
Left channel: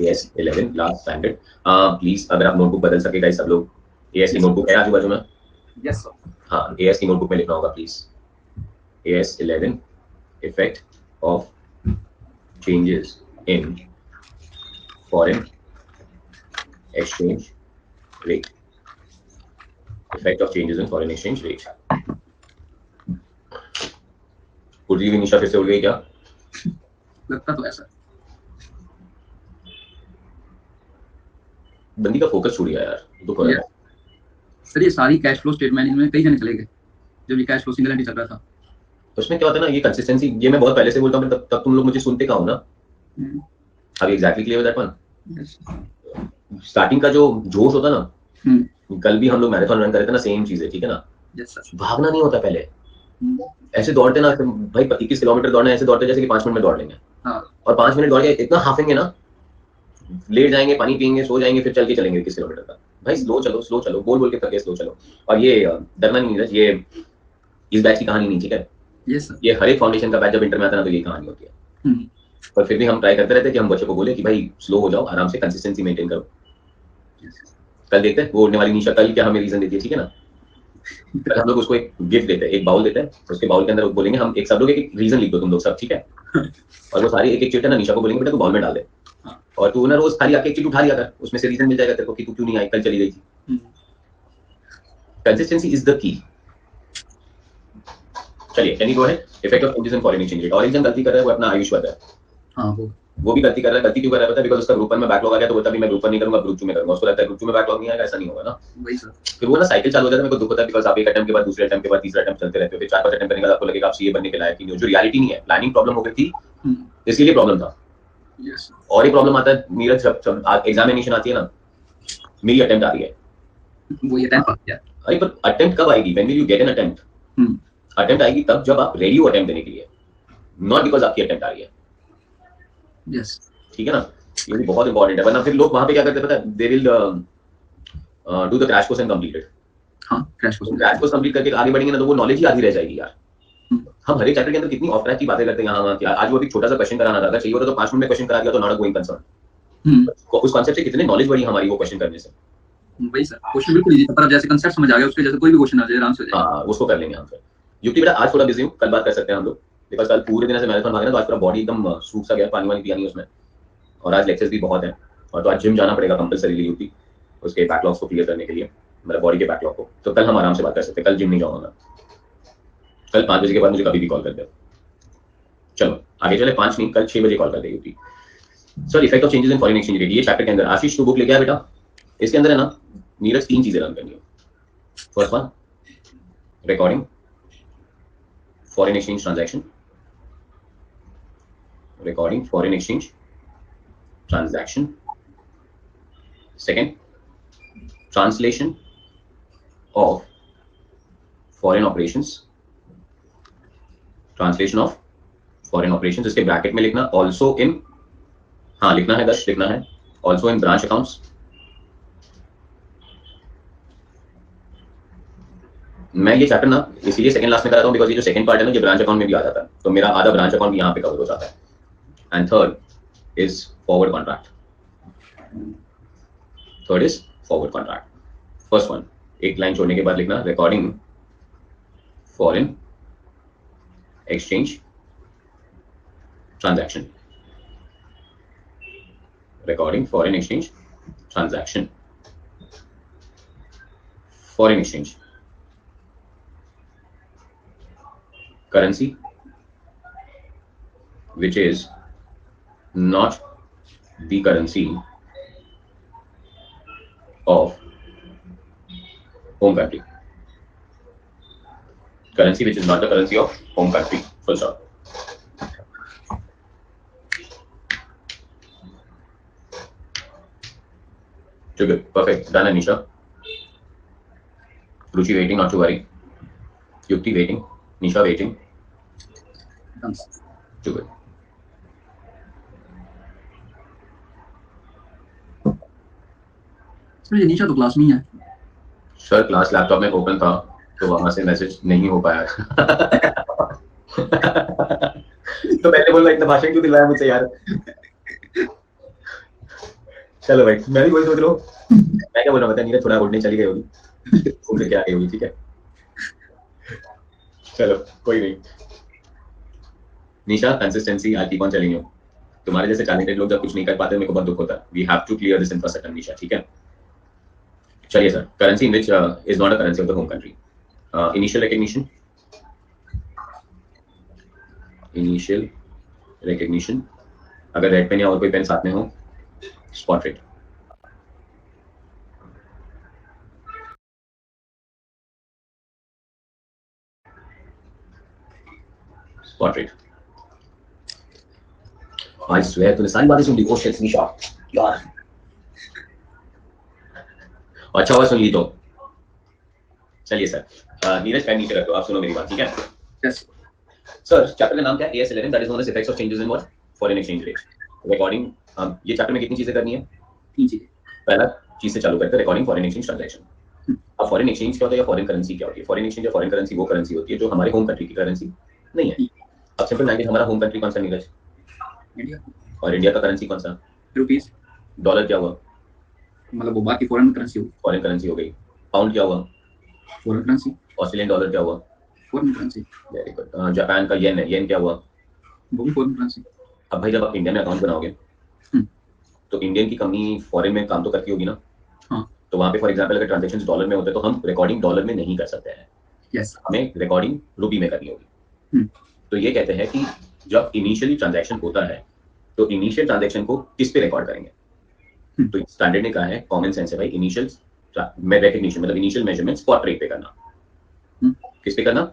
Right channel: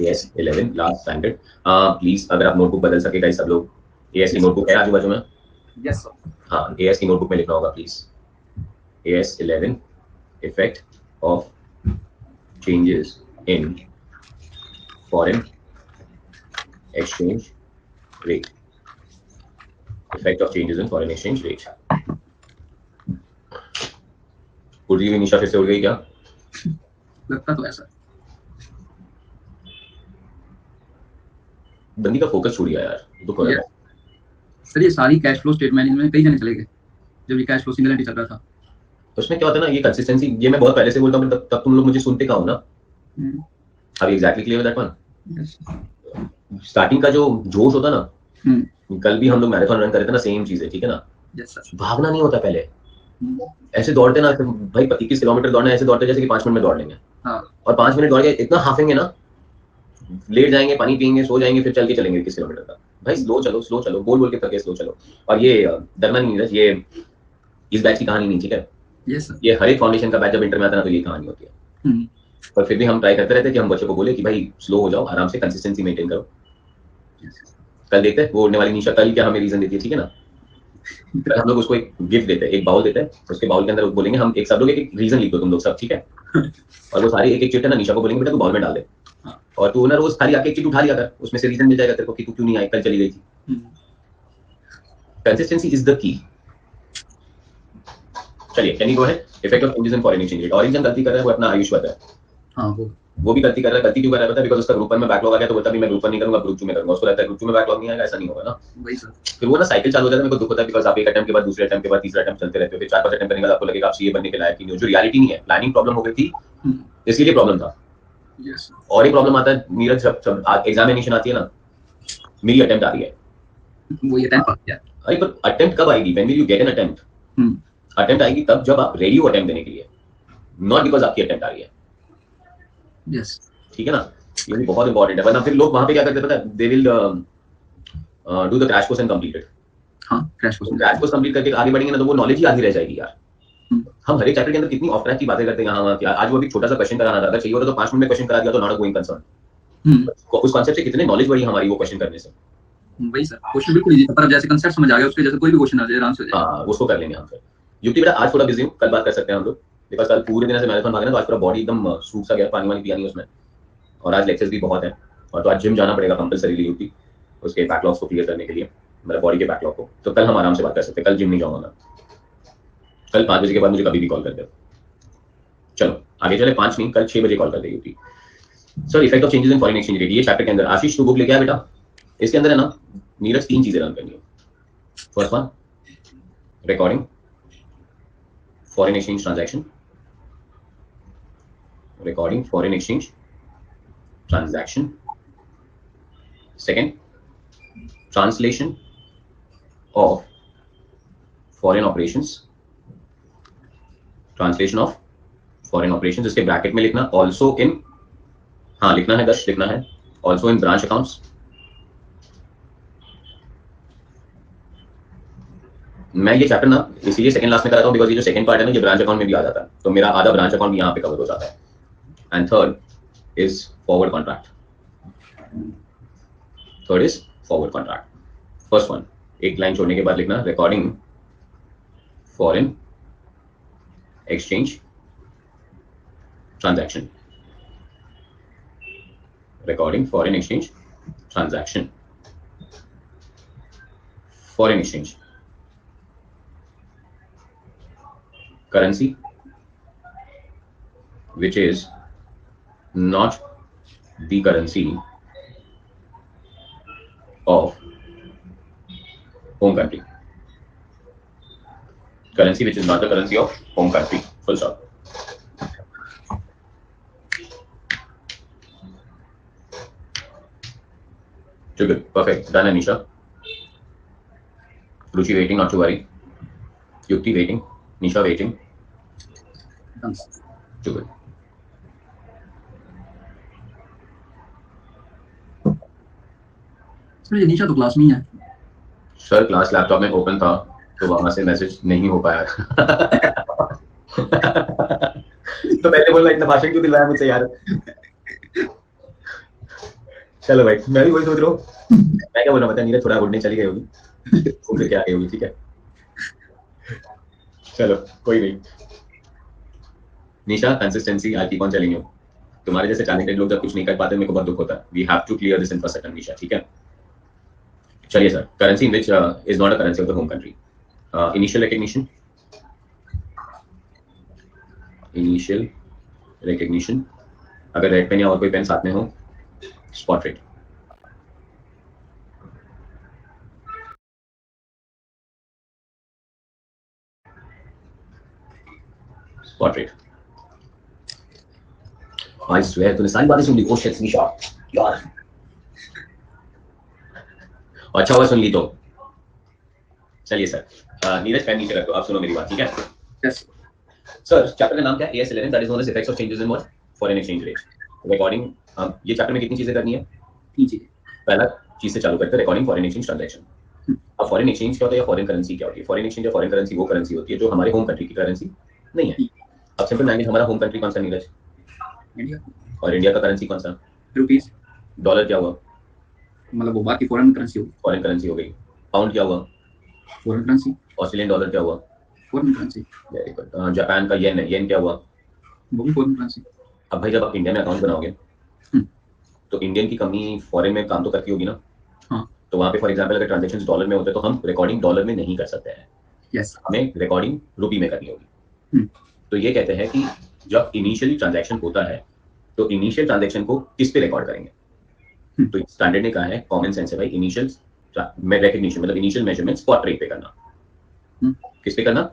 AS 11 last standard. Please अगर आप नोटबुक बदल सके गाइस, सब लोग AS की नोटबुक है आजू बाजू में? Yes sir. हाँ, AS की नोटबुक में लिखना होगा please, AS 11 effect of changes in foreign exchange rate, effect of changes in foreign exchange rate। उड़ गई निशा, फिर से उड़ गई क्या? लगता तो ऐसा। बंदी का फोकस छूट गया यार, दुख हो रहा है। सर ये सारी कैश फ्लो स्टेटमेंट इनमें कई जने चले गए जब ये कैश फ्लो सिंगल एंट्री चल रहा था। तो उसमें क्या होता है ना, ये कंसिस्टेंसी, ये मैं बहुत पहले से बोलता हूँ, तब तुम लोग मुझे सुनते कहाँ हो ना। अब exactly clear that one. Starting का जो जोश होता ना, कल भी हम लोग मैराथन रन कर रहे थे ना, सेम चीज है, ठीक है ना? भागना नहीं होता पहले, ऐसे दौड़ते ना भाई, 21 किलोमीटर दौड़ना ऐसे दौड़ते जैसे कि 5 मिनट में दौड़ लेंगे। और 5 मिनट दौड़ के इतना हाफेंगे ना, लेट जाएंगे, पानी पियेंगे, सो जाएंगे, फिर चल के चलेंगे 21 किलोमीटर तक। भाई स्लो चलो, बोल बोल के थके, स्लो चलो। और ये डरना नहीं है, ये इस बैच की कहानी नहीं, ठीक है? ये हर एक फाउंडेशन का बैच जब इंटर में आता है ना, तो ये कहानी होती है। पर फिर भी हम ट्राई करते रहते हैं कि हम बच्चों को बोले कि भाई स्लो हो जाओ, आराम से कंसिस्टेंसी मेंटेन करो। कल देखते हैं वो उड़ने वाली निशा कल क्या हमें रीजन देती है, ठीक है ना? कल हम लोग उसको एक गिफ्ट देते हैं, एक बाउल देते हैं, उसके बाउल के अंदर बोलेंगे हम एक सब लोग एक रीजन लिख दो तुम लोग सब, ठीक है? और वो सारी एक एक चीट है ना, निशा को बोलेंगे बेटा तू बाउल में डाल दे, और तू ना रोज खाली आके एक चीज उठा लिया कर, उसमें से रीजन मिल जाएगा तेरे को कि तू क्यों नहीं आई, कल चली गई थी। Consistency is the key. चलिए can you go ahead? Effect of changes in foreign exchange rate. Origin गलती कर रहा है वो अपना आयुष है। हाँ वो भी गलती कर रहा है। गलती क्यों कर रहा है पता है? बिकॉज़ उसका ग्रुप 1 में बैकलॉग आ गया, तो बोलता भी मैं ग्रुप 1 नहीं करूंगा, ग्रुप 2 में करूंगा। उसको लगता है ग्रुप 2 में बैकलॉग नहीं आएगा, ऐसा नहीं होगा ना। वही सर, फिर वो ना साइकिल चालू हो जाता है। मेरे को दुख होता है बिकॉज़ आप एक अटेम्प्ट के बाद दूसरे अटेम्प्ट के बाद तीसरा अटेम्प्ट चलते रहते हो, फिर 4-5 अटेम्प्ट करने के बाद आपको लगेगा आप सीए बनने के लायक ही नहीं हो, जो रियलिटी नहीं है। प्लानिंग प्रॉब्लम हो गई थी, इसके लिए प्रॉब्लम था। यस, और एक प्रॉब्लम आता है नीरज, जब एग्जामिनेशन आती है ना, मेरी अटेम्प्ट आ रही है, वो ये अटेम्प्ट आ गया। अरे पर अटेम्प्ट कब आएगी? When will you get an attempt? Attempt आएगी तब जब आप रेडी हो अटेम्प्ट देने के लिए, नॉट बिकॉज़ आपकी अटेम्प्ट आ रही है। यस, ठीक है ना? ये भी बहुत इंपॉर्टेंट है, वरना फिर लोग वहां पे क्या करते हैं पता है? They will do the crash course and complete it. हाँ, क्रैश कोर्स में क्रैश कोर्स कंप्लीट करके आगे बढ़ेंगे ना तो वो नॉलेज ही आधी रह जाएगी यार। हम्म, हम हर एक चैप्टर के अंदर कितनी ऑफ ट्रैक की बातें करते हैं यहाँ वहाँ की। आज वो अभी छोटा सा क्वेश्चन कराना था, अगर चाहिए होता तो 5 मिनट में क्वेश्चन करा दिया तो नॉट अ गोइंग कंसर्न। उस कॉन्सेप्ट से कितने नॉलेज बढ़ी हमारी वो क्वेश्चन करने से। वही सर, क्वेश्चन बिल्कुल इजी था, पर अब जैसे कंसेप्ट समझ आ गया उसके जैसे कोई भी क्वेश्चन आ जाए आराम से हो जाएगा। हाँ उसको कर लेंगे हम फिर। युक्ति बेटा आज थोड़ा बिजी हूँ, कल बात कर सकते हैं हम लोग, बिकॉज कल पूरे दिन से मैराथन भागे ना तो आज पूरा बॉडी एकदम सूख सा गया, पानी वानी पिया नहीं उसमें, और आज लेक्चर्स भी बहुत है, और तो आज जिम जाना पड़ेगा कंपलसरीली युक्ति उसके बैकलॉग्स को क्लियर करने के लिए, मतलब बॉडी के बैकलॉग को। तो कल हम आराम से बात कर सकते हैं, कल जिम नहीं जाऊंगा मैं, कल 5 बजे के बाद मुझे कभी भी कॉल कर दे। चलो आगे चले, 5 नहीं कल 6 बजे कॉल कर दे युक्ति। Sir effect of changes in foreign exchange rate, ये चैप्टर के अंदर आशीष तू बुक लेके आ बेटा, इसके अंदर है ना नीरज 3 चीजें रन करनी है। First one recording foreign exchange transaction, recording foreign exchange transaction. Second, translation of foreign operations, translation of foreign operations, इसके ब्रैकेट में लिखना also in, हाँ लिखना है 10 लिखना है, also in branch accounts। मैं ये चैप्टर ना इसीलिए सेकंड लास्ट में कराता हूँ बिकॉज ये जो सेकंड पार्ट है ना ये ब्रांच अकाउंट में भी आ जाता है, तो मेरा आधा ब्रांच अकाउंट यहाँ पे कवर हो जाता है। And third is forward contract, third is forward contract. First one एक लाइन छोड़ने के बाद लिखना recording foreign exchange transaction, recording foreign exchange transaction, foreign exchange currency which is not the currency of home country, currency which is not the currency of home country, full stop। Too good, perfect, done Anisha। Ruchi waiting, not to worry। Yukti waiting, Nisha waiting, Done। too good। Sir ये निशा तो क्लास में ही है। सर क्लास लैपटॉप में ओपन था तो वहां से मैसेज नहीं हो पाया। तो पहले बोलना इतना भाषण क्यों दिलवाया मुझसे यार। चलो भाई मैं भी वही सोच रहा हूँ, मैं क्या बोल रहा हूँ, नीरज थोड़ा उड़ने चली गई होगी, उड़ के आ गई होगी, ठीक है चलो कोई नहीं। Nisha consistency I keep on telling you, तुम्हारे जैसे टैलेंटेड लोग जब कुछ नहीं कर पाते मेरे को बहुत दुख होता है। We have to clear this infrastructure Nisha, ठीक है। चलिए sir, currency in which is not a currency of the home country, initial recognition, initial recognition, अगर रेड पेन या और कोई पेन साथ में हो, spot rate, spot rate. I swear तूने सारी बातें सुन ली। ओ शिट निशा यार, अच्छा हुआ सुन ली तो। चलिए सर, नीरज पेन नीचे रख दो, आप सुनो मेरी बात, ठीक है। यस सर चैप्टर का नाम क्या है? AS11, that is known as effects of changes in what, foreign exchange rate. Recording, ये चैप्टर में कितनी चीजें करनी है? 3 चीजें। पहला चीज से चालू करते हैं, रिकॉर्डिंग फॉरेन एक्सचेंज ट्रांजैक्शन। अब फॉरेन एक्सचेंज क्या होता है या फॉरेन करेंसी क्या होती है? फॉरेन एक्सचेंज या फॉरेन करेंसी वो करेंसी होती है जो हमारे होम कंट्री की करेंसी नहीं है। अब सिंपल लैंग्वेज, हमारा होम कंट्री कौन सा नीरज? इंडिया। और इंडिया का करेंसी कौन सा? रुपीस। डॉलर क्या हुआ? मतलब वो बाकी फॉरेन करेंसी होगी। फॉरेन करेंसी हो गई। पाउंड क्या हुआ? Foreign currency. ऑस्ट्रेलियन डॉलर क्या हुआ? Foreign currency. Very good. Japan का येन है, येन क्या हुआ? वो भी फॉरेन करेंसी। अब भाई जब आप इंडिया में अकाउंट बनाओगे तो इंडियन की कंपनी फॉरेन में काम तो करती होगी ना। हाँ। तो वहां पे फॉर एग्जांपल अगर ट्रांजैक्शंस डॉलर में होते हैं तो हम रिकॉर्डिंग डॉलर में नहीं कर सकते हैं, यस। हमें रिकॉर्डिंग रुपी में करनी होगी। तो ये कहते हैं कि जब इनिशियली ट्रांजैक्शन होता है तो इनिशियल ट्रांजैक्शन को किस पे रिकॉर्ड करेंगे? तो स्टैंडर्ड ने कहा है, कॉमन सेंस है भाई, इनिशियल रिकग्निशन मतलब इनिशियल मेजरमेंट स्पॉट रेट पे करना। किस पे करना?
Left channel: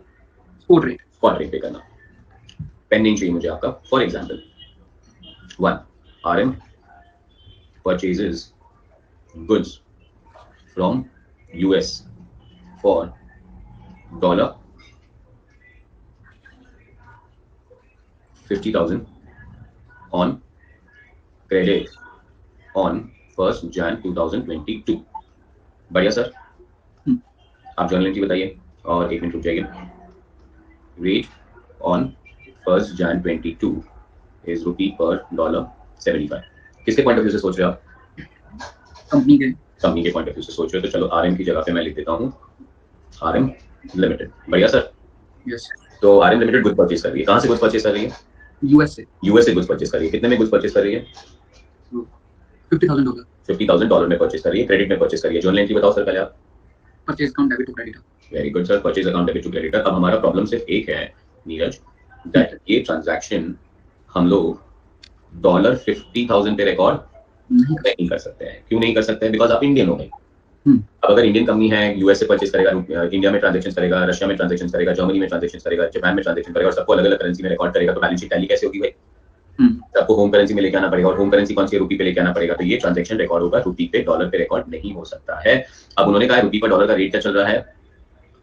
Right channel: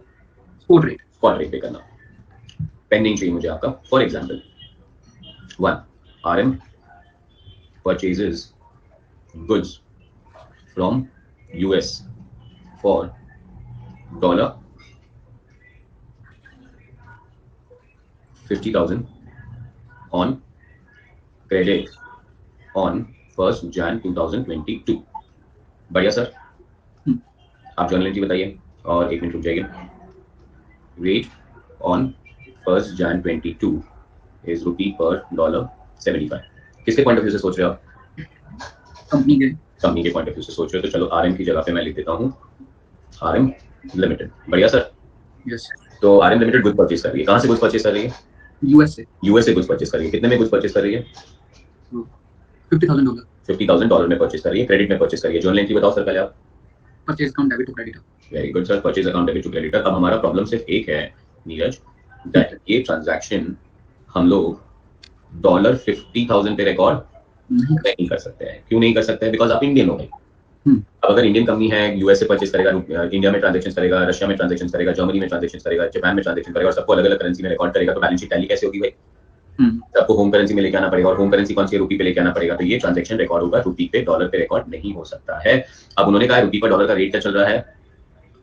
Spot rate. स्पॉट रेट पे करना। पेंडिंग चाहिए मुझे आपका। For example 1 RM purchases goods from US for dollar 50,000 on credit on 1st Jan 2022। बढ़िया सर, हम्म, आप जर्नल एंट्री बताइए और 1 मिनट रुक जाइए। रेट ऑन 1 Jan 22 इज रुपी पर डॉलर 75। किसके पॉइंट ऑफ व्यू से सोच रहे हो आप? कंपनी के। कंपनी के पॉइंट ऑफ व्यू से सोच रहे हो, तो चलो आरएम की जगह पे मैं लिख देता हूँ आरएम लिमिटेड। बढ़िया सर। यस। तो आरएम लिमिटेड गुड्स परचेज कर रही है, कहाँ से गुड्स परचेज कर रही है? यूएस से। यूएस से गुड्स परचेज कर रही है। कितने में गुड्स परचेज कर रही है? $50,000। $50,000 में परचेज कर रही है, क्रेडिट में परचेज कर रही है। जर्नल एंट्री बताओ सर पहले आप। Purchase account debit to creditor. Very good sir, purchase account debit to creditor. अब हमारा प्रॉब्लम सिर्फ एक है नीरज, दैट ये ट्रांजैक्शन हम लोग $50,000 पे रिकॉर्ड नहीं कर नहीं कर सकते हैं। क्यों नहीं कर सकते हैं? बिकॉज आप इंडियन हो गए। हम्म, अब अगर इंडियन कंपनी है, यूएस से परचेज करेगा, इंडिया में ट्रांजेक्शन करेगा, रशिया में ट्रांजेक्शन करेगा, जर्मनी में ट्रांजेक्शन करेगा, जापान में ट्रांजेक्शन करेगा और सबको अलग अलग करेंसी में रिकॉर्ड करेगा, तो बैलेंस शीट टैली कैसे होगी भाई? हम्म, सबको होम करेंसी में लेके आना पड़ेगा और होम करेंसी कौन सी है? रुपी पे लेके आना पड़ेगा। तो ये ट्रांजेक्शन रिकॉर्ड होगा, रुपी पे डॉलर पे रिकॉर्ड नहीं हो सकता है। अब उन्होंने कहा रुपी पर डॉलर का रेट क्या चल रहा है?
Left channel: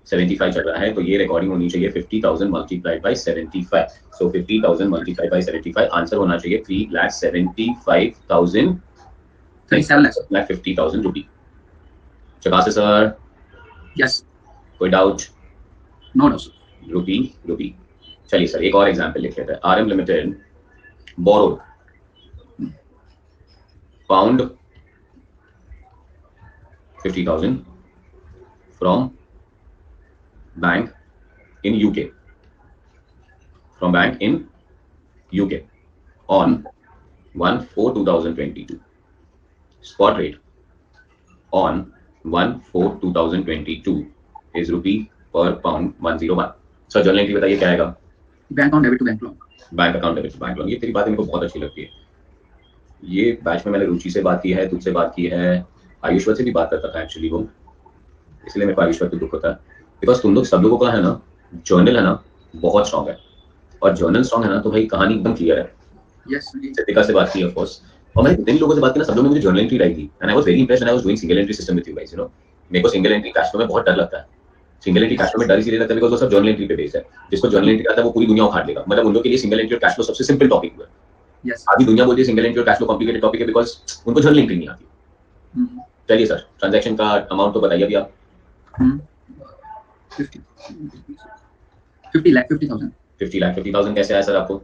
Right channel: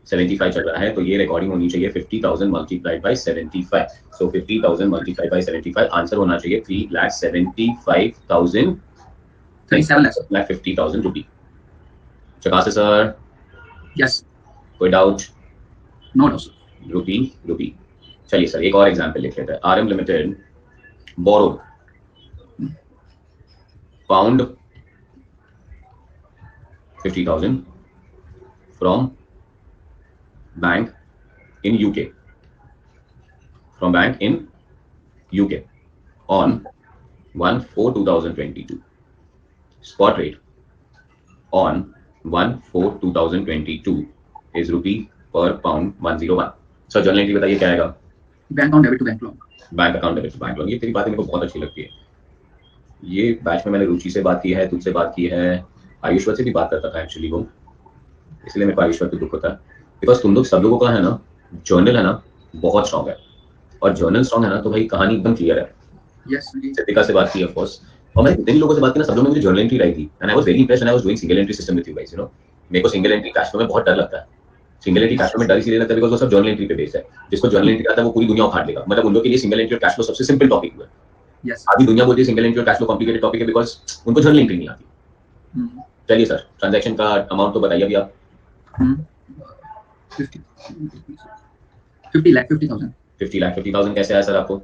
75 चल रहा है, तो ये रिकॉर्डिंग होनी चाहिए 50,000 multiplied by 75। So 50,000 multiplied by 75, answer होना चाहिए 3,75,000 37 लाख। 50,000 रुपी। चकासे सर, यस। कोई doubt? No doubt sir. Rupee rupee. चलिए सर एक और एग्जांपल लिख लेते हैं। RM limited borrowed pound 50,000 from bank in UK, from bank in UK on 1/4/2022. Spot rate on 1/4/2022 is rupee per pound 101. Sir journal entry बताइए क्या आएगा? Bank account debit to bank loan. Bank account debit to bank loan. ये तेरी बातें मेरे को बहुत अच्छी लगती है। ये बैच में मैंने रुचि से बात की है, तुझसे बात की है, आयुष्वत से भी बात करता था एक्चुअली वो, इसलिए मेरे को आयुष्वत को दुख होता है। बिकॉज तुम लोग सब लोगों का है ना, जर्नल है ना बहुत स्ट्रॉन्ग है, और जर्नल स्ट्रॉन्ग है ना तो भाई कहानी एकदम क्लियर है। यस जी। सिद्धिका से बात की ऑफ कोर्स, और मैंने जितने भी लोगों से बात की ना सब लोगों ने मुझे जर्नल एंट्री लाई थी, and I was very impressed and I was doing single entry system with you guys, you know. मेरे को सिंगल एंट्री कैश फ्लो में बहुत डर लगता है। सिंगल एंट्री कैश फ्लो में डर इसलिए लगता है बिकॉज वो सब जर्नल एंट्री पे बेस्ड है। जिसको जर्नल एंट्री आता है वो पूरी दुनिया उखाड़ लेगा। मतलब उन लोगों के लिए सिंगल एंट्री और कैश फ्लो सबसे सिंपल टॉपिक हुआ है। यस। आधी दुनिया बोलती है सिंगल एंट्री और कैश फ्लो कॉम्प्लिकेटेड टॉपिक है बिकॉज उनको जर्नल एंट्री नहीं आती। चलिए सर ट्रांजैक्शन का अमाउंट तो बताइए अभी आप। 50 लाख 50,000। 50,50,000 कैसे आया सर आपको?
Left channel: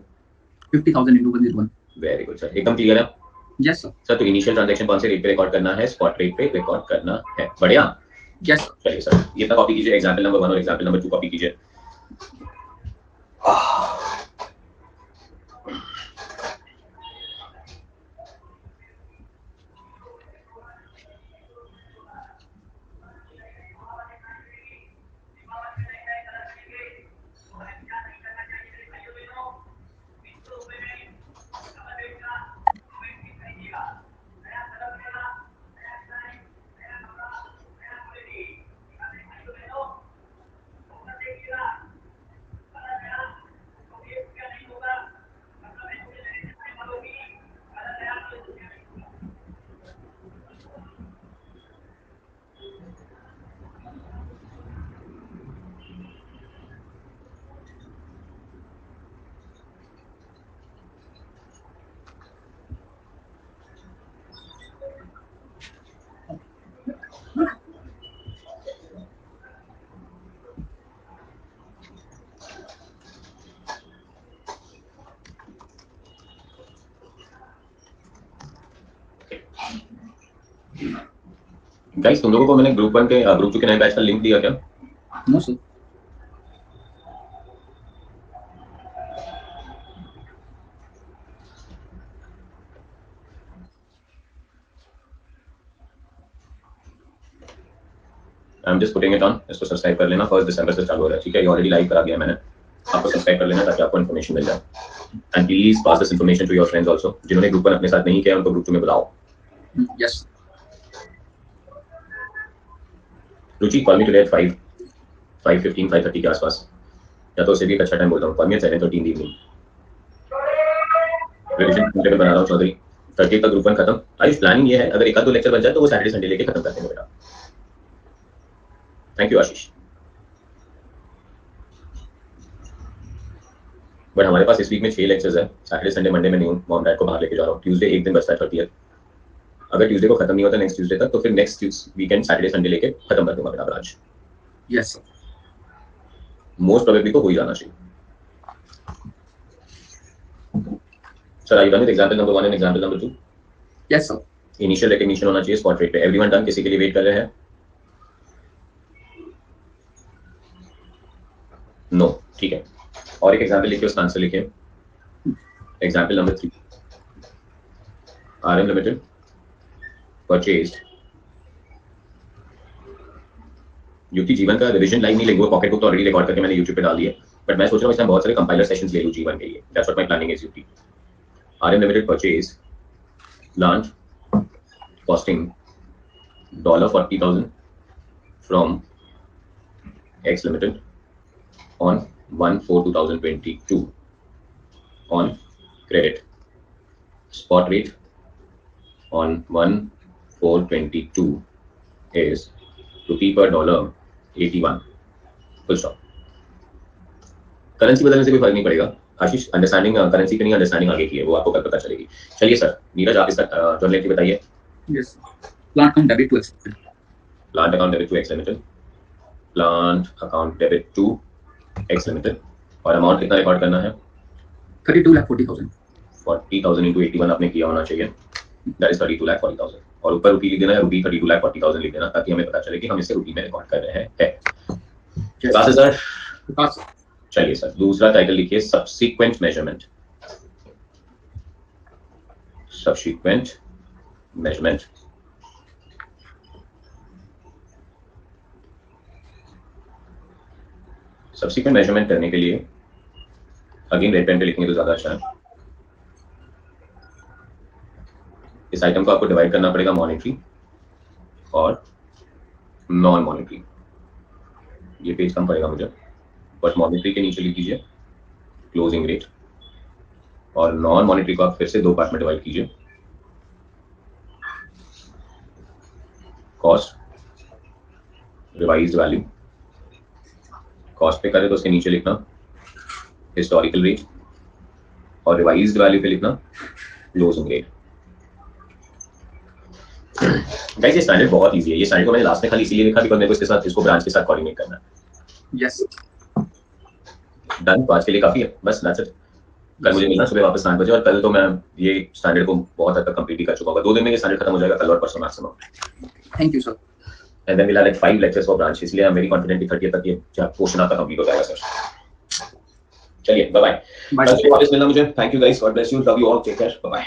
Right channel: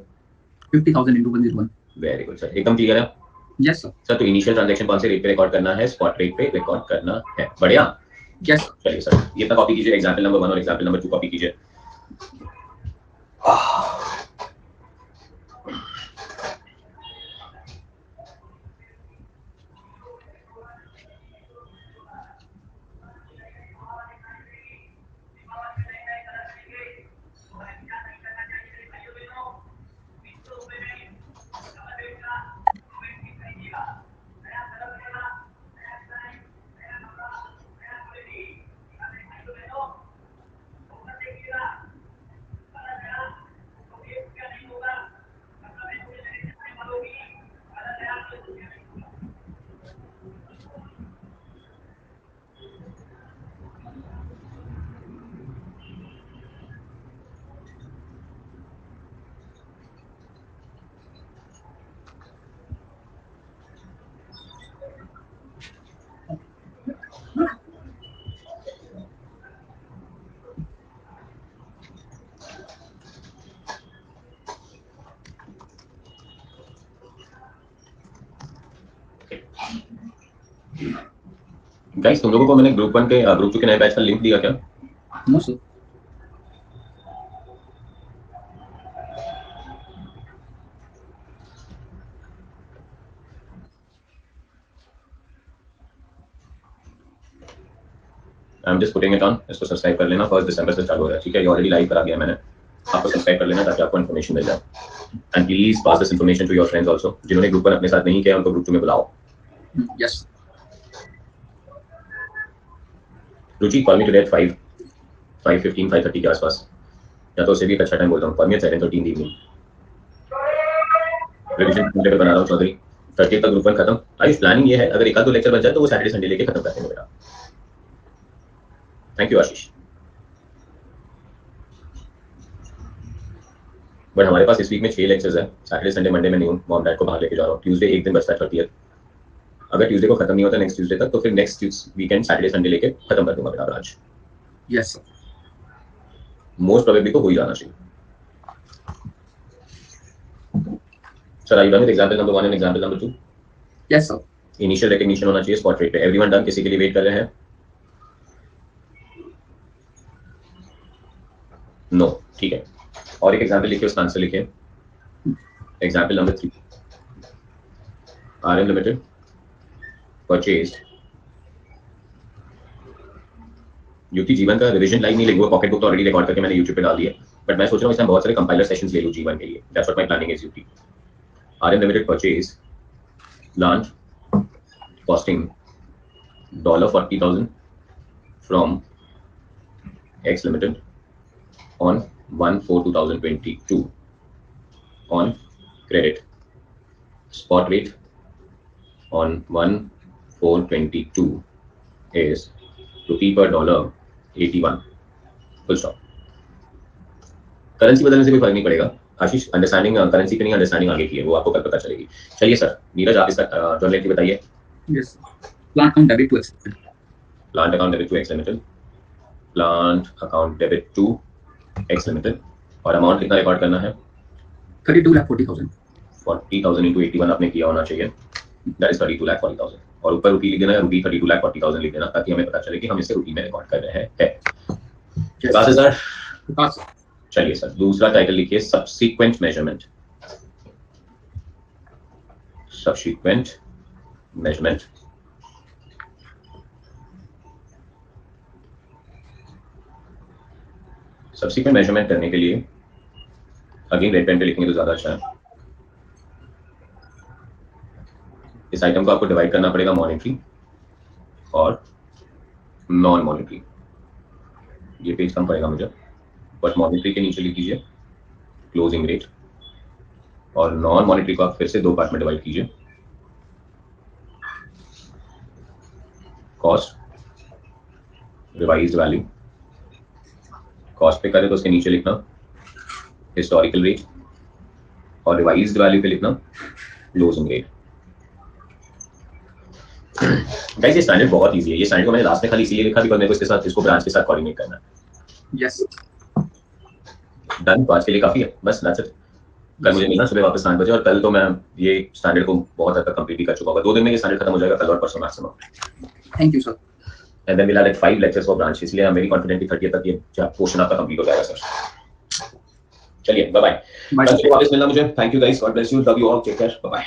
50,000 into 101। वेरी गुड सर, एकदम क्लियर है। Yes sir. सर तो इनिशियल ट्रांजैक्शन कौन से रेट पे रिकॉर्ड करना है? स्पॉट रेट पे रिकॉर्ड करना है। बढ़िया। Yes sir. चलिए सर ये तक कॉपी कीजिए, एग्जाम्पल नंबर 1 और एग्जाम्पल नंबर 2 कॉपी कीजिए। गाइस तुम लोगों को मैंने ग्रुप 1 के ग्रुप 2 के नए बैच का लिंक दिया क्या? No sir. I am just putting it on. इसको सब्सक्राइब कर लेना, 1 दिसंबर से चालू हो रहा है, ठीक है? ये ऑलरेडी लाइव करा दिया मैंने। आपको सब्सक्राइब कर लेना ताकि आपको इन्फॉर्मेशन मिल जाए। And please pass this information to your friends also. जिन्होंने ग्रुप 1 अपने साथ नहीं किया उनको ग्रुप 2 में बुलाओ। Yes. Ruchi call me today at 5:15 5:30 के आसपास, या तो उससे भी एक अच्छा टाइम बोलता हूँ। Call me at 7:30 in the evening. Revision table बना रहा हूँ चौधरी। 30 तक ग्रुप 1 खत्म। आयुष प्लानिंग ये है अगर एक आध दो लेक्चर बन जाए तो वो सैटरडे संडे लेके खत्म कर देंगे बेटा। Thank you Ashish. बट हमारे पास इस वीक में 6 लेक्चर्स है। सैटरडे संडे मंडे में नहीं हूँ, मॉम डैड को बाहर लेके जा रहा हूँ। ट्यूसडे एक दिन बचता है 30th। अगर ट्यूसडे को खत्म नहीं होता नेक्स्ट ट्यूसडे तक तो फिर नेक्स्ट वीकेंड सैटरडे संडे लेके खत्म कर दूंगा मेरा branch. Yes sir. Most probably तो हो ही जाना चाहिए। Sir I done with example number 1 and example number 2? Yes sir. Initial recognition होना चाहिए स्पॉट रेट पे। Everyone done? किसी के लिए वेट कर रहे हैं? नो, ठीक है। और एक एग्जांपल लिखिए, उसका आंसर लिखिए। Example number 3, RM limited purchase युक्ति जीवन का रिवीजन लाइव नहीं लिखूंगा, पॉकेट बुक तो ऑलरेडी रिकॉर्ड करके मैंने YouTube पे डाल दी है, बट मैं सोच रहा हूँ इसमें बहुत सारे कंपाइलर सेशंस ले लूँ जीवन के लिए। That's what my planning is युक्ति। RM limited purchase launch costing $40,000 from X Limited on 1/4/2022 on credit. Spot rate on 1/4/22 is rupee per dollar 81. Full stop. Currency बदलने से भी फर्क नहीं पड़ेगा आशीष, अंडरस्टैंडिंग करेंसी पे नहीं, अंडरस्टैंडिंग आगे की है, वो आपको कल पता चलेगी। चलिए सर, नीरज आप इसका जर्नल एंट्री बताइए। Yes, plant account debit to X, plant account debit to X limited, plant account debit to X limited, और अमाउंट कितना रिकॉर्ड करना है? 32,40,000। 40,000 into 81 आपने किया होना चाहिए, दैट इज 32,40,000। और ऊपर रुपी लिख देना है, रुपी 32,40,000 लिख देना, ताकि हमें पता चले कि हम इसे रुपी में रिकॉर्ड कर रहे हैं। विकास है सर? चलिए सर, दूसरा टाइटल लिखिए subsequent measurement. Subsequent measurement. Subsequent measurement करने के लिए अगेन रेड पेन पे लिखेंगे तो ज्यादा अच्छा है। इस आइटम को आपको डिवाइड करना पड़ेगा मॉनेटरी और नॉन मॉनेटरी। ये पेज कम पड़ेगा मुझे, बट मॉनेटरी के नीचे लिख दीजिए क्लोजिंग रेट, और नॉन मॉनेटरी को आप फिर से दो पार्ट में डिवाइड कीजिए, कॉस्ट, रिवाइज्ड वैल्यू। कॉस्ट पे करें तो उसके नीचे लिखना हिस्टोरिकल रेट, और रिवाइज्ड वैल्यू पे लिखना क्लोजिंग रेट। गाइस ये स्टैंडर्ड बहुत इजी है। ये स्टैंडर्ड को मैंने लास्ट में खाली इसीलिए लिखा बिकॉज़ मेरे को इसके साथ, इसको ब्रांच के साथ कोऑर्डिनेट करना है। यस डन, तो आज के लिए काफी है, बस दैट्स इट। कल मुझे मिलना सुबह वापस 8 बजे, और कल तो मैं ये स्टैंडर्ड को बहुत हद तक कंप्लीट ही कर चुका होगा। 2 दिन में ये स्टैंडर्ड खत्म हो जाएगा, कल और परसों maximum. Thank you sir. And then we will have 5 lectures for branch, इसलिए आई एम वेरी कॉन्फिडेंट कि 30 तक ये पोर्शन आपका कंप्लीट हो जाएगा सर। चलिए बाय बाय, कल वापस मिलना मुझे। Thank you guys, God bless you, love you all, take care, bye bye.